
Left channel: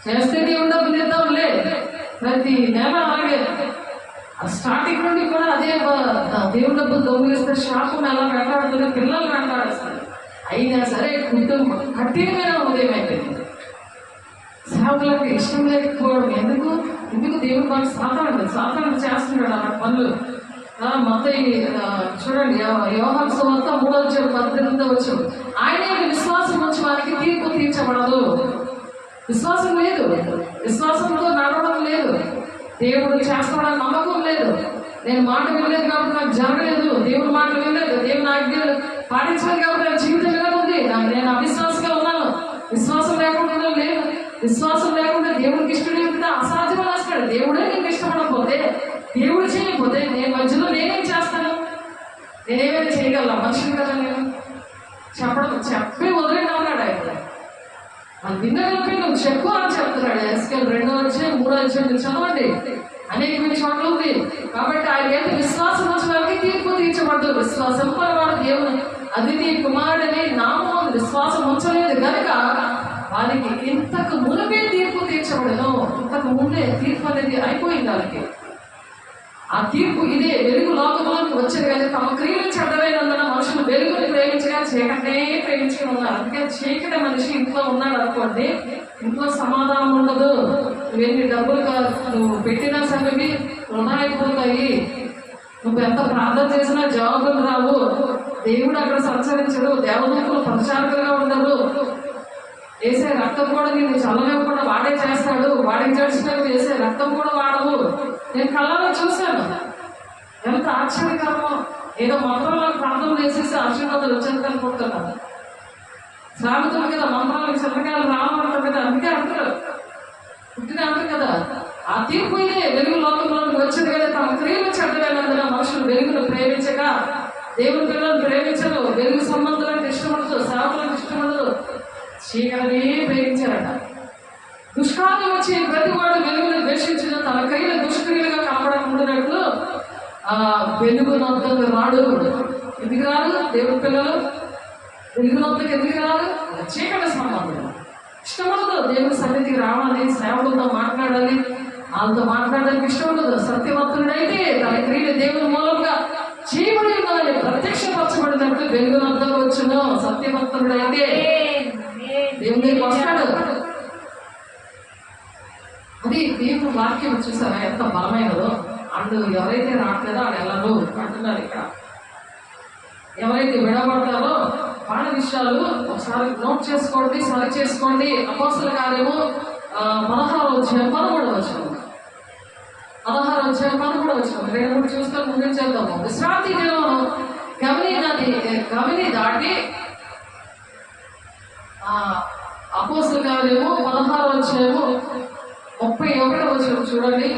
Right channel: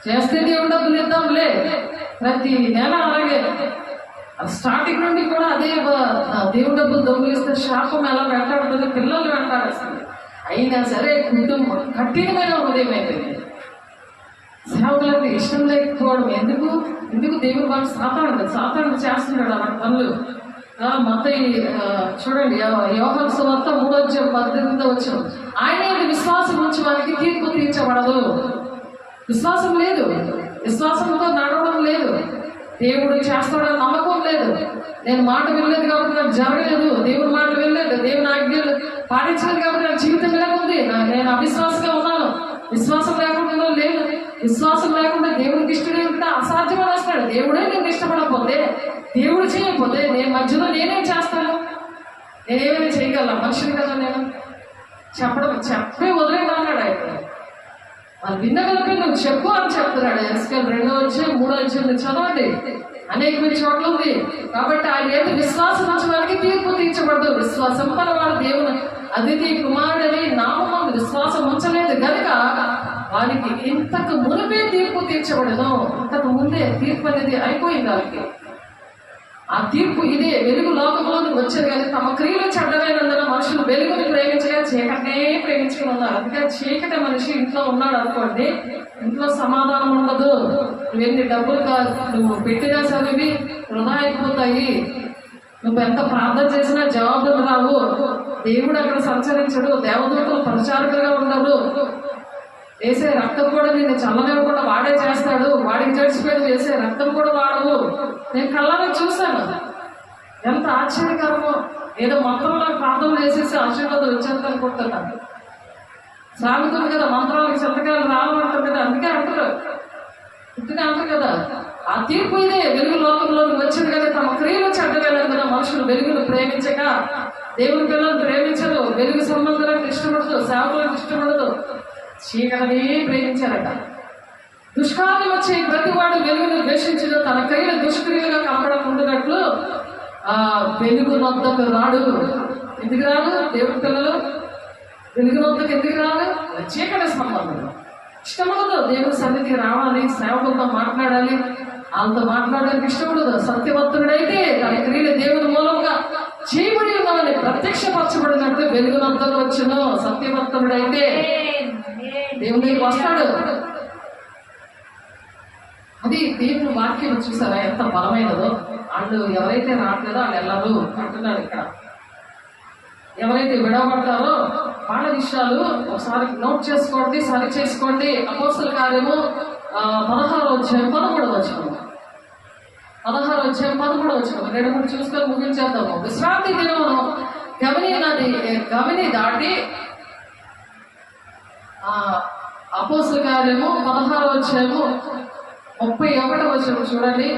చేస్తే దేవుడు డబ్బులు ఇద్దాంలే, ప్రతి నెల అలాగే స్టార్టింగ్ నుండి కూడా అదే దేవుడు డబ్బులు దొంగిలిస్తే శాపం ఎలా వెంటాడుతుందో పిల్లలు వెంటాడుతుంది. అయినా సరే కుటుంబం కఠినమైన ఉదయం అయిపోయింది. సేవకులకు ఇష్టం లేకపోవడం ఎందుకు దేవుడు వాళ్ళు సాతాను చేస్తున్నాడు ఆ పనులు. మత్తయి చూడండి, యోహాను సువార్త 3:18 వచ్చాం. ఆయన విశ్వాసం ఉంచి వారికి తీర్పు తీర్చబడదు. విశ్వాసం లేదు, విశ్వాసంతో నడవడం లేదు, దేవుడు చేస్తాడని నమ్మకం లేదు. నేను మాట వినలేదు కాబట్టి నాకు జరగలేదు, దేవుడు మాట వినలేదు, దేవుని ఆజ్ఞలు పాటించలేదు కాబట్టి నాకు జీవితం ఇలా ఉంది, నేను అవిశ్వాసంగా ఉన్నాను. విశ్వాసం లేకుండా లేదు, విశ్వాసం లేకుండా దేవుడికి ఇష్టడే ఉంటే అసాధ్యం రాస్తాడు. దేవుడే నేను ఇష్టపడకపోతే, దేవుడు చేయకపోతే నేను మధ్యలో నేనేం చేస్తాను? నేనేమైనా చేయగల మనుషులు కదా నేను? చెప్పి వదిలేదా ఉన్నాడు ఆయన. వాళ్ళు విన్నగలిపి నువ్వు చెప్పు అని చెప్తున్నాడు. ఎస్కేల్ 2:3 చదవండి, అనేకమైన చోట్ల ఉంది. కాబట్టి ఆయన ఏదో విశ్వాసం వచ్చిన వాళ్ళకి తీర్పు తీర్చబడదు. విశ్వాసం వాడు దేవుని అతిథి కుమారుడని నామం విశ్వాసం ఉంచలేదు కనుక వారికి ఇంతకు మునిపే తీర్పు తీర్చబడదు. ఇంతకు ముందే తీర్పు అనేది అయిపోయింది వాళ్ళకి. ఆ తీర్పు ఇదే, వెలుగు లోకంలోకి వచ్చేది కానీ తమ క్రియలు చెడ్డలేనందున మనుషులు వెలుగుని ప్రేమించగా చీకటే ప్రేమించుకుని ఉన్నారు. అందుకే చీకటి మనిషి ఇంట్లో ఉన్నాడు అనుకోండి, ఇంట్లో సమాధానం ఉండదు. నువ్వు ఎన్ని డబ్బులు నువ్వు పెట్టినా సరే వృధా అయిపోతాయి. నువ్వు ఎంత ప్రార్థన చేసినా జవాబులు రావు. దేవుడు అక్కడ సంచరించడు, దేవదూతలు ప్రచారకులుగా ఉండరు. వేసే రక్తం కూడా నేను చల్లనివ్వకుండా వాడే చేస్తాడు. వాడికి జడిచిపోయి వేసే రక్తం కూడా వాడవు. నేను కళ్ళలో చూశాను, ఎంత ఆశ్చర్యకరమో. ఏదో మంత్రంలో ప్రార్థన చేసేసి ఆశీర్వాదాలు వచ్చేది అనుకుంటున్నాను. సాగుతుంది కదా మంత్రాలకు సంతకాలు రావాలంటారు కదా, అందుకే అంటారు పుట్టిన అంటారు కదా. ఆ తీర్పు ఇదే, వెలుగు లోకంలోకి వచ్చింది కదా తమ క్రియలు చెడ్డవేనందున మనుషులు వెలుగును ప్రేమించక దేవుని పిల్లలను ప్రేమించరు. వెలుగు సంబంధాలకు ఇష్టపడదు, సేవకులకు ఇష్టపడదు, చీకటిని ప్రేమించారట. దుష్కాలం వచ్చి ప్రతివాడు వెలుగును ద్వేషించడం తన క్రియలు దుష్క్రియలుగా కనపడకుండానట్లు వెలుగు నొద్దకు రాడు. ఎందుకు రాడు? దేవుడి పిల్లలు వెలుగు నొద్దకు ఎందుకు రాడు? చీకటి సంబంధం ఇష్టపడదు. దేవుడి సన్నిధికి రావాలి, సేవకులతో మాట్లాడాలి, వాళ్ళతో మాట్లాడడానికి ఇష్టపడదు. సత్యవంతుడైతే తన క్రియలు దేవుని మూలంగా చేయబడి ఉన్నదని ప్రత్యక్షపరచబడినట్టు వెలుగు నొద్దకు వచ్చును. సత్యవంతుడైతే దేవుడికి వస్తాడు. అది దేవుని వాక్యం చూసారా ఎంత బలమైనదో. వాళ్ళు ఎవరైతే రావట్లేదో వాళ్ళు వెళ్ళరు అంటున్నారు ఇక్కడ. ఎవరైతే విడబడతారో వాళ్ళ విషయాలు ఒకసారి నోట్ చేసుకోండి, సరి చేసుకోండి. అపోస్తల కార్యము 16:13 2-3 చూసుకొని ముగించేద్దాము. విశ్రాంతి దినమును గవిని దాటి అపోస్తల కార్యము 16:31 చూడండి,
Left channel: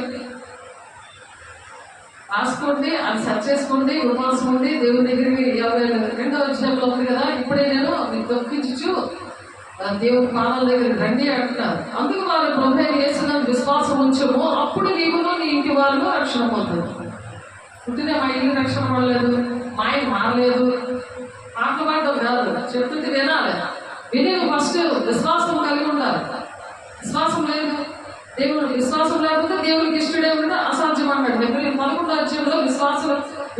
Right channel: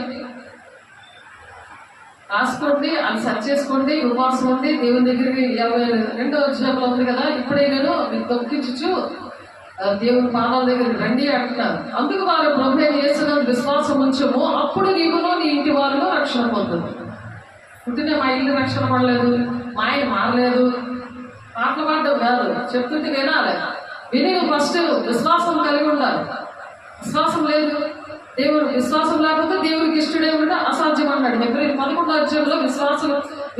రాసుకోండి, అది సెర్చ్ చేసుకోండి. ఉపవాసం ఉండి దేవుని దగ్గరికి 22వ అధ్యాయంలో ఉంది కదా, ఇప్పుడే నేను మీకు దొక్కించు దేవుని పాదాల దగ్గరికి రండి అంటున్నారు. అందుకు వారు ప్రభువైన యేసునందు విశ్వాసం ఉంచము, అప్పుడు నీవును నీ ఇంటి వారు రక్షణ పొందుతారు. పుట్టిన మా ఇల్లు రక్షణ పడలేదు, మా ఆయన మారలేదు, పాటలు పాడడం కాదు, చెప్తుంటే వినాలి. విని నువ్వు ఫస్ట్ విశ్వాసం కలిగి ఉండాలి. విశ్వాసం లేదు, దేవుడు విశ్వాసం లేకపోతే దేవుడికి ఇష్టడే ఉంటే అసాధ్యం అన్నాడు. 11వ అధ్యాయంలో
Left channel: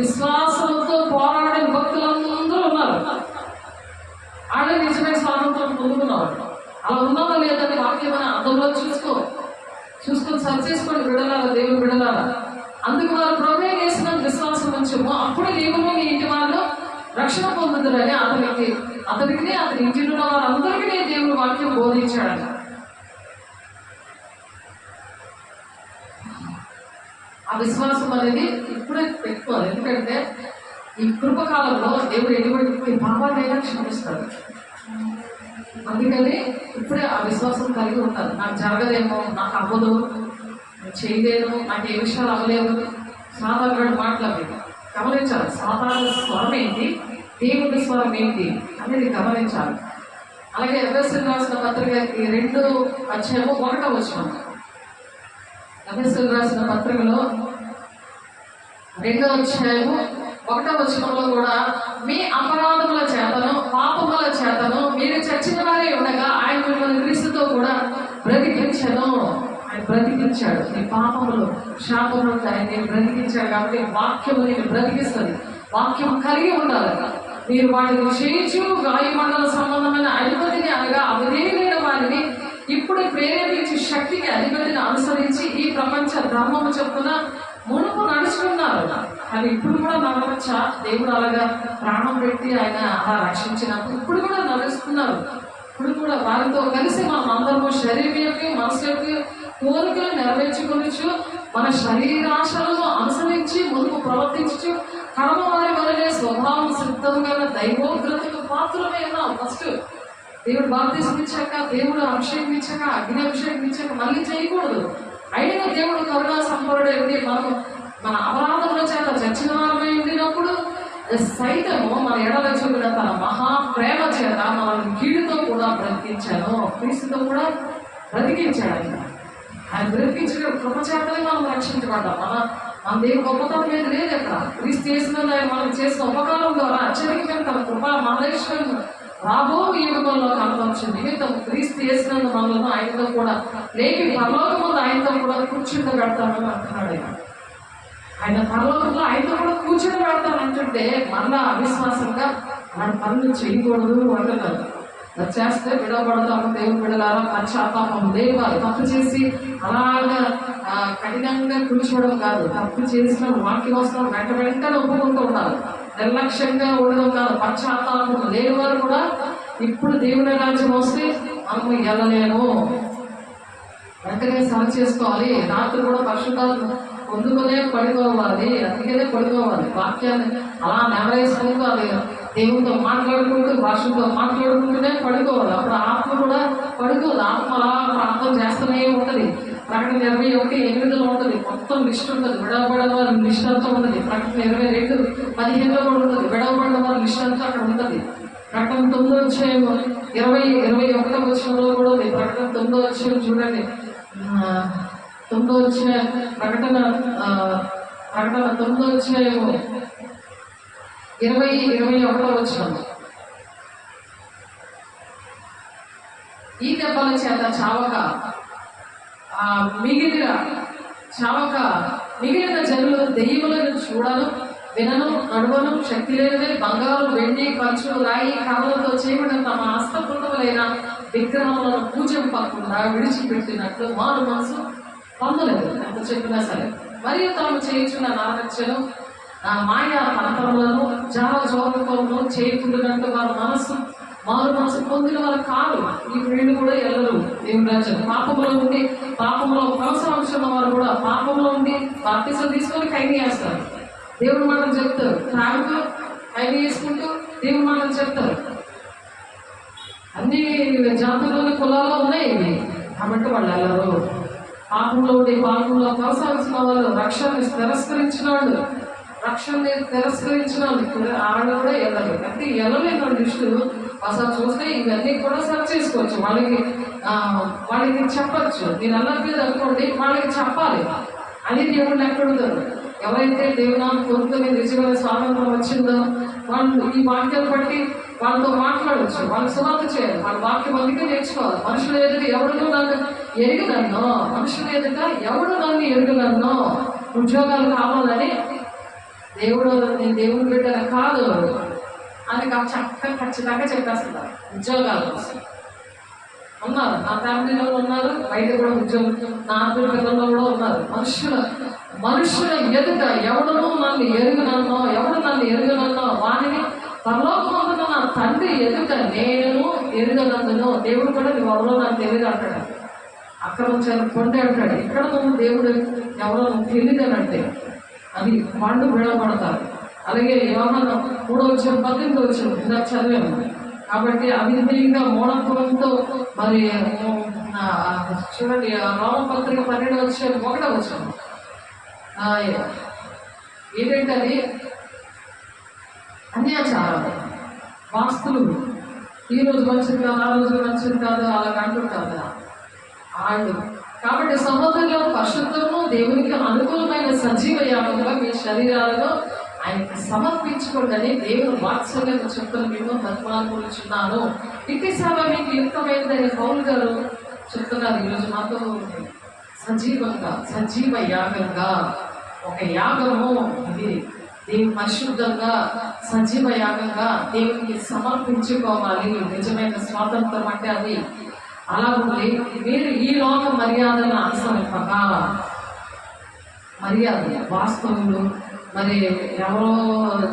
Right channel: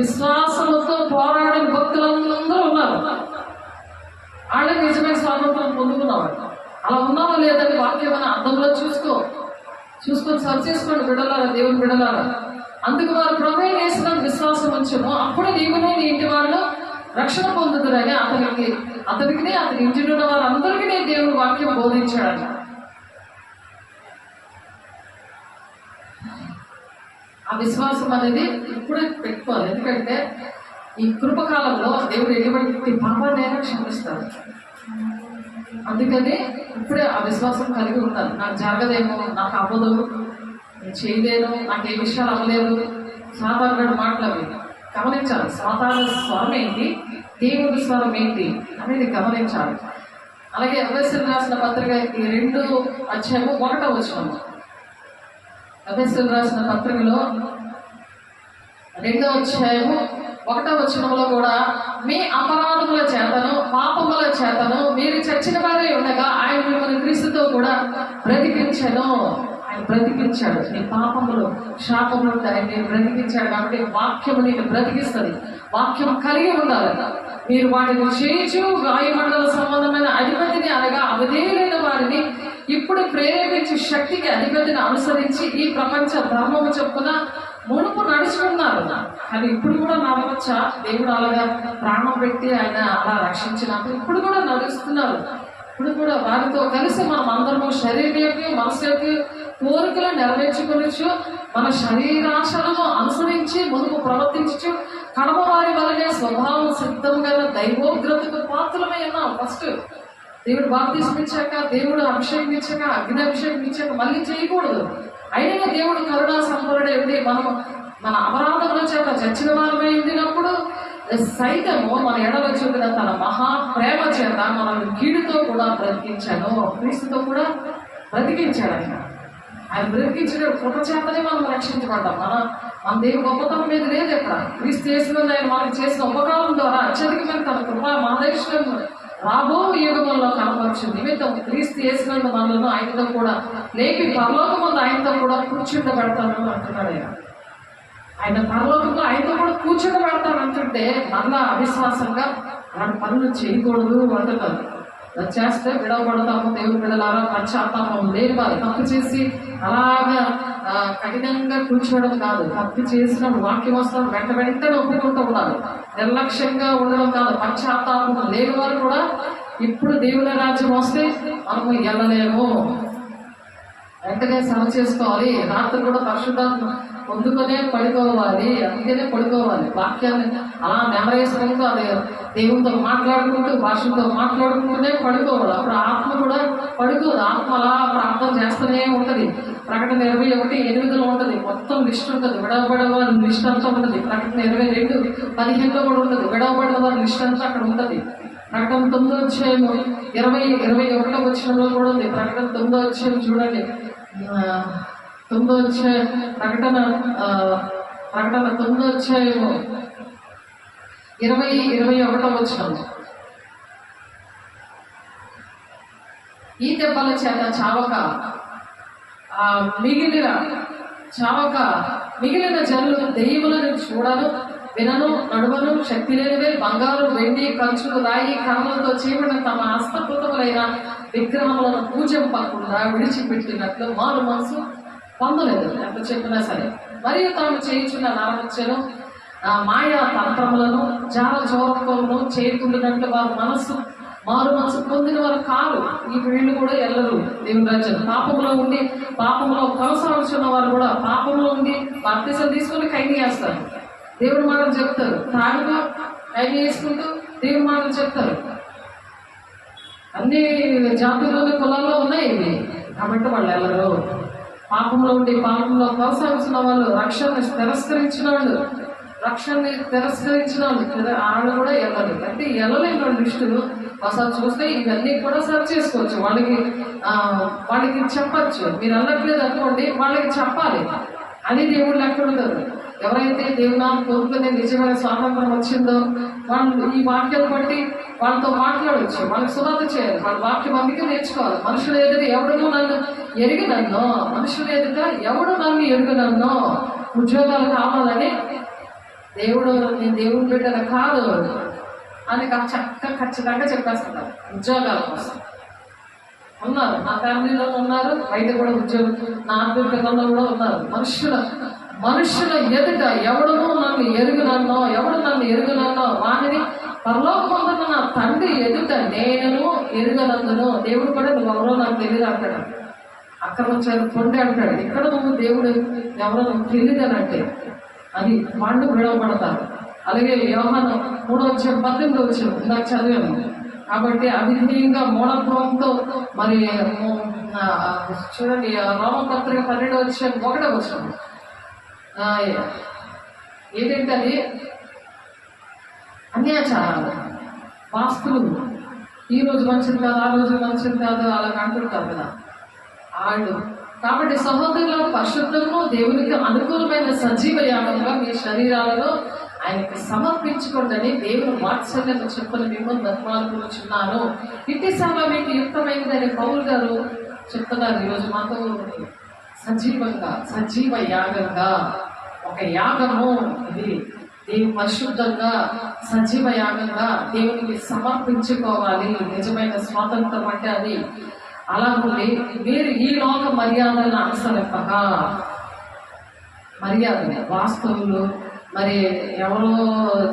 విశ్వాసంతో పోరాడే భక్తులందరూ ఉన్నారు. ఆడే నిజమైన స్వాతంత్రం పొందుకున్నవాడు. అలా ఉన్నావా లేదని వాక్యం అర్థంలో చూసుకొని సరి చేసుకోండి బిడ్డలారా, దేవుని బిడ్డలారా. అందుకు వారు ప్రభువైన యేసునందు విశ్వాసం ఉంచము, అప్పుడు నీవును నీ ఇంటి వాళ్ళు రక్షణ పొందుతారని అతనికి అతని ఇంటిలో ఉన్న వారందరికీ దేవుడు వాక్యం బోధించాడు. ఆ విశ్వాసం అనేది ఇప్పుడే పెట్టుకోవాలి. ఎందుకంటే ఈ కృపకాలంలో దేవుడు ఎటువంటి పాపాన్ని క్షమిస్తాడు. అందుకని ఇప్పుడే ఆ విశ్వాసం కలిగి ఉండాలి. నాకు జరగదేమో, నాకు అవ్వదు, నేను చేయలేను, నాకు ఏ విషయాలు అవ్వలేదు, సాధారణ మాటలు గమనించాలి. సాధారణ స్వరం ఏంటి, దేవుడి స్వరం ఏంటి అనేది గమనించాలి. అలాగే ఎఫెసీయులకు రాసిన పత్రిక 2:1 ఎఫెసీయులకు రాసిన పత్రికలో 2వ అధ్యాయము 1వ వచనంలో కూడా మీ అపరాధముల చేతను పాపముల చేతను మీరు చచ్చిన వారే ఉండగా ఆయన మిమ్మల్ని క్రీస్తుతో కూడా బ్రతికించను. ఆయన బ్రతికించాడు. నీ పాపములు శాపములు ఆయన బ్రతికించాడు. కాబట్టి వాక్యము నేను బ్రతికిస్తుంది. వాక్యం కలిగి ఉండాలి. మీరు వాటిని చేయించు వాయుమండల సంబంధమైన అధిపతిని అనగా అవధేయులైన వారిని ఇప్పుడు ప్రేరేపించి శక్తికి అధిపతిని అనుసరించి ఈ ప్రపంచ ధర్మము చొప్పున మునుపు నడుచుకున్నారు. కానీ ఇప్పుడు కూడా నడవచ్చా? దేవుడు అలాగా ప్రాణం పెట్టి ఆయన అలా రక్షించినప్పుడు ఇప్పుడు కూడా నడుస్తున్నారు. ఇప్పుడు కూడా వారితో కలిసి మనం అందరము శరీరం యొక్క మనసు యొక్క కోరికలు నెరవేర్చుకొనొచ్చు. మన శరీరాశలను అనుసరించి ముందుకు ప్రవర్తించు కడమ వారి వలనే స్వభావం సిద్ధం గల దైవోగ్రతకు పాత్రమై ఉన్నాం. ఫస్ట్ దేవుడు బాప్తిస్మం ఇచ్చాక, దేవుడు అభిషేకం ఇచ్చాక, అగ్ని అభిషేకం ఇచ్చాక మళ్ళీ చేయకూడదు. అయినా దేవుడు కరుణా సంపన్నుడే ఉండి మనం మన అపరాధముల చేత చచ్చిన వారమై ఉండినప్పుడు సైతము మన ఎడల చూపిన తన మహా ప్రేమ చేత మనల్ని కీడుతో కూడా బ్రతికించాను. క్రీస్తుతో కూడా బ్రతికించాడు. ఆయన బ్రతికించిన కృప చేతనే మనం రక్షించబడ్డాం. మన దేవుడు గొప్పతనం మీద లేదు. ఎక్కడ క్రీస్తు చేసిన ఆయన మనకు చేసిన ఉపకారం ద్వారా అత్యధికమైన తన కృప మన దేశం రాబో యుగంలో కనపరచు నిమిత్తం క్రీస్తు చేసినందు మనలను ఆయనతో కూడా లేకి పరలోకమందు ఆయనతో కూడా కూర్చుండబెడతానని అంటున్నాడు. ఆయన పరలోకంలో ఆయనతో కూడా కూర్చుండబెడతానంటుంటే మళ్ళా అవిశ్వాసంగా అలాంటి పనులు చేయకూడదు అంటున్నారు. చేస్తే విడవబడతాము. దేవుని బిడ్డలారా పశ్చాత్తాపం లేదు. వారు తప్పు చేసి అలాగా కఠినంగా కూర్చోవడం కాదు. తప్పు చేసిన వాక్యం వస్తాం వెంటనే ఒప్పుకుంటూ ఉండాలి. నిర్లక్ష్యంగా ఉండడం కాదు. పశ్చాత్తాపం లేని వారు కూడా ఇప్పుడు దేవుని రాజ్యం వస్తే మనము వెళ్ళలేము. వెంటనే సమ చేసుకోవాలి. రాత్రి కూడా పరిశుద్ధాత్మ పొందుకునే పడుకోవాలి. అందుకనే పడుకోవాలి. వాక్యాన్ని అలా నెమరేసుకుంటూ అది దేవునితో మాట్లాడుకుంటూ భాషలతో మాట్లాడుకుంటూనే పడుకోవాలి. అప్పుడు ఆత్మ కూడా పడుకోదు. ఆత్మ అలా ప్రార్థన చేస్తూనే ఉంటుంది. ప్రకటన 21:8 ఉంటుంది. మొత్తం లిస్ట్ ఉంటుంది. విడవబడిన వారి లిస్ట్ అంతా ఉంటుంది. ప్రకటన 22:15 కూడా ఉంటుంది. విడవబడిన వారి లిస్ట్ అంతా అక్కడ ఉంటుంది. ప్రకటన 9:21 వచనంలో కూడా ఉంది. ప్రకటన 9 చూడండి. 9 ప్రకటన 9 20-21 వచనం. ఈ దెబ్బల చేత చావక మిగిలిన జనులు దెయ్యములను చూడను వినను నడువను శక్తి లేనివే బంగారు వెండి ఖర్చులు రాయి కర్రలతో చేయబడిన తమ హస్తకృతములైన విగ్రహములను పూజింపకుండా విడిచిపెట్టినట్లు మారు మనసు పొందలేదు. ఎంత చెప్పినా సరే. మరియు తాము చేయించున్న నరహత్యను మాయా తంత్రములను జాల జోకములను చేయకుండానంటే వారు మారు మనసు పొందిన వారు కాదు. ఈ వీళ్ళు కూడా ఎల్లరు దేవుని రాజ్యం. పాపంలో కొనసాగుతున్న వారు కూడా పాపంలో ఉండి బాప్తిసం తీసుకొని ఖైదీ చేస్తారు. దేవుడు మాటలు చెప్తారు. తాగుతూ ఖైదీ చేసుకుంటూ దేవుడు మాటలు చెప్తారు. అన్ని జాతుల్లోని కులాల్లో ఉన్నాయి ఇవి. కాబట్టి వాళ్ళు ఎల్లరు. పాపంలో ఉండి పాపంలో కొనసాగుతున్న వాళ్ళు రక్షణని తిరస్కరించిన వాళ్ళు ఆవిడ కూడా వెళ్ళదు. అంటే వెళ్ళలేని వాళ్ళ లిస్టులు ఒకసారి చూస్తే ఇవన్నీ కూడా సర్చ్ చేసుకోవచ్చు. వాళ్ళకి చెప్పచ్చు. మీరు అన్నట్లేదు అనుకోండి, వాళ్ళకి చెప్పాలి. అది దేవుడు లెక్కడుతారు. ఎవరైతే దేవునాన్ని కోరుకునే నిజమైన స్వాతంత్రం వచ్చిందో వాళ్ళు ఈ వాక్యాలు బట్టి వాళ్ళతో మాట్లాడవచ్చు. వాళ్ళకి సునాత చేయాలి. వాళ్ళ వాక్యం అందుకే నేర్చుకోవాలి. మనుషులు ఎదురు ఎవరు నన్ను ఎరిగినన్నో, మనుషులు ఎదుట ఎవడు నన్ను ఎరుగునన్నో, ఉద్యోగాలు కావాలని దేవుడు నీ దేవుని బిడ్డల కాదు అని చక్కగా ఖచ్చితంగా చెప్పేస్తున్నారు. ఉద్యోగాల కోసం ఉన్నారు. నా ఫ్యామిలీలో ఉన్నారు, బయట కూడా ఉద్యోగం, నా పిల్లల్లో కూడా ఉన్నారు. మనుషుల ఎదుట ఎవడునో నన్ను ఎరుగునన్నో వారిని పరలోకమందున నా తండ్రి ఎదుట నేను ఎరుగనందును. దేవుడు కూడా నువ్వు ఎవరో నాకు తెలియదు అంటాడు. అక్రమం చేయాలి పొండి అంటాడు. ఇక్కడ నువ్వు దేవుడు ఎవరో నువ్వు తెలియదనంటే అది పండు విడవబడతారు. అలాగే యోహాను 3:18 ఇందాక చదివాను. కాబట్టి అవిధేయంగా మూఢత్వంతో మరి చూడండి రోమపత్రిక 12:1 ఏంటంటే అది అన్యాచారాలు, వాస్తులు. ఈ రోజు మంచిది కాదు, ఆ రోజు మంచిది కాదు అలాగ అంటుంటారు కదా వాళ్ళు. కాబట్టి సహోదరులను పరిశుద్ధము దేవునికి అనుకూలమైన సజీవ యాగంగా మీ శరీరాలను ఆయనకి సమర్పించుకోండి. దేవుని వాత్సల్యంగా చెప్పులు మేము బతిమాలుకున్నాను. ఇట్టి సేవ మీకు యుక్తమైనదని పౌలు గారు చెప్తున్నారు. ఈరోజు మాతో సజీవంగా, సజీవ యాగంగా, ఒక యాగము ఇది దేవుని పరిశుద్ధంగా సజీవ యాగంగా దేవునికి సమర్పించుకోవాలి. నిజమైన స్వాతంత్రం అంటే అది. అలా ఉంది. మీరు ఈ లోక మర్యాదలను అనుసరింపక, మర్యాద వాస్తవులు మరి ఎవరో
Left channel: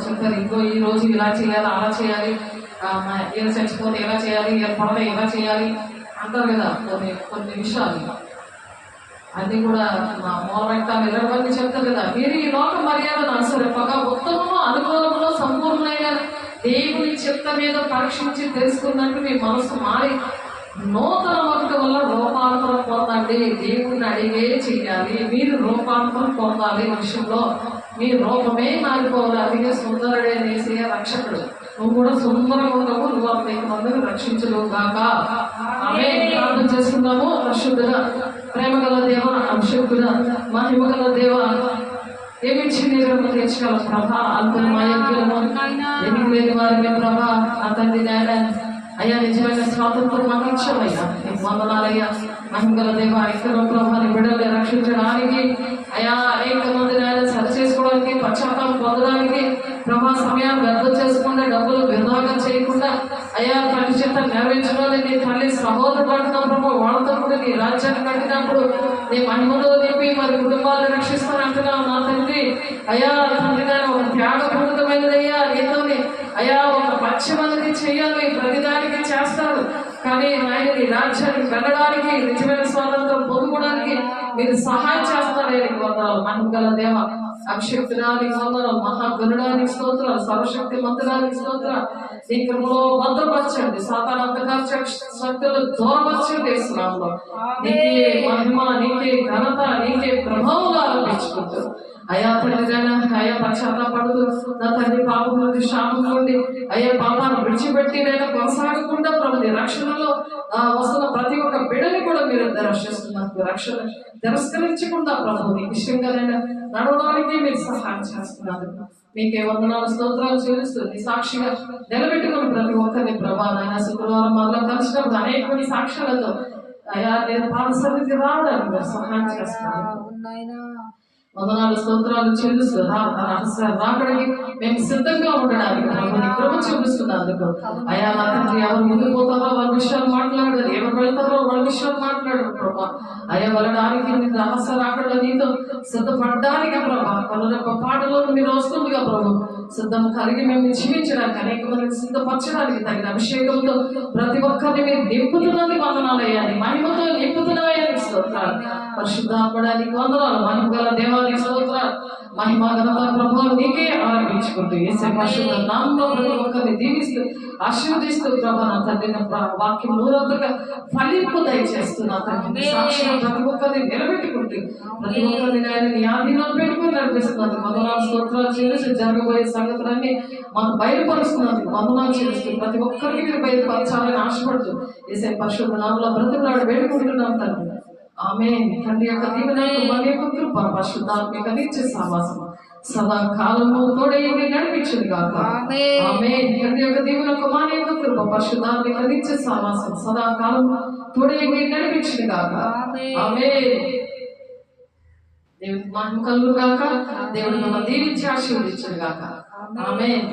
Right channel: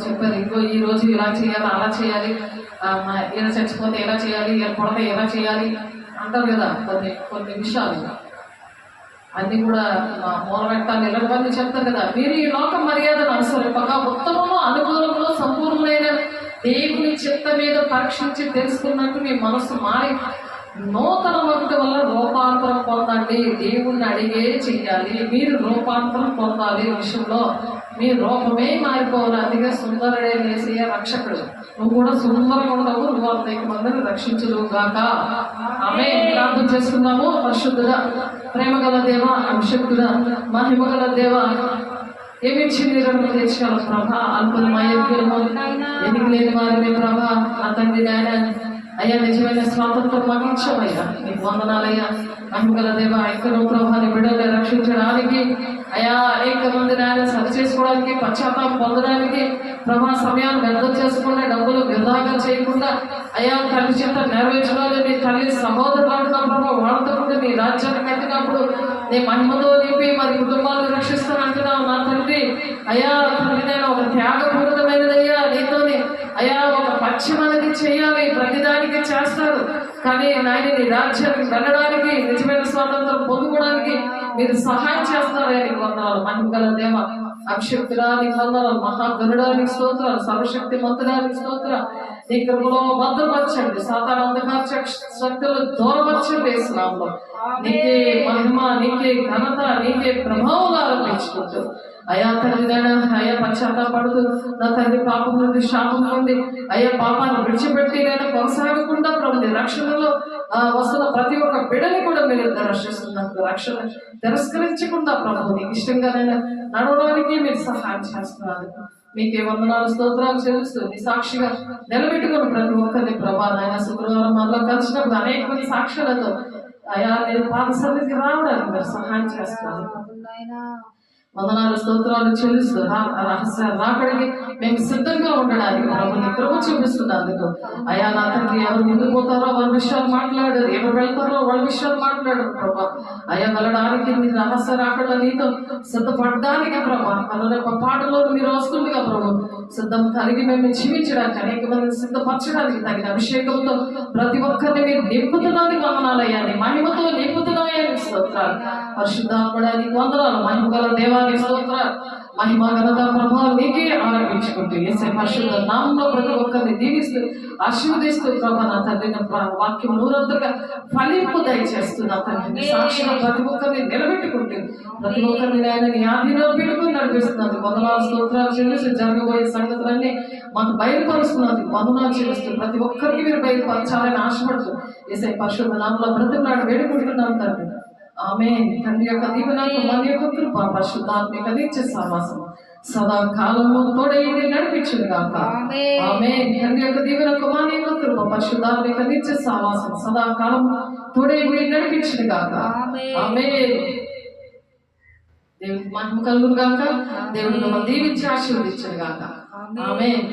చెప్పారు, ఇంకో ఈ రోజు ఇలా చేయాలి, అలా చేయాలి, ఇలా చచ్చిపోతే ఎలా చేయాలి, ఇలా పడితే ఎలా చేయాలి అంటారు కదా. కొన్ని విషయాలు అన్ని కూడా మూల పెట్టాలి, ఇలాంటివన్నీ చెప్తారు కదా. మీరు ఈ లోక మర్యాదను అనుసరింపక ఉత్తమము, అనుకూలము, సంపూర్ణమైన దేవుని చిత్త మీద పరీక్షించి తెలుసుకున్నట్టు మీ మనసు మారి నూతన మొదటి వల్ల రూపాంతరం పొందండి. దేవుణ్ణి అడిగే చెయ్యాలి. మీరు రూపాంతరం పొందాలి. విషయంలో మీ రూపమే మారిపోవాలి. అదిగా సుందరుడే చేసే రక్షకుడు. నువ్వు కూడా సుందరంగా ఉండవు, నువ్వు 100 మందిని రక్షించదు గాక. ఆమె ప్రార్థన చేస్తున్నాము. పరిశుద్ధుడా, ప్రేమగల దేవ, అభిషక్తుడా, మహిమగల దేవ, ఏమిచ్చి నీరు తెచ్చగల ప్రభా, అల్పమయోగ్యులము, ఎదిగి లేని వారిని ప్రభా, ఆ తండ్రి నాయన అయ్యా నిజమైన స్వాతంత్రం మాకు ఇచ్చావయ్యా. నీకు వందనాలయ్యా. మహిమగల దేవ, ఐక్యలో ప్రభాని బిడ్డల్ని రక్షించడానికి, అయా అనేక మంది నాయన సరి చేసుకోవడానికి, పశ్చాత్తాపం పొందడానికి ప్రభా సమయాన్ని వ్యర్థం చేసుకుంటే డబ్బులు వృధాగా చేయకుండా అయా తల్లి చేత నెరవేర్చడానికి నీ తల్లి సహోదరులు అంటున్నాం ప్రభా, వాళ్ళతో కూడా నీ రాజ్యాన్ని కట్టినప్పుడు నీ మహిమతో నింపి మరి కుటుంబాలను రక్షిస్తాను అంటున్నావు నా తండ్రి. అయా తండ్రి నేను ఒక త్యాగపూరితమైనదయ్యా నీతోని అయా ఒక పశ్చిమఅనేది చేయాలి, ప్రతిదానికి చేస్తారు. కానీ నాయన నీ రాజ్యానికి వెళ్ళడానికి, నిజమైన స్వాతంత్రం పొందుకోవడానికి మీరు సహాయం చేస్తారని వందనాలు. మహిమగల దేవ, అభిషక్తుడానికి వందనాలు, మహాగణుడానికి స్తోత్రాలు, సర్వశక్తి మంత్రానికి స్తోత్రాలు. నీ కృపలో భద్రపరచండి, సాతాను అంధకార శక్తులు దూరపరచండి. ఇస్తున్నాము నీకే మహిమ, నీకే ఘనత, నీకే ప్రభావం ఆరంభించుకుంటూ అయా తండ్రి అయ్యా పశ్చాత్తాపడుతూ నా తండ్రి పాపం నుండి, శాపం నుండి అయ్యా పాపాన్ని విడిచిపెట్టి నేను కొనసాగకుండా ప్రభు రక్షణలో వస్తున్న ప్రతి ఒక్క బిడ్డని కూడా మీరు రక్షిస్తున్నారు. రక్షణ తిరస్కరించకుండా ప్రభు నీకు ఇష్టంగా నేను నడవడానికి మీరు సహాయం చేస్తున్నారు. మీకే వందనాలు, స్తోత్రాలు చెల్లిస్తూ నీ సాక్షిగా నిలబెట్టుకుని ప్రతి ఒక్కరిని ప్రభా నాయన శుక్రవారం మళ్ళా కలిసినప్పుడు అనేక మంది సాక్ష్యాలతో అయా నేను పాద సన్నిధికి రావడానికి మీరు సహాయం చేస్తున్నారు. వందనాలు, స్తోత్రాలు చెల్లిస్తూ రహస్య రాకడికి మేము సిద్ధంగా ఉండడానికి ప్రభు నీ కృప చూపిస్తున్నందుకు అయా నా తండ్రి ఎవరు ముందు పోతారో వాళ్ళ విషయాలు మాట్లాడారు, ఎవరు వెళ్తారో వాళ్ళ విషయాలు మాట్లాడారు ప్రభా. అయా వెళ్ళడానికి నీ రహస్య రాకడ నీతో సిద్ధపడడానికి ప్రభా కనుక పాటలో మీరు వస్తుందిగా ప్రభు సిద్ధం కలిగి మేము జీవించడానికి, అనేక మందిని సిద్ధపరచడానికి తగిన అభిషేకంతో ప్రతి ఒక్కరిని మీరు నింపుతున్నది వందనాలయ్యా. నీ మహిమతో నింపుతున్నాయని స్తోత్రాలు. పరిశుద్ధాత్మడానికి వందనాలు. మహిమగల దేవానికి స్తోత్రాలు. మహిమ ఘనత ప్రభావం నీకే ఆరంభించుకుంటూ యేసే పరిశుద్ధ నామములో ప్రతి ఒక్కరిని దీవిస్తూ ఆశీర్వదిస్తూ ప్రభా నా తండ్రి వాక్యం నూరంతగా ఫలింపు దయచేస్తున్నా తండ్రి. సాక్షిగా ప్రతి ఒక్కరిని నిలబెట్టుకుంటూ ప్రతి ఒక్కరిని ఆయన నీ ఆధీనంలో పెట్టుకుని నడిపిస్తున్నారు. వందనాలు, స్తోత్రాలు చెల్లిస్తూ జరగబోయే సంగతులన్నీ మాకు బయలుపరుస్తున్నారు. వందనాలు చెల్లిస్తూ ప్రతి ఒక్కరికి మీరు బయలుపరచాలని ఆశపడుతూ యేసే పరిశుద్ధ నామములో బ్రతిమలాడి వేడుకుంటున్నాం తండ్రి. ఆమేన్. తండ్రి యొక్క దీవెనలు, మన యొక్క కృప, పరిశుద్ధాత్మిక నిత్య సహవాసం సదా కాలము తోడైంది నడిపించును గాక. ఆమేన్. తండ్రి యొక్క దీవెనలు, మన యొక్క కృప, పరిశుద్ధాత్మిక నిత్య సహవాసం సదా కాలము తోడైంది నడిపించును గాక. ఆమేన్. దేవునికి మహిమ కలుగును గాక. దేవుడు మిమ్మల్ని దీవించి ఆశీర్వదించును గాక. ఆమేన్.